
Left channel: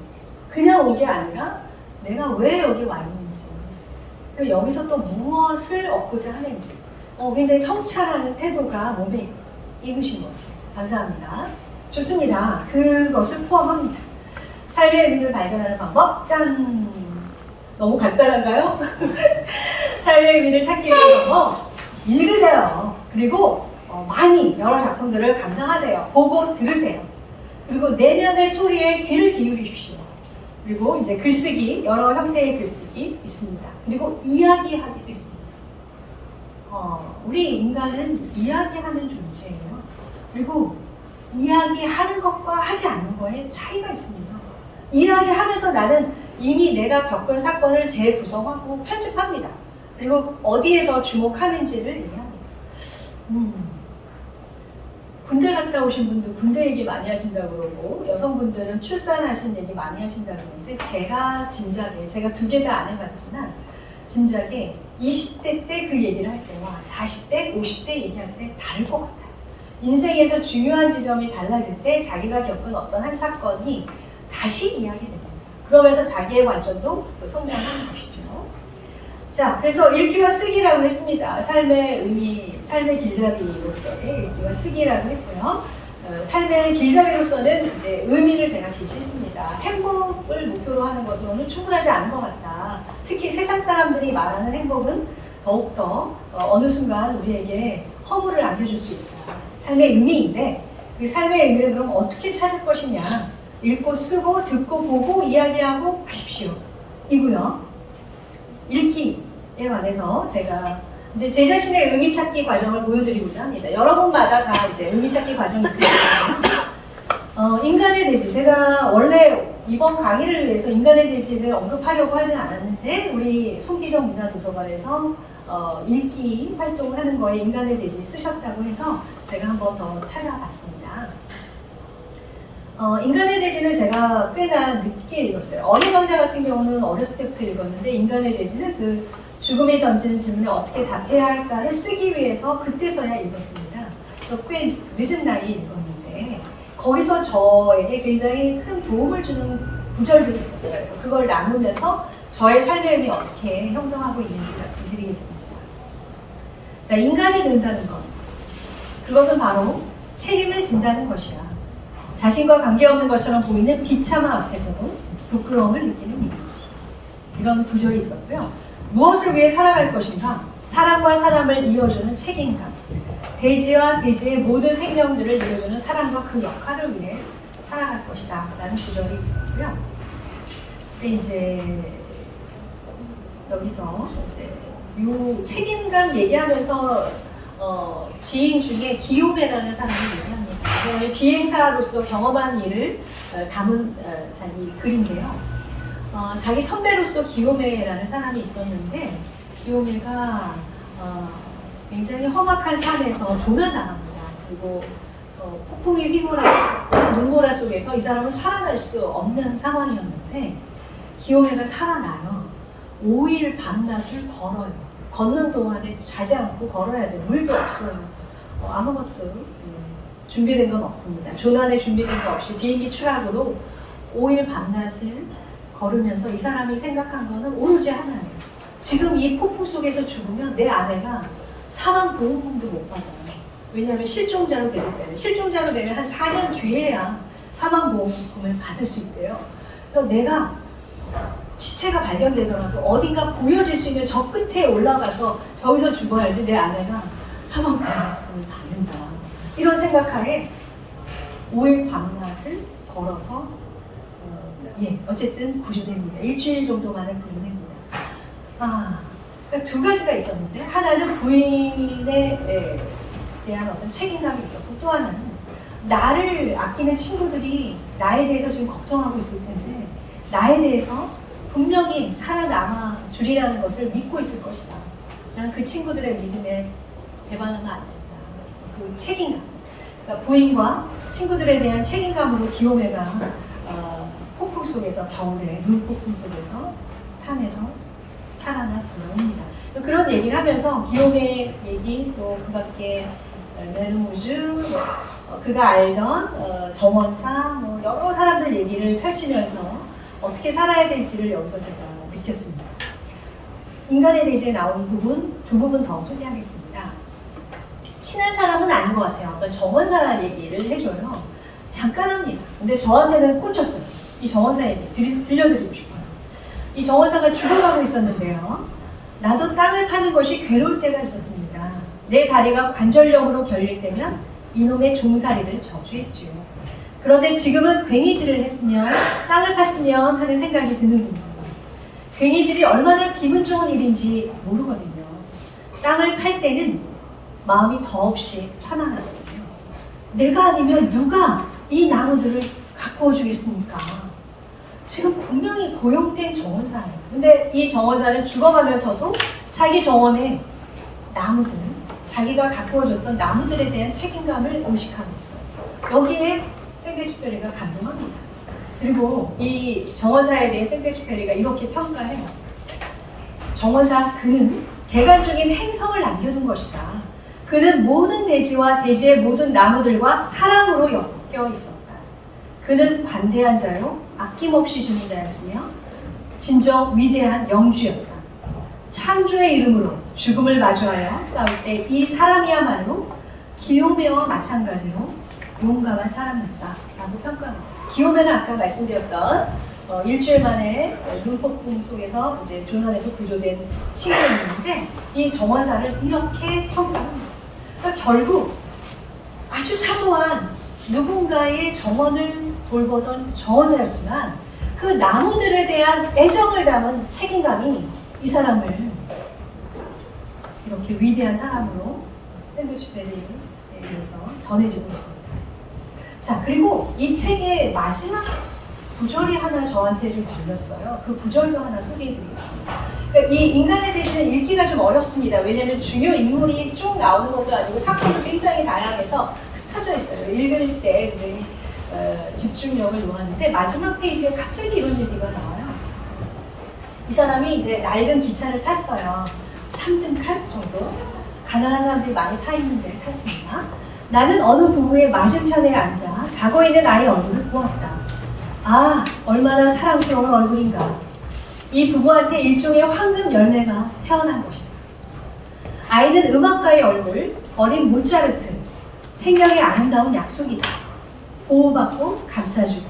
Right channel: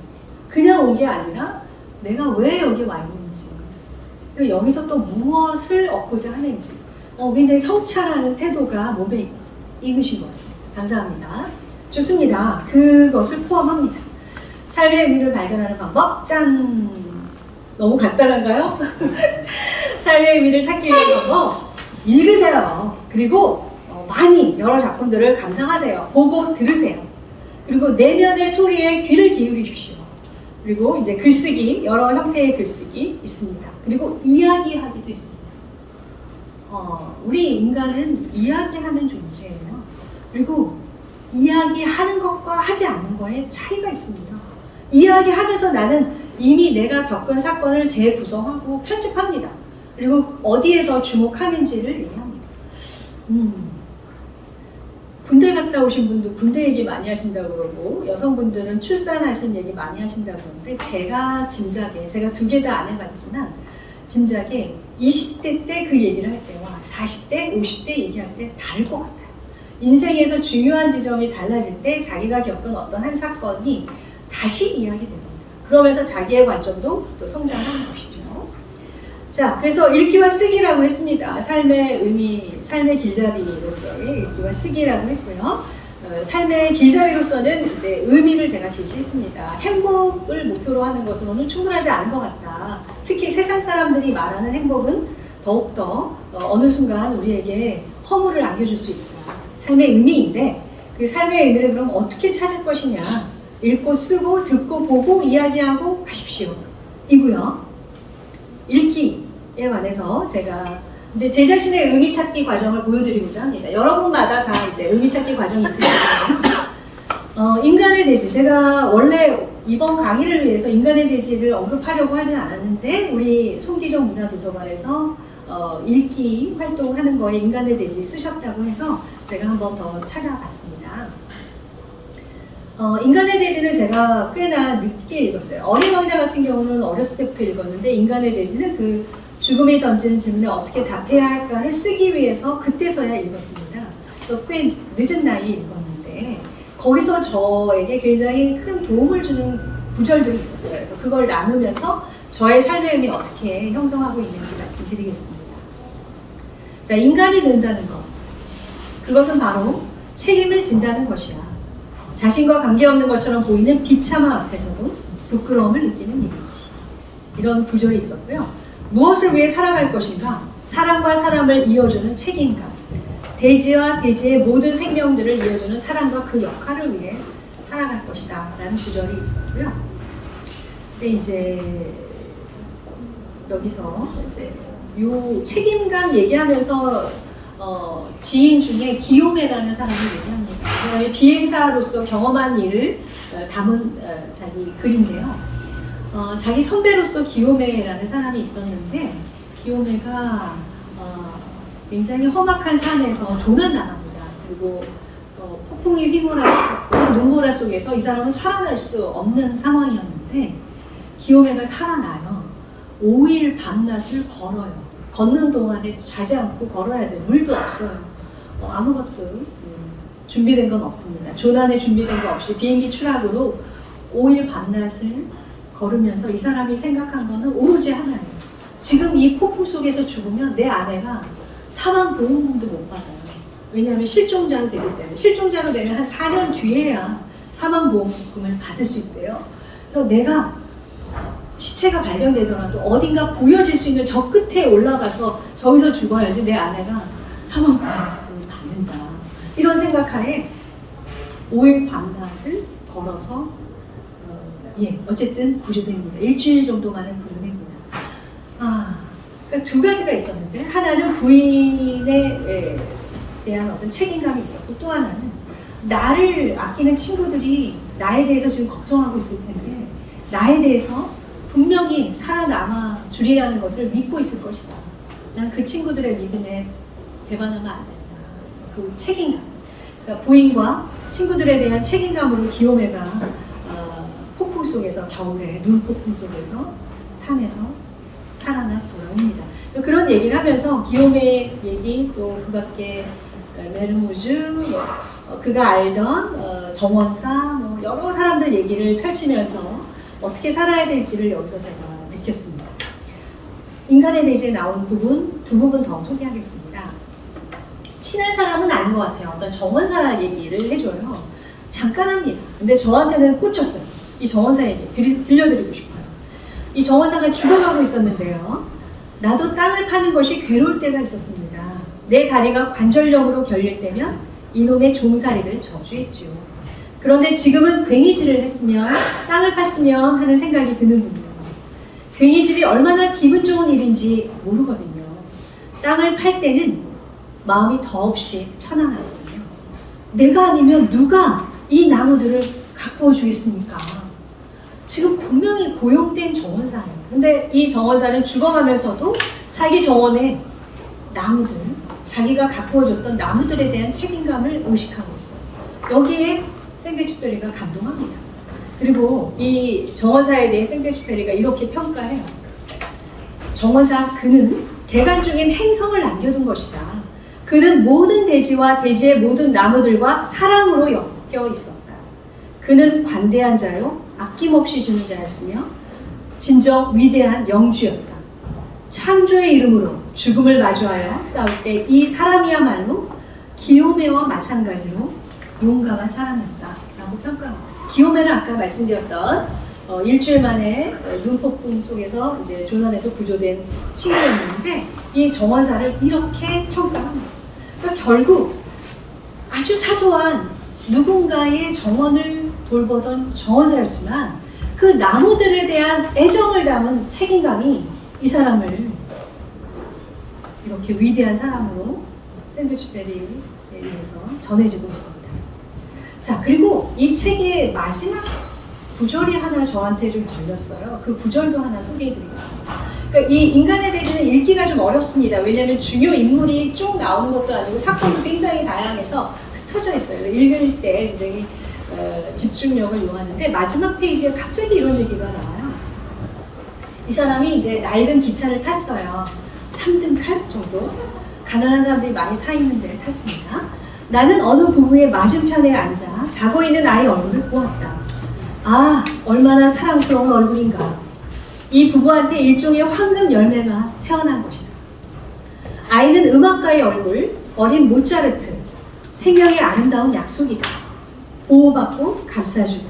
그냥 온 게 아니라 내가 왜 여기 와 있는지, 그리고 여기서 또 무엇을 얻고자 하는지, 굉장히 성찰하는 태도가 몸에 익으신 것 같습니다. 감사합니다. 좋습니다. 그것을 포함합니다. 삶의 의미를 발견하는 방법, 짠! 너무 간단한가요? 삶의 의미를 찾기 위한 방법, 읽으세요. 그리고 많이 여러 작품들을 감상하세요. 보고 들으세요. 그리고 내면의 소리에 귀를 기울이십시오. 그리고 이제 글쓰기, 여러 형태의 글쓰기 있습니다. 그리고 이야기하기도 있습니다. 우리 인간은 이야기하는 존재예요. 그리고 이야기하는 것과 하지 않는 것에 차이가 있습니다. 이야기하면서 나는 이미 내가 겪은 사건을 재구성하고 편집합니다. 그리고 어디에 더 주목하는지를 얘기합니다. 군대 갔다 오신 분들 군대 얘기 많이 하신다고 그러고, 여성분들은 출산하신 얘기 많이 하신다고 그러는데, 제가 짐작에, 제가 2개 다 안 해봤지만 짐작에 20대 때 그 얘기를 할 때와 40대, 50대 얘기할 때 다를 것 같아요. 인생에서 중요한 지점이 달라질 때 자기가 겪은 어떤 한 사건이 다시 이야기됩니다. 그러면서 자기의 관점도 또 성장하는 것이죠. 자, 그래서 읽기와 쓰기라고 했습니다. 삶의 의미, 삶의 길잡이로서의 읽기와 쓰기라고 했고요. 삶의 길잡이로서는 이제 의미를 제가 제시했습니다. 행복을 목표로 하는 것으로는 충분하지 않은 것 같다. 특히 세상 사람들이 말하는 행복은 더욱더 어느 순간 우리에게 허물을 안겨줄 수 있다. 삶의 의미인데, 그 삶의 의미를 그럼 어떻게 찾을 것이냐. 읽고 쓰고 듣고 보고 이야기하고 하십시오. 이고요. 읽기에 관해서 제가 이제 제 자신의 의미 찾기 과정을 보여드리고자 합니다. 여러분마다 다 이제 의미 찾기 과정이 있을 거예요. 인간의 대지, 제가 원래 이번 강의를 위해서 인간의 대지를 언급하려고 하진 않았는데, 우리 송기정 문화도서관에서 읽기 활동을 하는 거에 인간의 대지 쓰셨다고 해서 제가 한 번 더 찾아봤습니다. 인간의 대지는 제가 꽤나 늦게 읽었어요. 어린 왕자 같은 경우는 어렸을 때부터 읽었는데, 인간의 대지는 그 죽음이 던지는 질문에 어떻게 답해야 할까를 쓰기 위해서 그때서야 읽었습니다. 그래서 꽤 늦은 나이에 읽었는데, 거기서 저에게 굉장히 큰 도움을 주는 구절들이 있었어요. 그래서 그걸 나누면서 저의 삶의 의미 어떻게 형성하고 있는지 말씀드리겠습니다. 자, 인간이 된다는 것, 그것은 바로 책임을 진다는 것이야. 자신과 관계없는 것처럼 보이는 비참함 앞에서도 부끄러움을 느끼는 이미지. 이런 구절이 있었고요. 무엇을 위해 살아갈 것인가? 사람과 사람을 이어주는 책임감. 대지와 대지의 모든 생명들을 이어주는 사람과 그 역할을 위해 살아갈 것이다. 라는 구절이 있었고요. 근데 이제 여기서 이제 요 책임감 얘기하면서 지인 중에 기요메라는 사람을 얘기합니다. 비행사로서 경험한 일을 담은 자기 글인데요. 자기 선배로서 기요메라는 사람이 있었는데, 기요메가 굉장히 험악한 산에서 조난당합니다. 그리고 폭풍이 휘몰아치고 눈보라 속에서 이 사람은 살아날 수 없는 상황이었는데 기요메가 살아나요. 5일 밤낮을 걸어요. 걷는 동안에 자지 않고 걸어야 돼요. 물도 없어요. 아무것도 준비된 건 없습니다. 조난에 준비된 거 없이 비행기 추락으로 5일 밤낮을 걸으면서 이 사람이 생각한 거는 오로지 하나예요. 지금 이 폭풍 속에서 죽으면 내 아내가 사망보험금도 못 받아요. 왜냐하면 실종자로 되기 때문에. 실종자로 되면 한 4년 뒤에야 사망보험금을 받을 수 있대요. 그래서 내가 시체가 발견되더라도 어딘가 보여질 수 있는 저 끝에 올라가서 저기서 죽어야지 내 아내가 사망보험금을 받는다. 이런 생각하에 5일 밤낮을 걸어서 어쨌든 구조됩니다. 일주일 정도 만에 구조됩니다. 그러니까 두 가지가 있었는데 하나는 부인에 대한 어떤 책임감이 있었고 또 하나는 나를 아끼는 친구들이 나에 대해서 지금 걱정하고 있을 텐데 나에 대해서 분명히 살아남아 주리라는 것을 믿고 있을 것이다. 난 그 친구들의 믿음에 배반하면 안 된다. 그래서 그 책임감, 그러니까 부인과 친구들에 대한 책임감으로 기요메가 폭풍 속에서 겨울에 눈폭풍 속에서 산에서 살아나 돌아옵니다. 그런 얘기를 하면서 기요메 얘기 또 그 밖에 메르모즈 그가 알던 정원사 여러 사람들 얘기를 펼치면서 어떻게 살아야 될지를 여기서 제가 느꼈습니다. 인간에 대해 나온 부분 두 부분 더 소개하겠습니다. 친한 사람은 아닌 것 같아요. 어떤 정원사 얘기를 해줘요. 잠깐 합니다. 근데 저한테는 꽂혔어요. 이 정원사 얘기 들려드리고 싶어요. 이 정원사가 죽어가고 있었는데요. 나도 땅을 파는 것이 괴로울 때가 있었습니다. 내 다리가 관절염으로 결릴 때면 이놈의 종살이를 저주했지요. 그런데 지금은 괭이질을 했으면 땅을 팠으면 하는 생각이 드는군요. 괭이질이 얼마나 기분 좋은 일인지 모르거든요. 땅을 팔 때는 마음이 더없이 편안하거든요. 내가 아니면 누가 이 나무들을 가꾸어 주겠습니까? 지금 분명히 고용된 정원사예요. 근데 이 정원사는 죽어가면서도 자기 정원에 나무들, 자기가 가꾸어줬던 나무들에 대한 책임감을 의식하고 있어요. 여기에 생데쥐페리가 감동합니다. 그리고 이 정원사에 대해 생데쥐페리가 이렇게 평가해요. 정원사 그는 대간 중인 행성을 남겨둔 것이다. 그는 모든 대지와 대지의 모든 나무들과 사랑으로 엮여 있었다. 그는 관대한 자요 아낌없이 주는 자였으며 진정 위대한 영주였다. 창조의 이름으로 죽음을 마주하여 싸울 때 이 사람이야말로 기요메와 마찬가지로 용감한 사람이었다 라고 평가합니다. 기요메는 아까 말씀드렸던 일주일 만에 눈폭풍 속에서 이제 조난에서 구조된 친구였는데 이 정원사를 이렇게 평가합니다. 그러니까 결국 아주 사소한 누군가의 정원을 돌보던 정원사였지만 그 나무들에 대한 애정을 담은 책임감이 이 사람을 이렇게 위대한 사람으로 생데쥐페리에 의해서 전해지고 있습니다. 자, 그리고 이 책의 마지막 구절이 하나 저한테 좀 걸렸어요. 그 구절도 하나 소개해드리겠습니다. 그러니까 이 인간에 대해서는 읽기가 좀 어렵습니다. 왜냐하면 중요 인물이 쭉 나오는 것도 아니고 사건도 굉장히 다양해서 흩어져 있어요. 읽을 때 굉장히 집중력을 요하는데 마지막 페이지에 갑자기 이런 얘기가 나와요. 이 사람이 이제 낡은 기차를 탔어요. 3등 칸 정도. 가난한 사람들이 많이 타 있는 데를 탔습니다. 나는 어느 부부의 맞은편에 앉아 자고 있는 아이 얼굴을 보았다. 아, 얼마나 사랑스러운 얼굴인가. 이 부부한테 일종의 황금 열매가 태어난 것이다. 아이는 음악가의 얼굴, 어린 모차르트, 생명의 아름다운 약속이다. 보호받고 감싸주고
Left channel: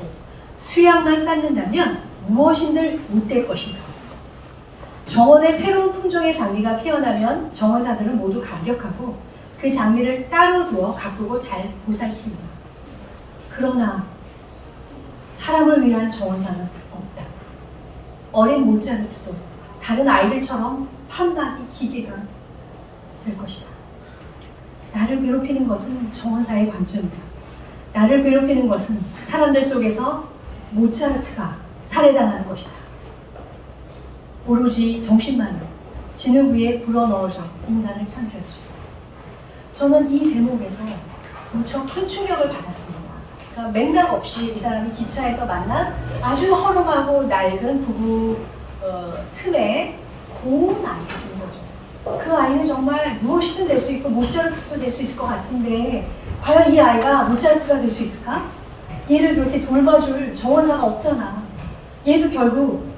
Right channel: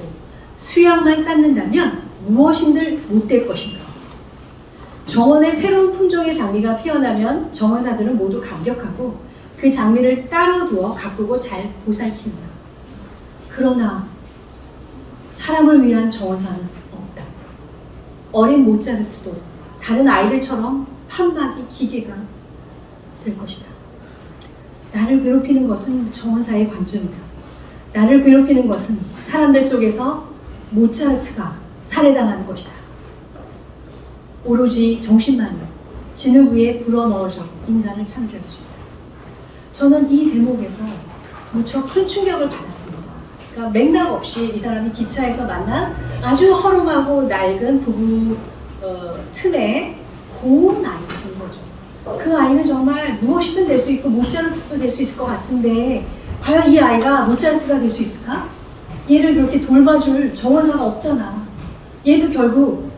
수양만 쌓는다면 무엇인들 못될 것인가. 정원에 새로운 품종의 장미가 피어나면 정원사들은 모두 감격하고 그 장미를 따로 두어 가꾸고 잘 보살핀다. 그러나 사람을 위한 정원사는 없다. 어린 모차르트도 다른 아이들처럼 판박이 기계가 될 것이다. 나를 괴롭히는 것은 정원사의 관점이다. 나를 괴롭히는 것은 사람들 속에서 모차르트가 살해당하는 것이다. 오로지 정신만이 진흙 위에 불어넣어져 인간을 창조했습니다. 저는 이 대목에서 무척 큰 충격을 받았습니다. 그러니까 맥락 없이 이 사람이 기차에서 만난 아주 허름하고 낡은 부부 틈에 고운 아이가 된 거죠. 그 아이는 정말 무엇이든 될 수 있고 모차르트도 될 수 있을 것 같은데 과연 이 아이가 모차르트가 될 수 있을까? 얘를 그렇게 돌봐줄 정원사가 없잖아. 얘도 결국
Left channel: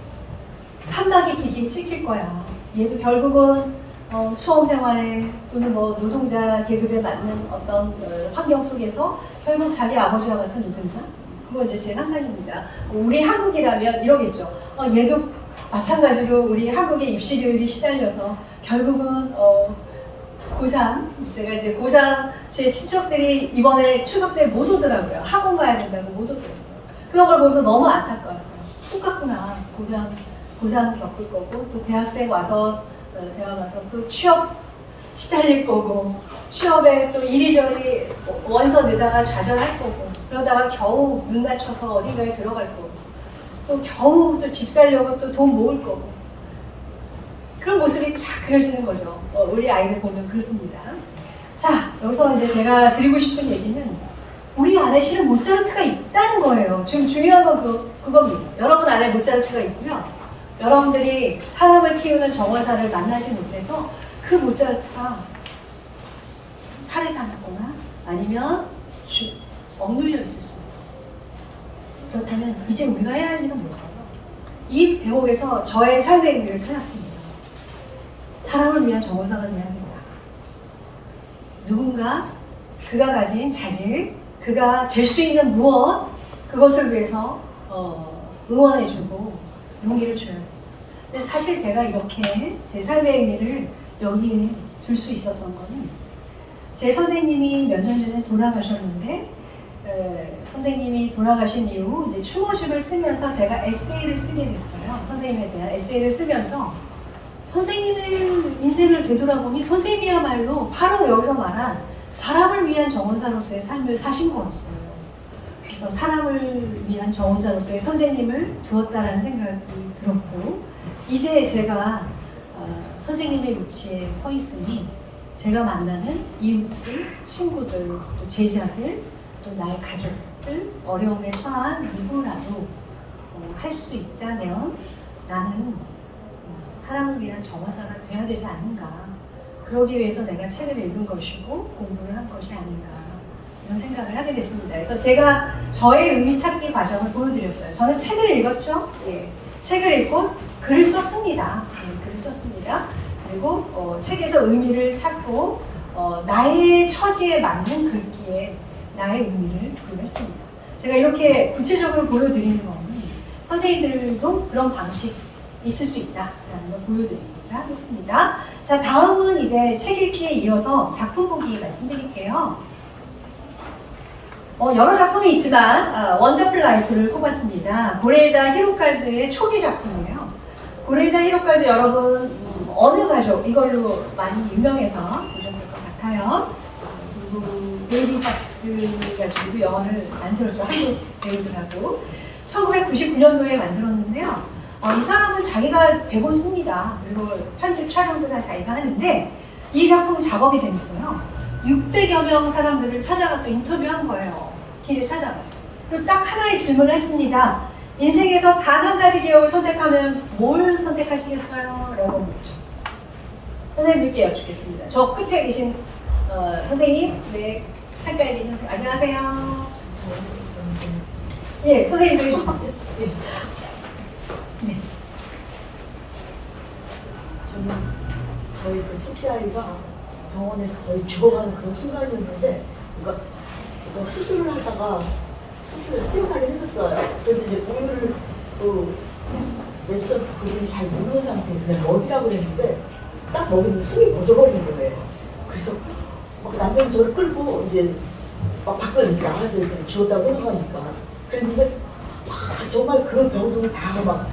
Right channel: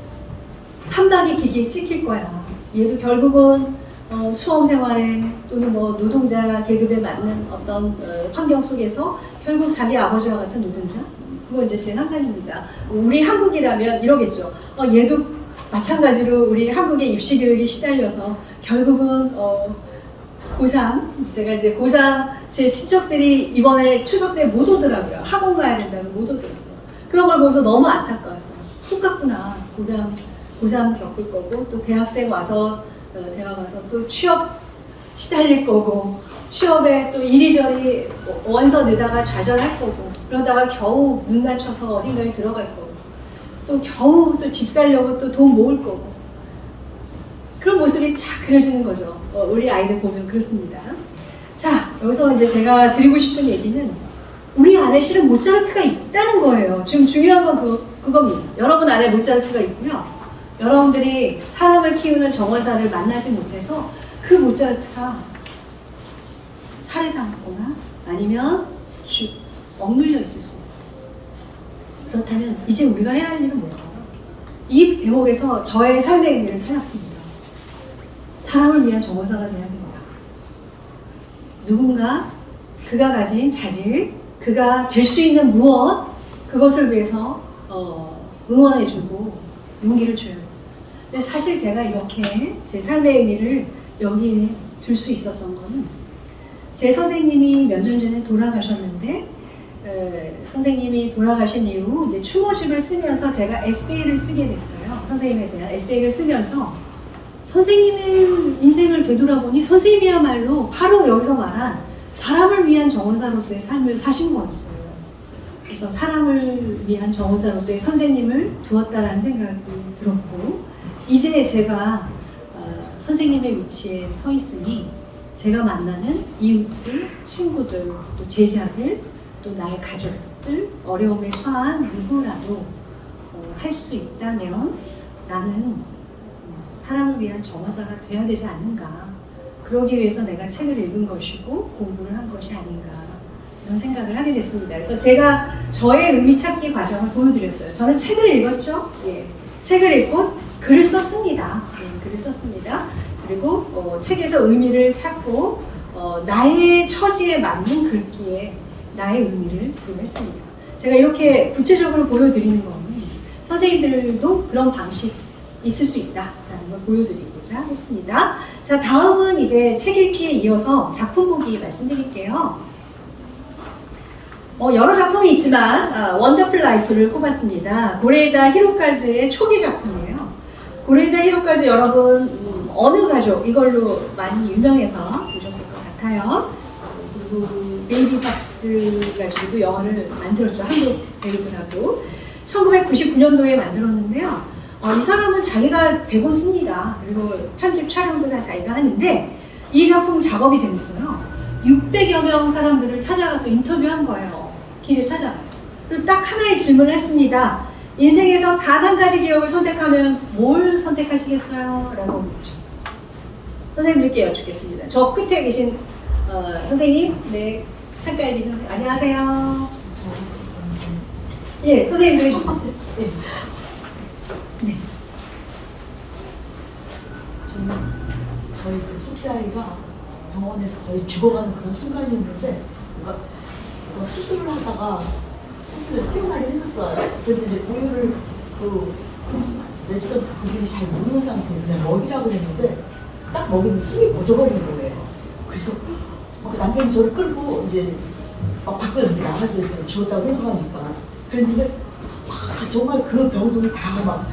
한 방의 기계에 찍힐 거야. 얘도 결국은 수험 생활에 또는 뭐 노동자 계급에 맞는 어떤 환경 속에서 결국 자기 아버지와 같은 노동자? 그건 이제 제 상상입니다. 우리 한국이라면 이러겠죠. 얘도 마찬가지로 우리 한국의 입시 교육에 시달려서 결국은 고3, 제가 이제 고3 제 친척들이 이번에 추석 때 못 오더라고요. 학원 가야 된다고 못 오더라고요. 그런 걸 보면서 너무 안타까웠어요. 똑같구나. 고3 겪을 거고 또 대학생 와서 대학 와서 또 취업 시달릴 거고 취업에 또 이리저리 원서 내다가 좌절할 거고 그러다가 겨우 눈 다쳐서 어딘가에 들어갈 거고 또 겨우 또 집 살려고 또 돈 모을 거고 그런 모습이 쫙 그려지는 거죠. 우리 아이들 보면 그렇습니다. 자, 여기서 이제 제가 드리고 싶은 얘기는 우리 안에 실은 모차르트가 있다는 거예요. 지금 중요한 건 그겁니다. 여러분 안에 모차르트가 있고요. 여러분들이 사람을 키우는 정원사를 만나지 못해서 그 모차르트가 살해당하거나 아니면 억눌려 있을 수 있어요. 그렇다면 이제 우리가 해야 할 일은 뭘까요? 이 대목에서 저의 삶의 의미를 찾았습니다. 사람을 위한 정원사가 돼야 합니다. 누군가 그가 가진 자질, 그가 될 수 있는 무엇, 그것을 위해서 응원해주고 용기를 줘요. 근데 사실 제가 이렇게 제 삶의 의미를 여기에 둘 수 있었던 거는 제 선생님이 몇 년 전에 돌아가셨는데 선생님이 돌아가신 이후 이제 추모집을 쓰면서 제가 에세이를 쓰게 됐어요. 선생님에 대한 에세이를 쓰면서 선생님의 인생을 되돌아보니 선생님이야말로 바로 여기서 말한 사람을 위한 정원사로서의 삶을 사신 거였어요. 그래서 사람을 위한 정원사로서의 선생님을 두었다라는 생각이 들었고 이제 제가 선생님의 위치에 서 있으니 제가 만나는 이웃들, 친구들, 또 제자들, 또 나의 가족들, 어려움에 처한 누구라도 할 수 있다면 나는 사람을 위한 정원사가 돼야 되지 않는가. 그러기 위해서 내가 책을 읽은 것이고 공부를 한 것이 아닌가 이런 생각을 하게 됐습니다. 그래서 제가 저의 의미 찾기 과정을 보여드렸어요. 저는 책을 읽었죠. 예. 책을 읽고 글을 썼습니다. 예, 글을 썼습니다. 그리고 책에서 의미를 찾고 나의 처지에 맞는 글귀에 나의 의미를 부여했습니다. 제가 이렇게 구체적으로 보여드리는 것은 선생님들도 그런 방식 있을 수 있다라는 걸 보여드리고자 하겠습니다. 자, 다음은 이제 책 읽기에 이어서 작품 보기 말씀드릴게요. 여러 작품이 있지만 원더풀 라이프를 꼽았습니다. 고레에다 히로카즈의 초기 작품이에요. 고레에다 히로카즈 여러분 어느 가족 이걸로 많이 유명해서 보셨을 것 같아요. 그리고 베이비 박스 가지고도 영화를 만들었죠. 한국 배우들하고 1999년도에 만들었는데요. 이 사람은 자기가 대본 씁니다. 그리고 편집 촬영도 다 자기가 하는데 이 작품 작업이 재밌어요. 600여 명 사람들을 찾아가서 인터뷰한 거예요. 길에 찾아가서. 그리고 딱 하나의 질문을 했습니다. 인생에서 단 한 가지 기억을 선택하면 뭘 선택하시겠어요? 라고 묻죠. 선생님들께 여쭙겠습니다. 저 끝에 계신 선생님, 네, 상가에 계신 선생님, 안녕하세요. 예, 선생님도 해주세요. 예. 네. 저는 저희 그 첫째 아이가 병원에서 거의 죽어가는 그런 순간이었는데 이거 수술을 하다가 수술을 3번을 했었어요. 그런데 오늘을 레지던트 그분이 잘 모르는 상태에서 그냥 먹이라고 했는데 딱 먹이면 숨이 멎어버리는 거예요. 그래서 남편이 저를 끌고 이제 막 밖으로 이제 나가서 죽었다고 생각하니까 그랬는데 정말 그 병동을 다 막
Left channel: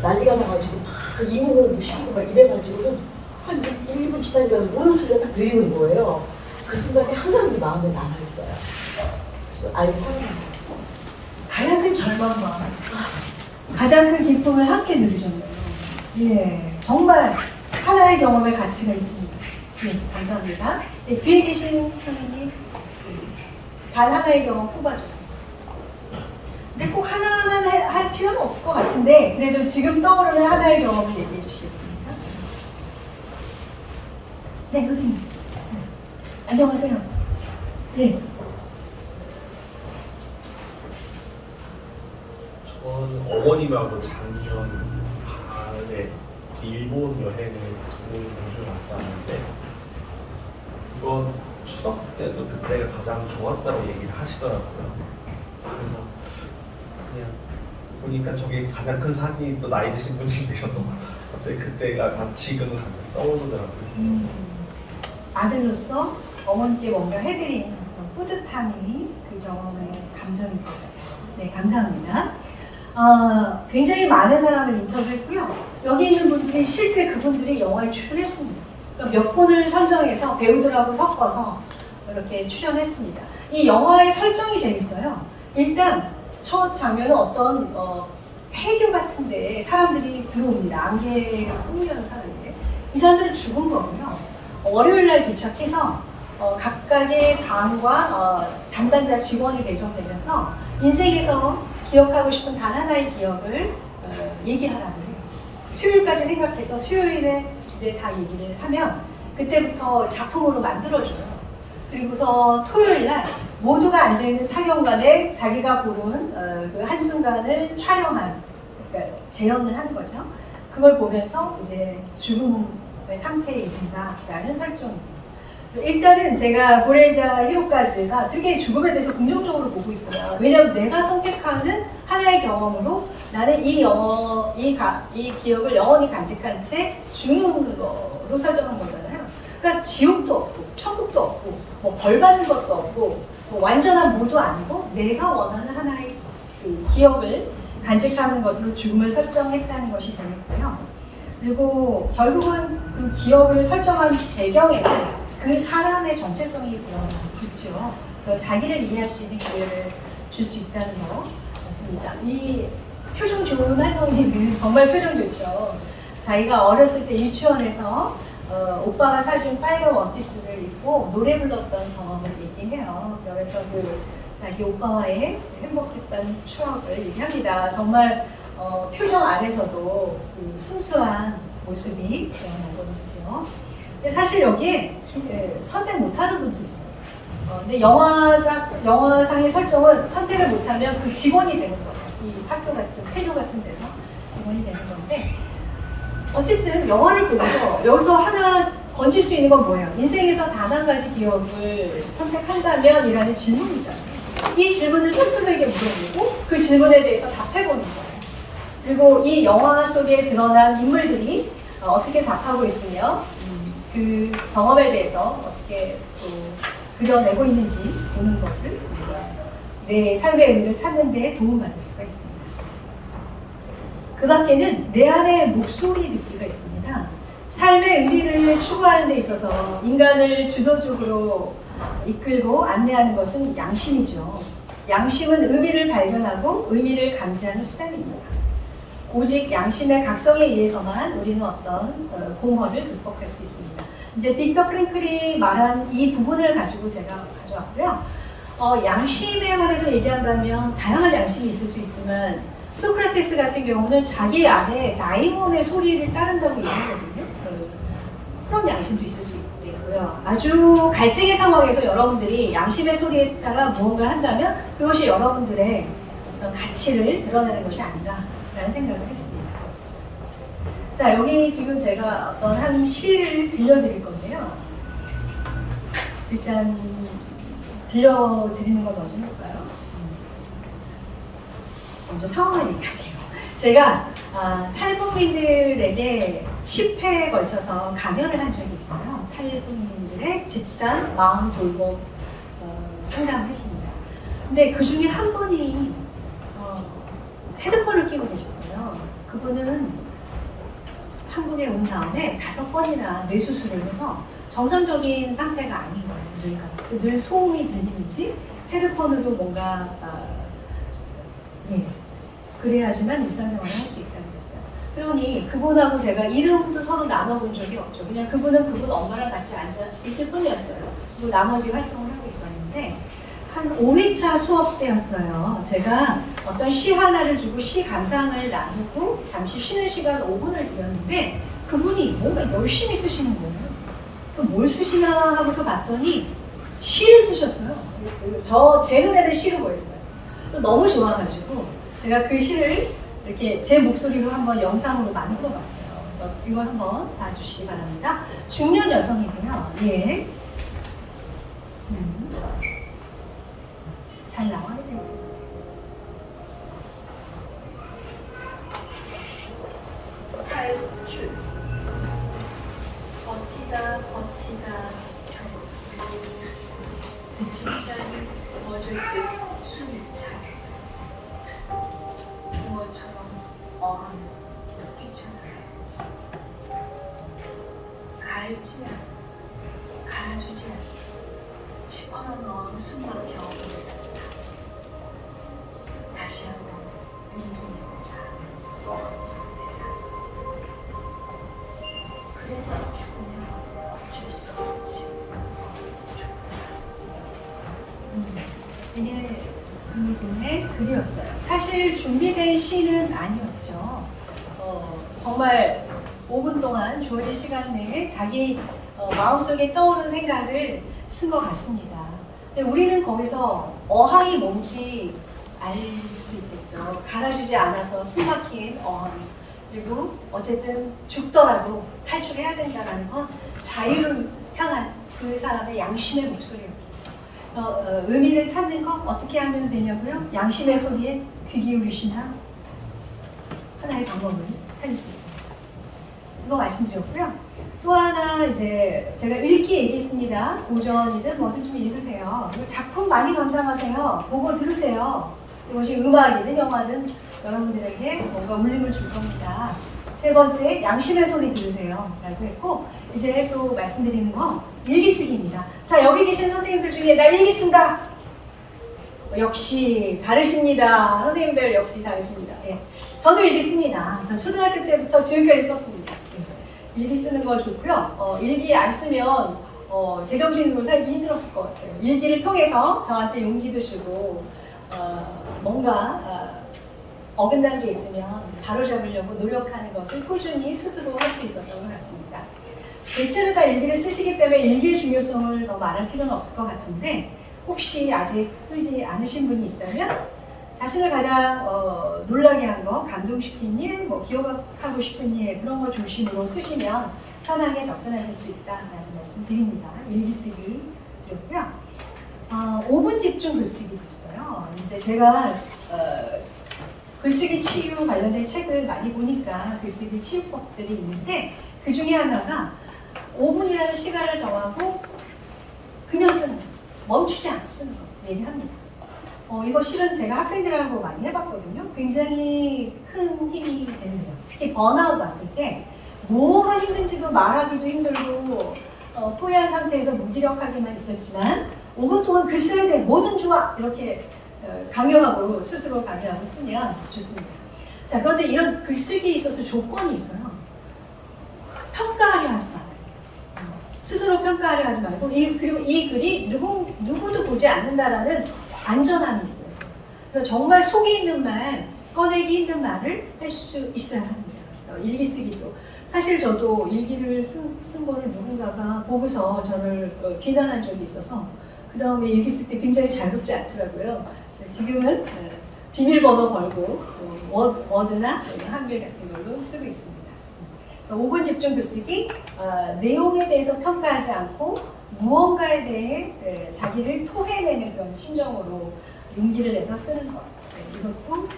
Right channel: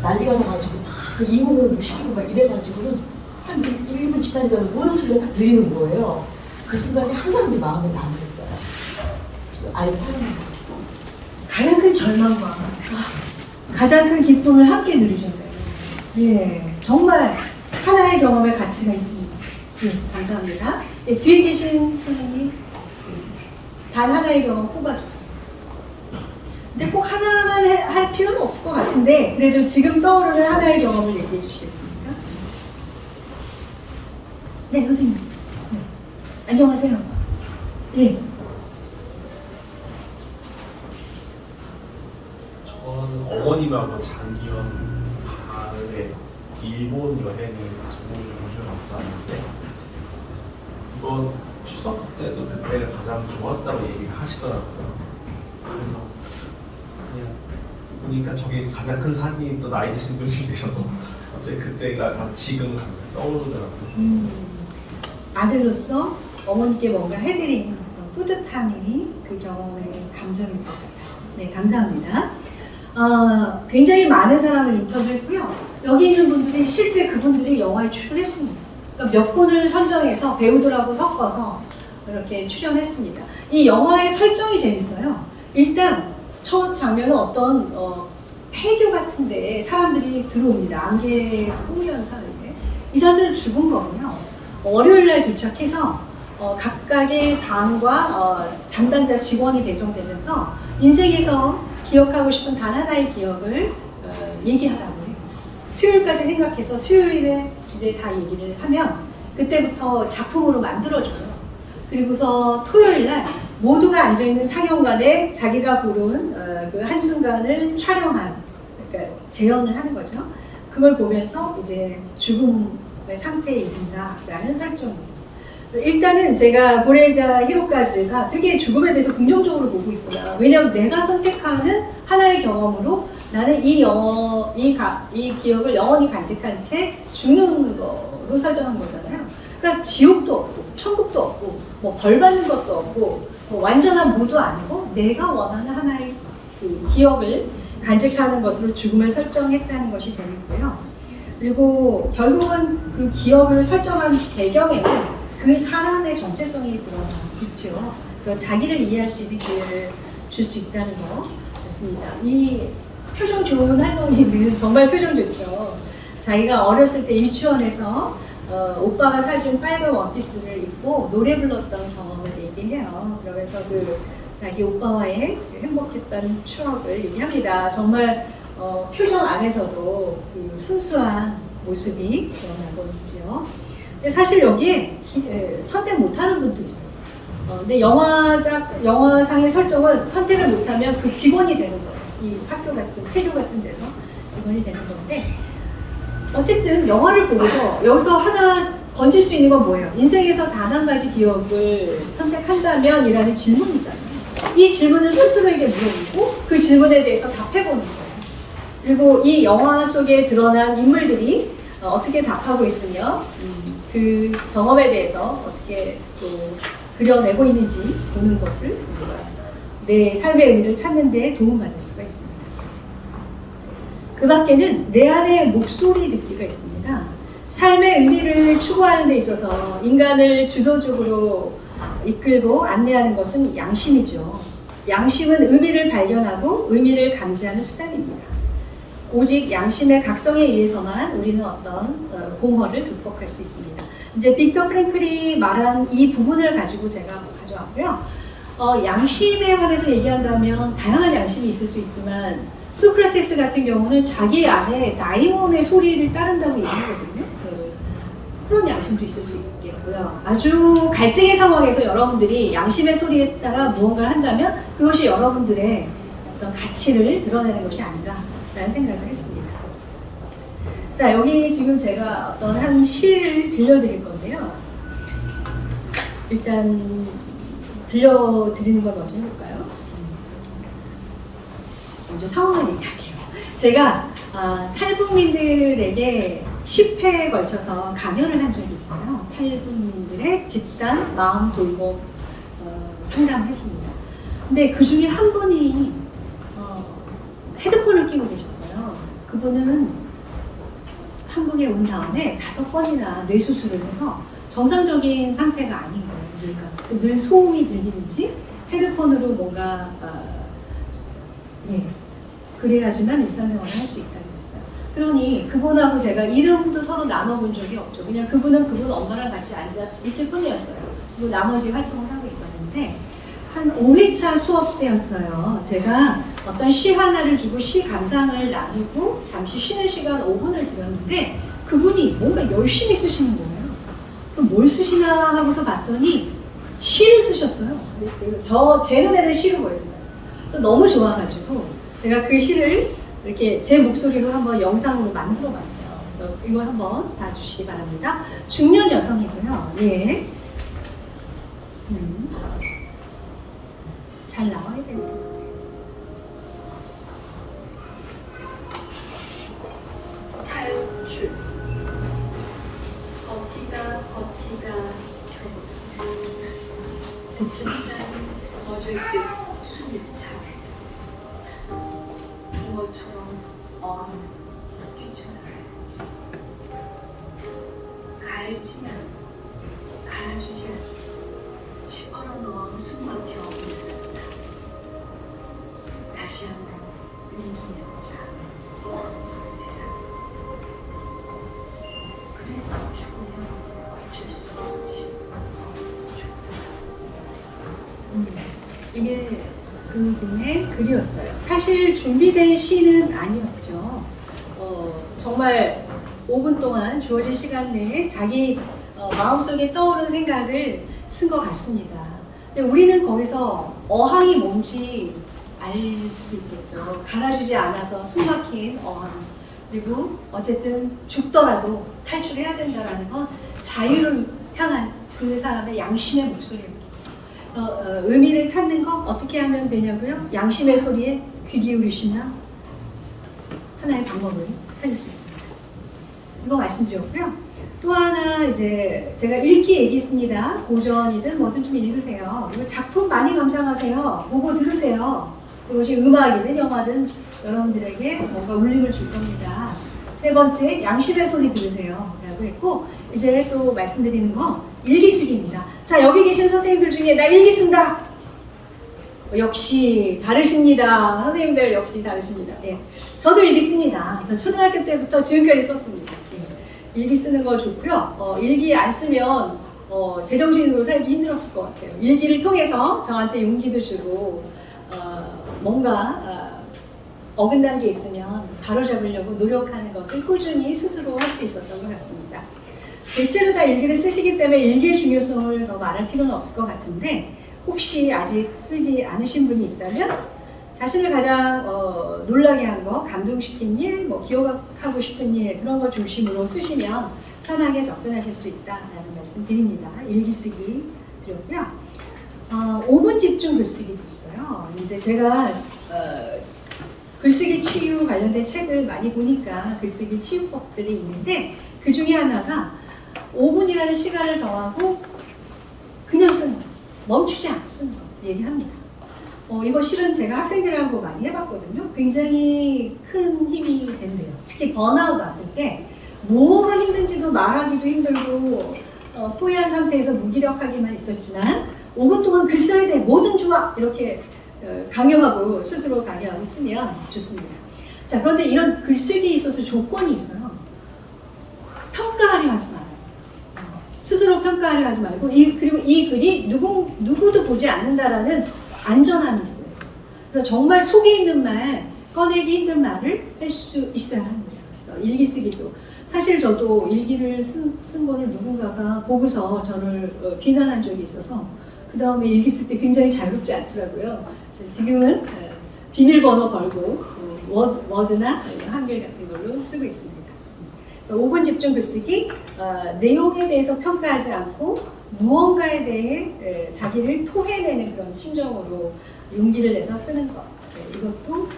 난리가 나가지고 막 이모를 시키고 막 이래가지고는 한 1분 지나니까 우는 소리가 딱 들리는 거예요. 그 순간에 항상 내 마음에 남아있어요. 그래서 아이를 사랑합니다. 가장 큰 절망과 가장 큰 기쁨을 함께 누리셨네요. 예, 정말 하나의 경험의 가치가 있습니다. 네, 감사합니다. 네, 뒤에 계신 선생님, 단 하나의 경험 뽑아주세요. 근데 꼭 하나만 할 필요는 없을 것 같은데 그래도 지금 떠오르는 하나의 경험을 얘기해 주시겠습니까? 네, 선생님. 네. 안녕하세요. 예. 전 어머님하고 작년 가을에 일본 여행을 두 번을 왔었는데 이번 추석 때도 그때가 가장 좋았다고 얘기를 하시더라고요. 그래서 그냥 보니까 저게 가장 큰 사진이 또 나이 드신 분이 계셔서 갑자기 그때가 지금 떠오르더라고요. 아들로서 어머니께 뭔가 해드린 그런 뿌듯함이 그 경험의 감정인 것 같아요. 네, 감사합니다. 굉장히 많은 사람을 인터뷰했고요. 여기 있는 분들이 실제 그분들이 영화에 출연했습니다. 그러니까 몇 분을 선정해서 배우들하고 섞어서 이렇게 출연했습니다. 이 영화의 설정이 재밌어요. 일단 첫 장면은 어떤 폐교 같은데 사람들이 들어옵니다. 안개 꾸미는 사이에. 이 사람들은 죽은 거고요. 월요일 날 도착해서 각각의 방과 담당자 직원이 배정되면서 인생에서 기억하고 싶은 단 하나의 기억을 얘기하라고 해요. 수요일까지 생각해서 수요일에 이제 다 얘기를 하면 그때부터 작품으로 만들어줘요. 그리고서 토요일 날 모두가 앉아있는 상영관에 자기가 고른 그 한순간을 촬영한, 그러니까 재현을 하는 거죠. 그걸 보면서 이제 죽음의 상태에 이른다라는 설정입니다. 일단은 제가 고레이다 히로카즈가 되게 죽음에 대해서 긍정적으로 보고 있구나. 왜냐하면 내가 선택하는 하나의 경험으로 나는 이 기억을 영원히 간직한 채 죽는 거로 설정한 거잖아요. 그러니까 지옥도 없고 천국도 없고 뭐 벌 받는 것도 없고 뭐 완전한 무도 아니고 내가 원하는 하나의 그 기억을 간직하는 것으로 죽음을 설정했다는 것이 재밌고요. 그리고 결국은 그 기억을 설정한 배경에는 그 사람의 정체성이 들어있죠. 그래서 자기를 이해할 수 있는 기회를 줄 수 있다는 거 같습니다. 이 표정 좋은 할머니는 정말 표정 좋죠. 자기가 어렸을 때 유치원에서 오빠가 사준 빨간 원피스를 입고 노래 불렀던 경험을 얘기해요. 그러면서 그 자기 오빠와의 행복했던 추억을 얘기합니다. 정말 표정 안에서도 그 순수한 모습이 드러나고 있죠. 근데 사실 여기에 선택 못하는 분도 있어요. 근데 영화상의 설정은 선택을 못하면 그 직원이 되는 거예요. 이 학교 같은, 폐교 같은 데서 직원이 되는 건데 어쨌든 영화를 보고서 여기서 하나 던질 수 있는 건 뭐예요? 인생에서 단 한 가지 기억을 선택한다면 이라는 질문이잖아요. 이 질문을 스스로에게 물어보고 그 질문에 대해서 답해보는 거예요. 그리고 이 영화 속에 드러난 인물들이 어떻게 답하고 있으며 그 경험에 대해서 어떻게 또 그려내고 있는지 보는 것을 우리가 내 삶의 의미를 찾는 데 도움받을 수가 있습니다. 그 밖에는 내 안의 목소리 듣기가 있습니다. 삶의 의미를 추구하는 데 있어서 인간을 주도적으로 이끌고 안내하는 것은 양심이죠. 양심은 의미를 발견하고 의미를 감지하는 수단입니다. 오직 양심의 각성에 의해서만 우리는 어떤 공허를 극복할 수 있습니다. 이제 빅터 프랭클이 말한 이 부분을 가지고 제가 가져왔고요. 양심에 관해서 얘기한다면 다양한 양심이 있을 수 있지만 소크라테스 같은 경우는 자기 안에 다이몬의 소리를 따른다고 얘기하거든요. 그런 양심도 있을 수 있겠고요. 아주 갈등의 상황에서 여러분들이 양심의 소리에 따라 무언가를 한다면 그것이 여러분들의 어떤 가치를 드러내는 것이 아닌가라는 생각을 했습니다. 자, 여기 지금 제가 어떤 한 시를 들려드릴 건데요. 일단 들려드리는 걸 먼저 해볼까요? 먼저 상황을 얘기할게요. 제가 탈북민들에게 10회에 걸쳐서 강연을 한 적이 있어요. 탈북민들의 집단 마음 돌봄 상담을 했습니다. 근데 그 중에 한 분이 헤드폰을 끼고 계셨어요. 그분은 한국에 온 다음에 5번이나 뇌수술을 해서 정상적인 상태가 아닌 거예요. 뇌가. 늘 소음이 들리는지 헤드폰으로 뭔가 그래야지만 일상생활을 할 수 있다고 그랬어요. 그러니 그분하고 제가 이름도 서로 나눠본 적이 없죠. 그냥 그분은 그분 엄마랑 같이 앉아 있을 뿐이었어요. 그리고 나머지 활동을 하고 있었는데 한 5회차 수업 때였어요. 제가 어떤 시 하나를 주고 시 감상을 나누고 잠시 쉬는 시간 5분을 드렸는데 그분이 뭔가 열심히 쓰시는 거예요. 또 뭘 쓰시나 하고서 봤더니 시를 쓰셨어요. 제 눈에는 시로 보였어요. 또 너무 좋아가지고 제가 그 시를 이렇게 제 목소리로 한번 영상으로 만들어 봤어요. 그래서 이걸 한번 봐주시기 바랍니다. 중년 여성이고요. 예. 잘 나와야 돼요. 탈출 버티다 그쵸? 심장이 멎을 듯 숨이 차오르다 붕어처럼 어항을 뛰쳐나가야지 갈지 않아 갈아주지 않아 시퍼런 어항 숨막혀 못 산다 다시 한번 용기 내보자 어항 세상 그래도 죽으면 어쩔 수 없지 죽더라 이게 그분의 글이었어요. 사실 준비된 시는 아니었죠. 정말 5분 동안 주어진 시간 내에 자기 마음속에 떠오른 생각을 쓴 것 같습니다. 근데 우리는 거기서 어항이 뭔지 알 수 있겠죠. 갈아주지 않아서 숨막힌 어항. 그리고 어쨌든 죽더라도 탈출해야 된다는 건 자유를 향한 그 사람의 양심의 목소리입니다. 의미를 찾는 건 어떻게 하면 되냐고요? 양심의 소리에 귀 기울이시면 하나의 방법을 찾을 수 있습니다. 이거 말씀드렸고요. 또 하나 이제 제가 읽기 얘기했습니다. 고전이든 뭐든 좀 읽으세요. 그리고 작품 많이 감상하세요. 보고 들으세요. 이것이 음악이든 영화든 여러분들에게 뭔가 울림을 줄 겁니다. 세 번째, 양심의 소리 들으세요. 라고 했고, 이제 또 말씀드리는 거, 일기 쓰기입니다. 자, 여기 계신 선생님들 중에 나 일기 쓴다! 역시 다르십니다. 선생님들 역시 다르십니다. 예. 저도 일기 씁니다. 저 초등학교 때부터 지금까지 썼습니다. 예. 일기 쓰는 거 좋고요. 일기 안 쓰면 제정신으로 살기 힘들었을 것 같아요. 일기를 통해서 저한테 용기도 주고 뭔가 어긋난 게 있으면 바로잡으려고 노력하는 것을 꾸준히 스스로 할 수 있었던 것 같습니다. 대체로 다 일기를 쓰시기 때문에 일기의 중요성을 더 말할 필요는 없을 것 같은데 혹시 아직 쓰지 않으신 분이 있다면 자신을 가장 놀라게 한 거, 감동시킨 일, 뭐 기억하고 싶은 일 그런 거 중심으로 쓰시면 편하게 접근하실 수 있다라는 말씀 드립니다. 일기 쓰기 드렸고요. 5분 집중 글쓰기도 있어요. 이제 제가 글쓰기 치유 관련된 책을 많이 보니까 글쓰기 치유법들이 있는데 그 중에 하나가 5분이라는 시간을 정하고 그냥 쓰는 거, 멈추지 않고 쓰는 거 얘기합니다. 이거 실은 제가 학생들하고 많이 해봤거든요. 굉장히 큰 힘이 된대요. 특히 번아웃 왔을 때 뭐가 힘든지도 말하기도 힘들고 포위한 상태에서 무기력하게만 있었지만 5분 동안 글 써야 돼. 뭐든 좋아. 이렇게 강요하고 스스로 강요하고 쓰면 좋습니다. 자, 그런데 이런 글쓰기에 있어서 조건이 있어요. 평가하려 하지 말아요. 스스로 평가하려 하지 말고 그리고 이 글이 누구도 보지 않는다라는 안전함이 있어요. 그래서 정말 속에 있는 말, 꺼내기 힘든 말을 할 수 있어야 합니다. 그래서 일기 쓰기도 사실 저도 일기를 쓴 거를 누군가가 보고서 저를 비난한 적이 있어서 그 다음에 일기 쓸 때 굉장히 자유롭지 않더라고요. 지금은 비밀번호 걸고 워드나 한글 같은 걸로 쓰고 있습니다. 5분 집중 글쓰기, 내용에 대해서 평가하지 않고 무언가에 대해 자기를 토해내는 그런 심정으로 용기를 내서 쓰는 것. 이것도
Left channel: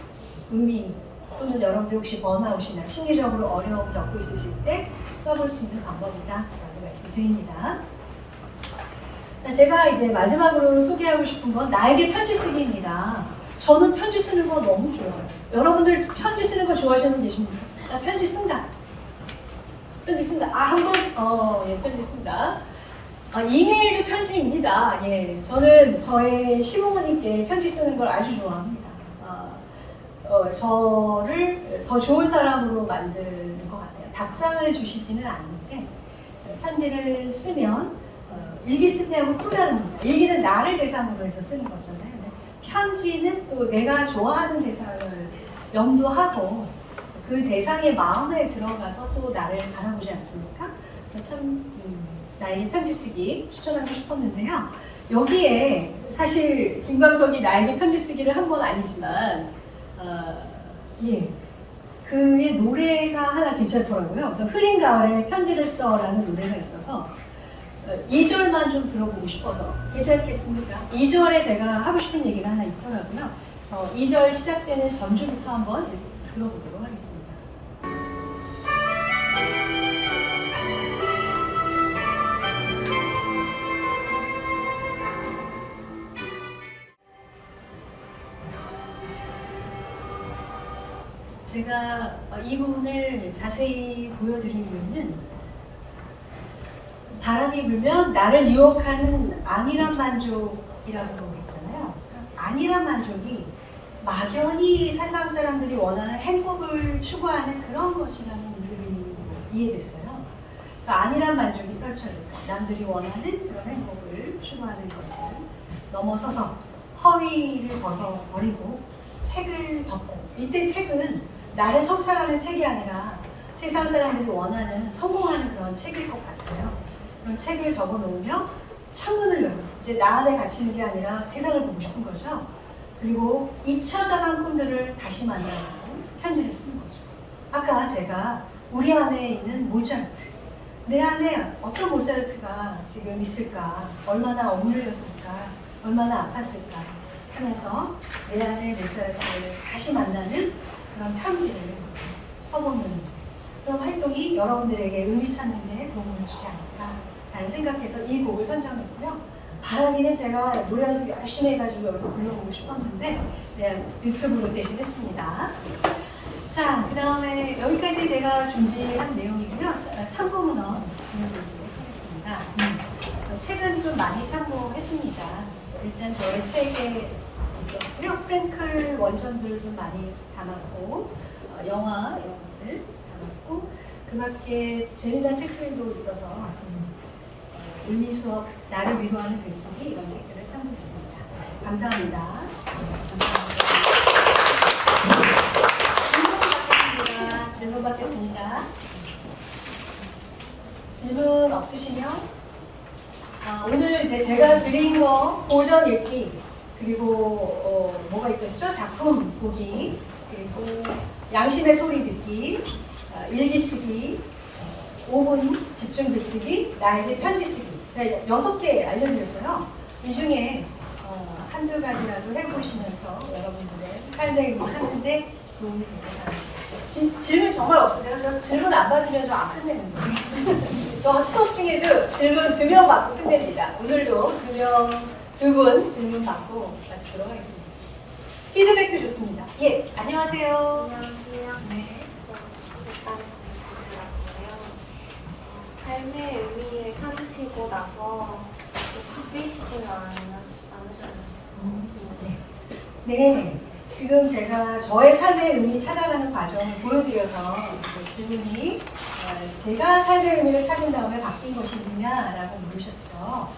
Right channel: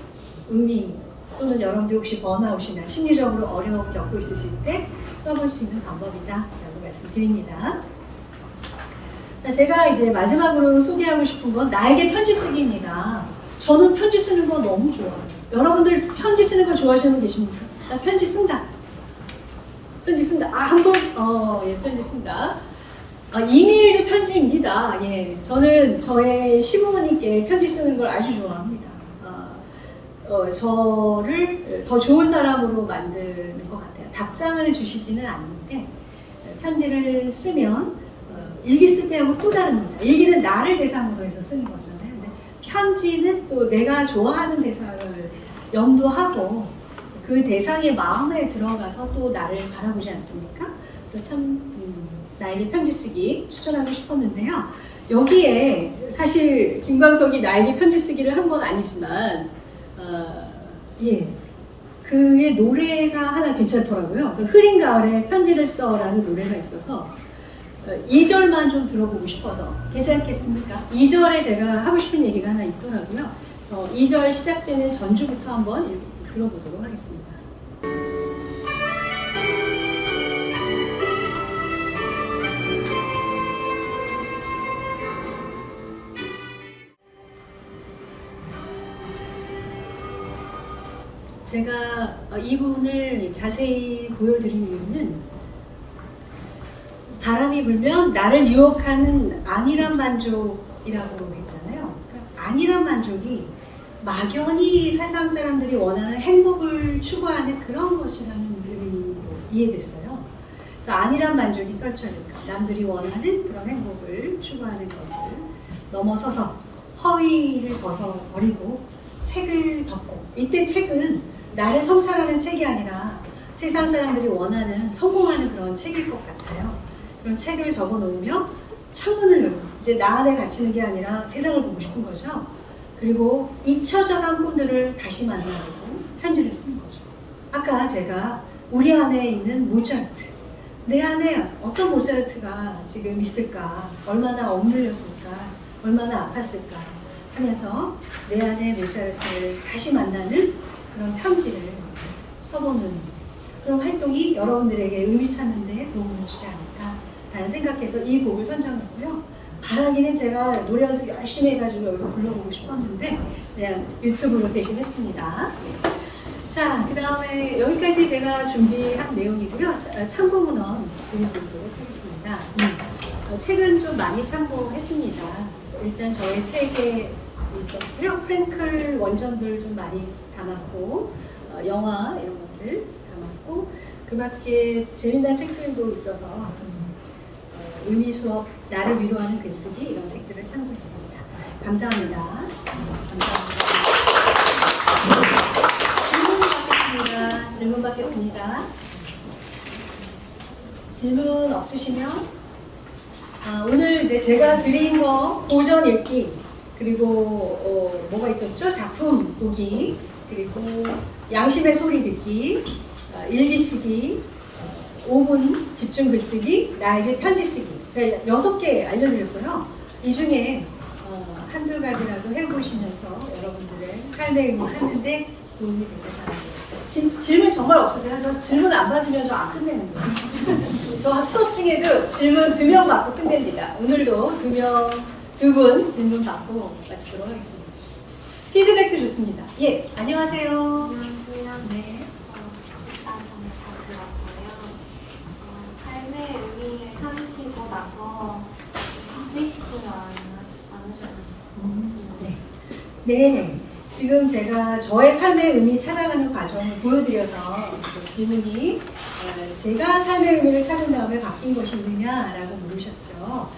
의미 또는 여러분들 혹시 번아웃이나 심리적으로 어려움 겪고 있으실 때 써볼 수 있는 방법이다라고 말씀드립니다. 자, 제가 이제 마지막으로 소개하고 싶은 건 나에게 편지 쓰기입니다. 저는 편지 쓰는 거 너무 좋아요. 여러분들 편지 쓰는 거 좋아하시는 분 계십니까? 나 편지 쓴다. 편지 쓴다. 한 번? 예, 편지 쓴다. 이메일도 편지입니다. 예, 저는 저의 시부모님께 편지 쓰는 걸 아주 좋아합니다. 저를 더 좋은 사람으로 만드는 것 같아요. 답장을 주시지는 않는데 편지를 쓰면 일기 쓸 때하고 또 다릅니다. 일기는 나를 대상으로 해서 쓰는 거잖아요. 근데 편지는 또 내가 좋아하는 대상을 염두하고 그 대상의 마음에 들어가서 또 나를 바라보지 않습니까? 그래서 참 나에게 편지 쓰기 추천하고 싶었는데요. 여기에 사실 김광석이 나에게 편지 쓰기를 한 건 아니지만 그의 노래가 하나 괜찮더라고요. 그래서 흐린 가을에 편지를 써라는 노래가 있어서 2절만 좀 들어보고 싶어서 괜찮겠습니까? 2절에 제가 하고 싶은 얘기가 하나 있더라고요. 그래서 2절 시작되는 전주부터 한번 들어보도록 하겠습니다. 제가 이 부분을 자세히 보여드린 이유는 바람이 불면 나를 유혹하는 안일한 만족이라고 했잖아요. 그러니까 안일한 만족이 막연히 세상 사람들이 원하는 행복을 추구하는 그런 것이라는 의미로 이해됐어요. 그래서 안일한 만족이 펼쳐질까? 남들이 원하는 그런 행복을 추구하는 것을 넘어서서 허위를 벗어버리고 책을 덮고, 이때 책은 나를 성찰하는 책이 아니라 세상 사람들이 원하는 성공하는 그런 책일 것 같아요. 그런 책을 접어놓으며 창문을 열고 이제 나 안에 갇히는 게 아니라 세상을 보고 싶은 거죠. 그리고 잊혀져간 꿈들을 다시 만나보고 편지를 쓰는 거죠. 아까 제가 우리 안에 있는 모차르트, 내 안에 어떤 모차르트가 지금 있을까, 얼마나 억눌렸을까, 얼마나 아팠을까 하면서 내 안에 모차르트를 다시 만나는 그런 편지를 써보는 그런 활동이 여러분들에게 의미 찾는 데 도움을 주지 않을까 라는 생각해서 이 곡을 선정했고요. 바라기는 제가 노래 연습 열심히 해가지고 여기서 불러보고 싶었는데 그냥 유튜브로 대신했습니다. 자, 그 다음에 여기까지 제가 준비한 내용이고요. 참고문헌 보여드리도록 하겠습니다. 책은 좀 많이 참고했습니다. 일단 저의 책에 있었고요. 프랭클 원전들 좀 많이 담았고, 영화 이런 것들 담았고, 그 밖에 재미난 책들도 있어서 의미 수업, 나를 위로하는 글쓰기 이런 책들을 참고했습니다. 감사합니다. 감사합니다. 질문 받겠습니다. 질문 없으시면 오늘 이제 제가 드린 거 고전 읽기, 그리고 뭐가 있었죠? 작품 보기, 그리고 양심의 소리 듣기, 일기 쓰기, 5분 집중 글쓰기, 나에게 편지 쓰기. 제가 6개 알려드렸어요. 이 중에 한두 가지라도 해보시면서 여러분들의 삶의 의미 찾는데 도움이 되겠습니다. 질문 정말 없으세요? 저 질문 안 받으면 저 안 끝내는 거예요. 저 수업 중에도 질문 2명 받고 끝냅니다. 오늘도 2분 질문 받고 마치도록 하겠습니다. 피드백도 좋습니다. 예, 안녕하세요. 안녕하세요. 네. 일단 정말 잘 들었고요. 삶의 의미를 찾으시고 나서 바쁘시지는 않으셨는지. 네. 네. 지금 제가 저의 삶의 의미 찾아가는 과정을 보여드려서 질문이 제가 삶의 의미를 찾은 다음에 바뀐 것이 있느냐라고 물으셨죠.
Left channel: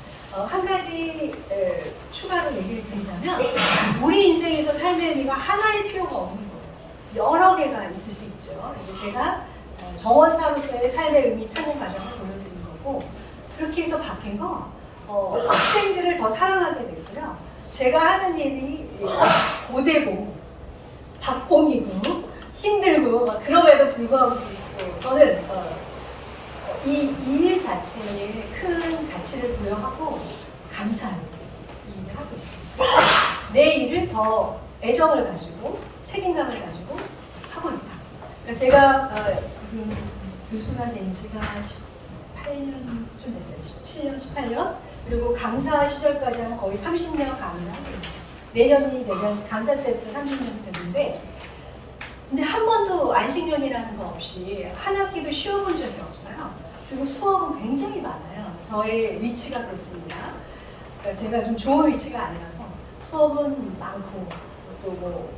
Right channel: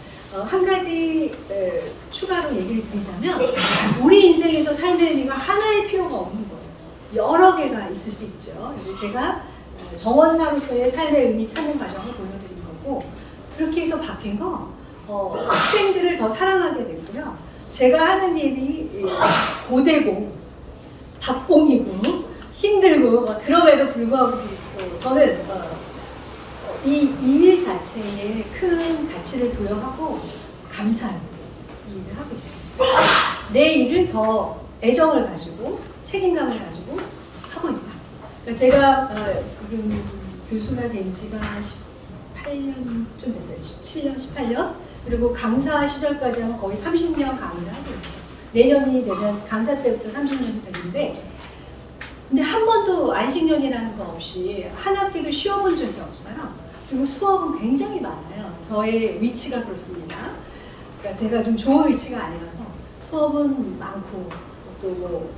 한 가지 추가로 얘기를 드리자면 우리 인생에서 삶의 의미가 하나일 필요가 없는 거예요. 여러 개가 있을 수 있죠. 제가 정원사로서의 삶의 의미 찾는 과정을 보여드리는 거고, 그렇게 해서 바뀐 거 학생들을 더 사랑하게 되고요. 제가 하는 일이 고되고 박봉이고 힘들고 막 그럼에도 불구하고 저는 이 일 자체에 큰 가치를 부여하고 감사한 일을 하고 있습니다. 내 일은 더 애정을 가지고 책임감을 가지고 하고 있다. 그러니까 제가 교수가 된 지가 18년 좀 됐어요. 17년, 18년. 그리고 강사 시절까지 하면 거의 30년 강의를 하고 있어요. 내년이 되면 강사 때부터 30년이 됐는데, 근데 한 번도 안식년이라는 거 없이 한 학기도 쉬어본 적이 없어요. 그리고 수업은 굉장히 많아요. 저의 위치가 그렇습니다. 그러니까 제가 좀 좋은 위치가 아니라서 수업은 많고, 또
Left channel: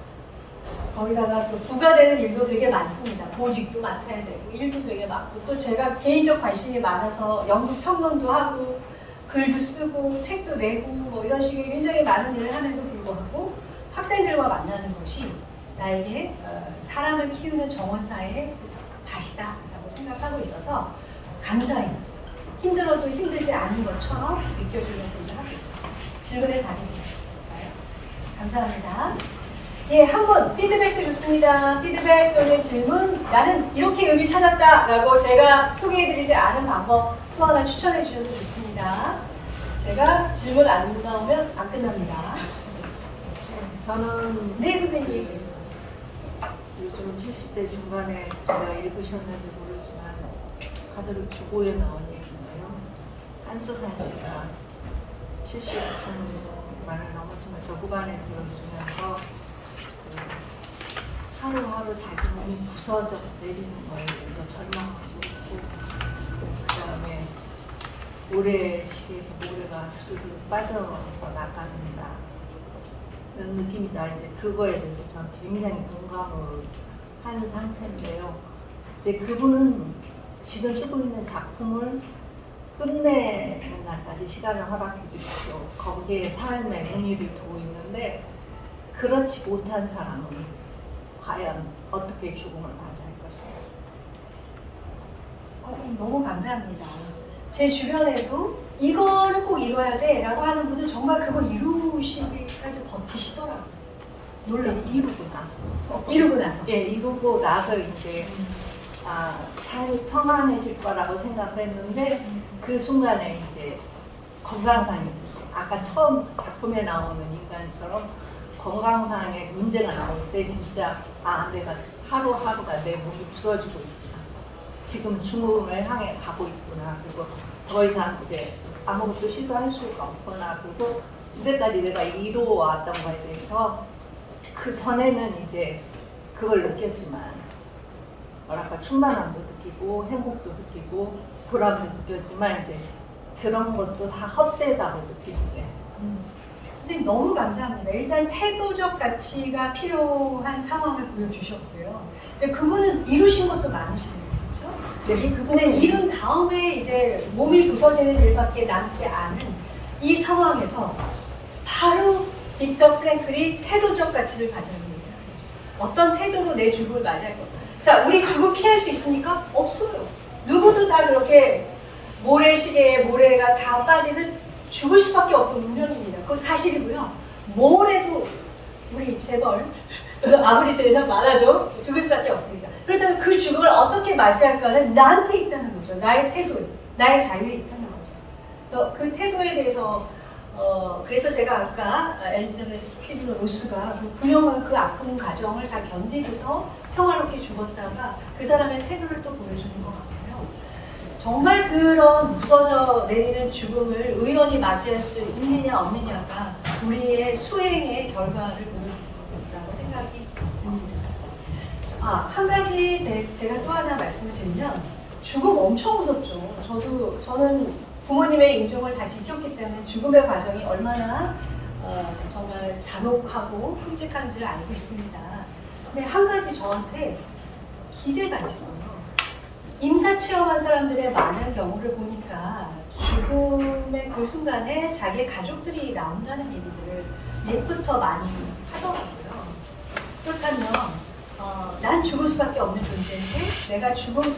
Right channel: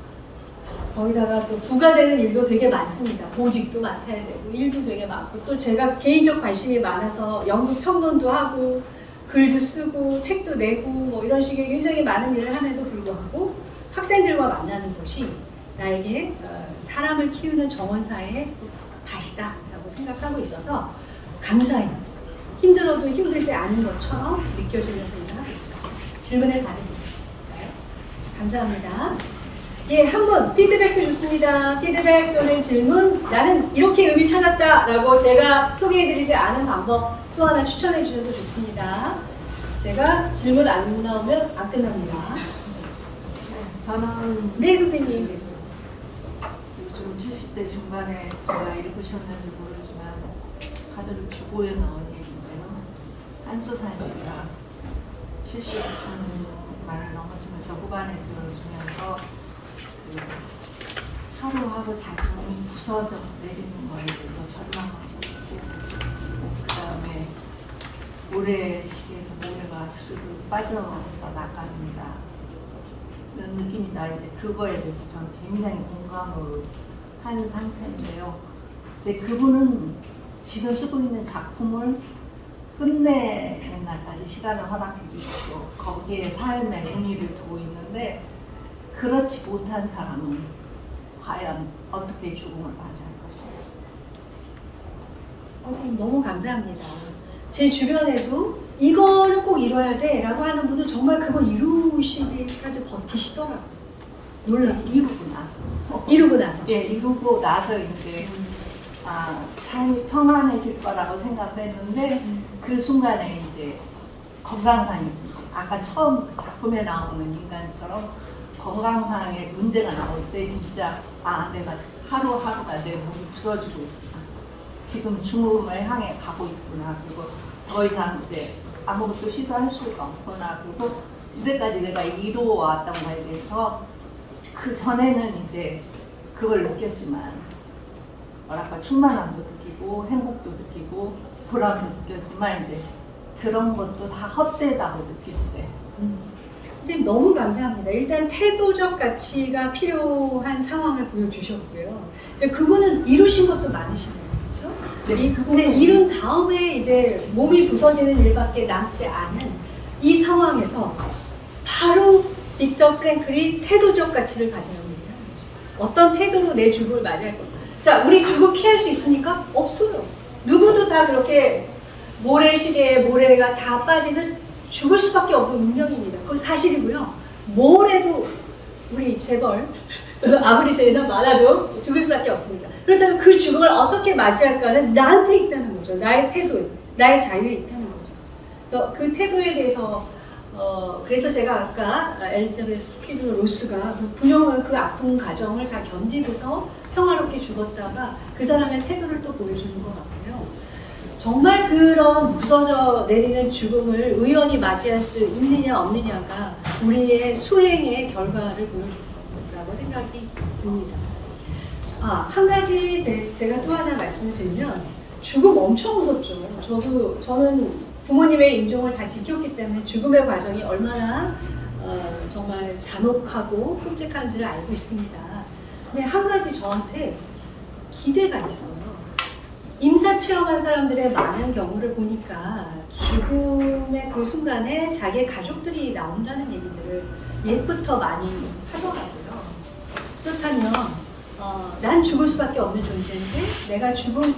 거기다가 또 부과되는 일도 되게 많습니다. 보직도 맡아야 되고 일도 되게 많고 또 제가 개인적 관심이 많아서 연구 평론도 하고 글도 쓰고 책도 내고 뭐 이런 식의 굉장히 많은 일을 함에도 불구하고 학생들과 만나는 것이 나에게 사람을 키우는 정원사의 밭이다라고 생각하고 있어서 감사해요. 힘들어도 힘들지 않은 것처럼 느껴지는 생각을 하고 있습니다. 질문에 답해주실까요? 감사합니다. 예, 한 분 피드백도 좋습니다. 피드백 또는 질문, 나는 이렇게 의미 찾았다라고 제가 소개해드리지 않은 방법 또 하나 추천해 주셔도 좋습니다. 제가 질문 안 나오면 안 끝납니다. 저는 네, 선생님. 요즘 70대 중반에 읽으셨는지 모르지만 가족이 주고에 나온 얘기인데요. 한수산 씨가 70 중반을 넘었으면서 후반에 들어서면서 하루하루 자기 몸이 부서져 내리는 거에 대해서 절망하고 그다음에 모래시계에서 모래가 스르르 빠져나가서 나갑니다. 이런 느낌이 나는데 그거에 대해서 저는 굉장히 공감을 하는 상태인데요. 이제 그분은 지금 쓰고 있는 작품을 끝내는 날까지 시간을 허락해 주시고 거기에 삶의 의미를 두고 있는데 그렇지 못한 사람은 과연 어떻게 죽음을 맞이할 것인가? 선생님 너무 감사합니다. 제 주변에도 이거를 꼭 이뤄야 돼 라고 하는 분은 정말 그걸 이루시기까지 버티시더라고요. 놀라요. 이루고 나서. 예, 이루고 나서 이제 삶이 평안해질 거라고 생각을 했는데 그 순간에 이제 건강상의 문제, 아까 처음 작품에 나오는 인간처럼 건강상의 문제가 나올 때 진짜 내가 하루하루가 내 몸이 부서지고 있구나. 지금 죽음을 향해 가고 있구나. 그리고 더 이상 이제 아무것도 시도할 수가 없구나. 그리고 이때까지 내가 이루어왔던 거에 대해서 그 전에는 이제 그걸 느꼈지만 뭐랄까 충만함도 느끼고 행복도 느끼고 보람도 느꼈지만 이제 그런 것도 다 헛되다고 느끼는데 선생님 너무 감사합니다. 일단 태도적 가치가 필요한 상황을 보여주셨고요. 이제 그분은 이루신 것도 많으시네요. 그렇죠? 근데 이룬 다음에 이제 몸이 부서지는 일밖에 남지 않은 이 상황에서 바로 빅터 프랭클이 태도적 가치를 가지는 얘기를 하는 거죠. 어떤 태도로 내 죽음을 맞이할 건가. 자, 우리 죽음 피할 수 있습니까? 없어요. 누구도 다 그렇게 모래시계에 모래가 다 빠지는 죽을 수밖에 없는 운명입니다. 그건 사실이고요. 뭘 해도 우리 재벌, 아무리 재산 많아도 죽을 수밖에 없습니다. 그렇다면 그 죽음을 어떻게 맞이할까는 나한테 있다는 거죠. 나의 태도에, 나의 자유에 있다는 거죠. 그래서 그 태도에 대해서 그래서 제가 아까 엘리자베스 퀴블러 로스가 분명한 그 아픈 가정을 다 견디고서 평화롭게 죽었다가 그 사람의 태도를 또 보여주는 것 같고요. 정말 그런 부서져 내리는 죽음을 의원이 맞이할 수 있느냐 없느냐가 우리의 수행의 결과를 보여줄 거라고 생각이 듭니다. 한 가지 제가 또 하나 말씀을 드리면 죽음 엄청 무섭죠. 저는 부모님의 임종을 다 지켰기 때문에 죽음의 과정이 얼마나 정말 잔혹하고 끔찍한지를 알고 있습니다. 근데 한 가지 저한테 기대가 있어요. 임사 체험한 사람들의 많은 경우를 보니까 죽음의 그 순간에 자기의 가족들이 나온다는 얘기들을 옛부터 많이 하더라고요. 그렇다면 난 죽을 수밖에 없는 존재인데 내가 죽음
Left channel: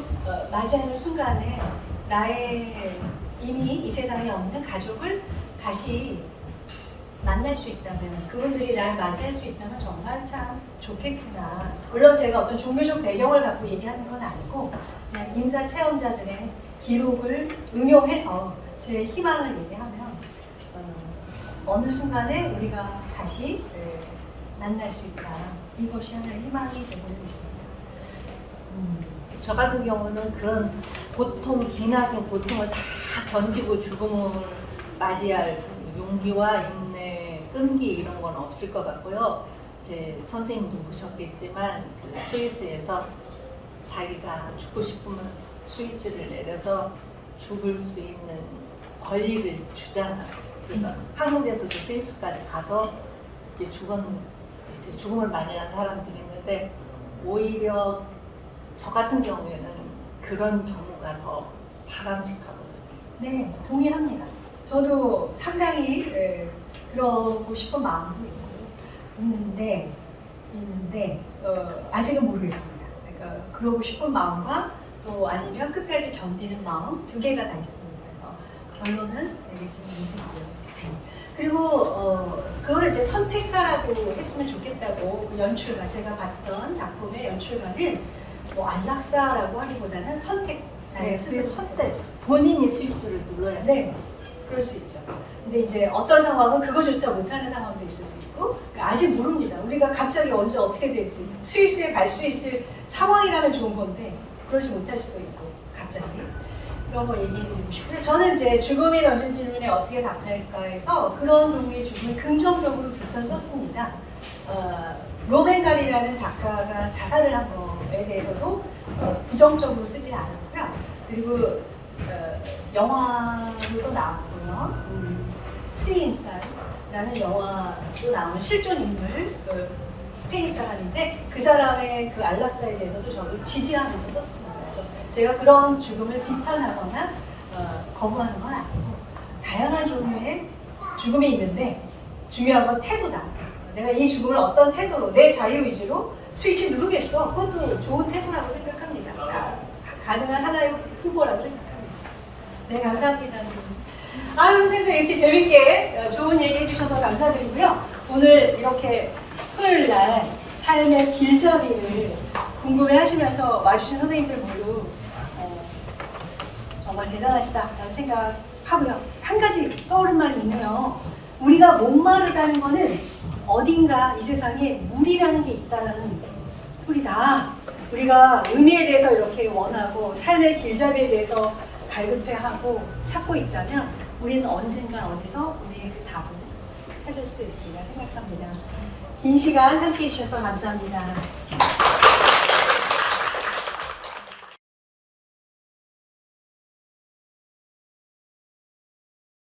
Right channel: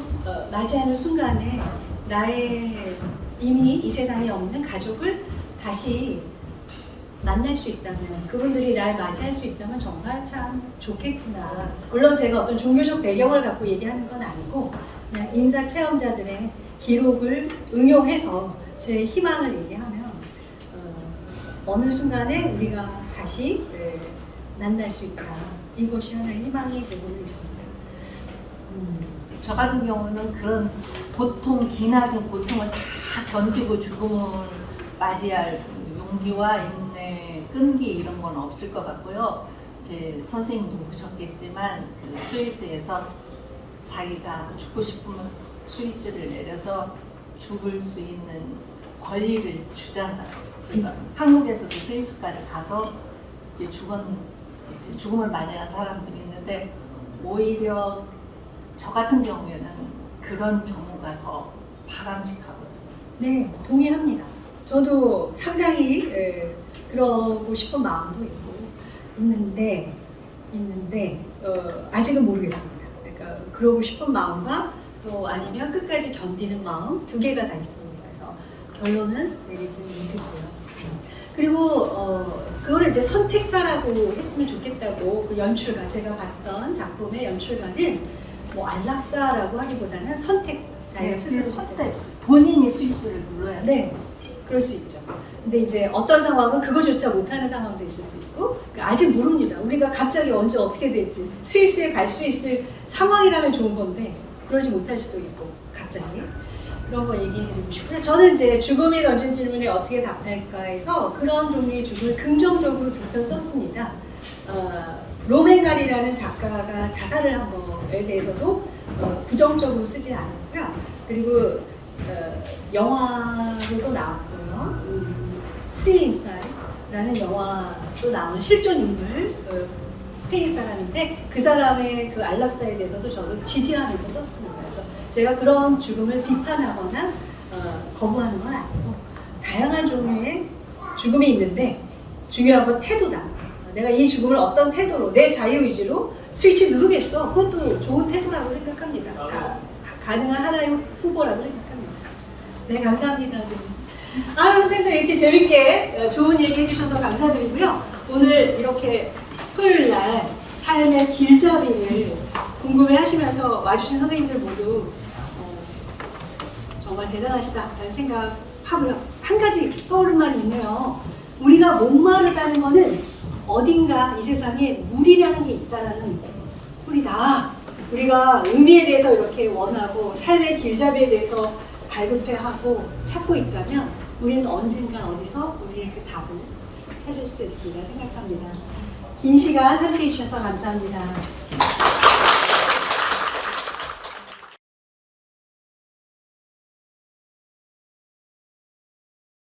맞이하는 순간에 나의 이미 이 세상에 없는 가족을 다시 만날 수 있다면 그분들이 날 맞이할 수 있다면 정말 참 좋겠구나. 물론 제가 어떤 종교적 배경을 갖고 얘기하는 건 아니고 그냥 임사 체험자들의 기록을 응용해서 제 희망을 얘기하면 어느 순간에 우리가 다시 만날 수 있다. 이것이 하나의 희망이 되고 있습니다. 저 같은 경우는 그런 고통, 기나긴 고통을 다 견디고 죽음을 맞이할 그 용기와 인내, 끈기 이런 건 없을 것 같고요. 이제 선생님도 보셨겠지만 그 스위스에서 자기가 죽고 싶으면 스위치를 내려서 죽을 수 있는 권리를 주잖아요. 그래서 한국에서도 스위스까지 가서 이제 죽은 죽음을 맞이한 사람들이 있는데 오히려 저 같은 경우에는 그런 경우가 더 바람직하거든요. 네, 동의합니다. 저도 상당히 그러고 싶은 마음도 있는데 아직은 모르겠습니다. 그러니까 그러고 싶은 마음과 또 아니면 끝까지 견디는 마음 두 개가 다 있습니다. 그래서 결론은 내리지는 못했고요. 그리고 그거를 이제 선택사라고 했으면 좋겠다고 그 연출가 제가 봤던 작품의 연출가는 뭐 안락사라고 하기보다는 선택사 자기가 스스로 선택, 본인이 실수를 눌러야 돼. 네, 그럴 수 있죠. 근데 이제 어떤 상황은 그거조차 못하는 상황도 있을 수 있고 아직 모릅니다. 우리가 갑자기 언제 어떻게 될지 스위스에 갈 수 있을 상황이라면 좋은 건데 그러지 못할 수도 있고 갑자기 그런 거 얘기해드리고 싶고요. 저는 이제 죽음이 던진 질문에 어떻게 답할까 해서 그런 종류의 죽음을 긍정적으로 두 편 썼습니다. 로맨갈이라는 작가가 자살을 한 거에 대해서도 부정적으로 쓰지 않았고요. 그리고 영화로도 나왔고요. 스인사이라는 영화로 나온 실존 인물 스페인 사람인데 그 사람의 그 안락사에 대해서도 저도 지지하면서 썼습니다. 그래서 제가 그런 죽음을 비판하거나 거부하는 건 아니고 다양한 종류의 죽음이 있는데 중요한 건 태도다. 내가 이 죽음을 어떤 태도로 내 자유의지로 스위치 누르겠어. 그것도 좋은 태도라고 생각합니다. 가능한 하나의 후보라고 생각합니다. 네, 감사합니다, 선생님. 선생님도 이렇게 재밌게 좋은 얘기 해주셔서 감사드리고요. 오늘 이렇게 토요일 날 삶의 길잡이를 궁금해 하시면서 와주신 선생님들 모두 정말 대단하시다라는 생각하고요. 한 가지 떠오른 말이 있네요. 우리가 목마르다는 거는 어딘가 이 세상에 물이라는 게 있다라는 소리다. 우리가 의미에 대해서 이렇게 원하고 삶의 길잡이에 대해서 발급해하고 찾고 있다면 우리는 언젠가 어디서 우리의 그 답을 찾을 수 있으리라 생각합니다. 긴 시간 함께해 주셔서 감사합니다.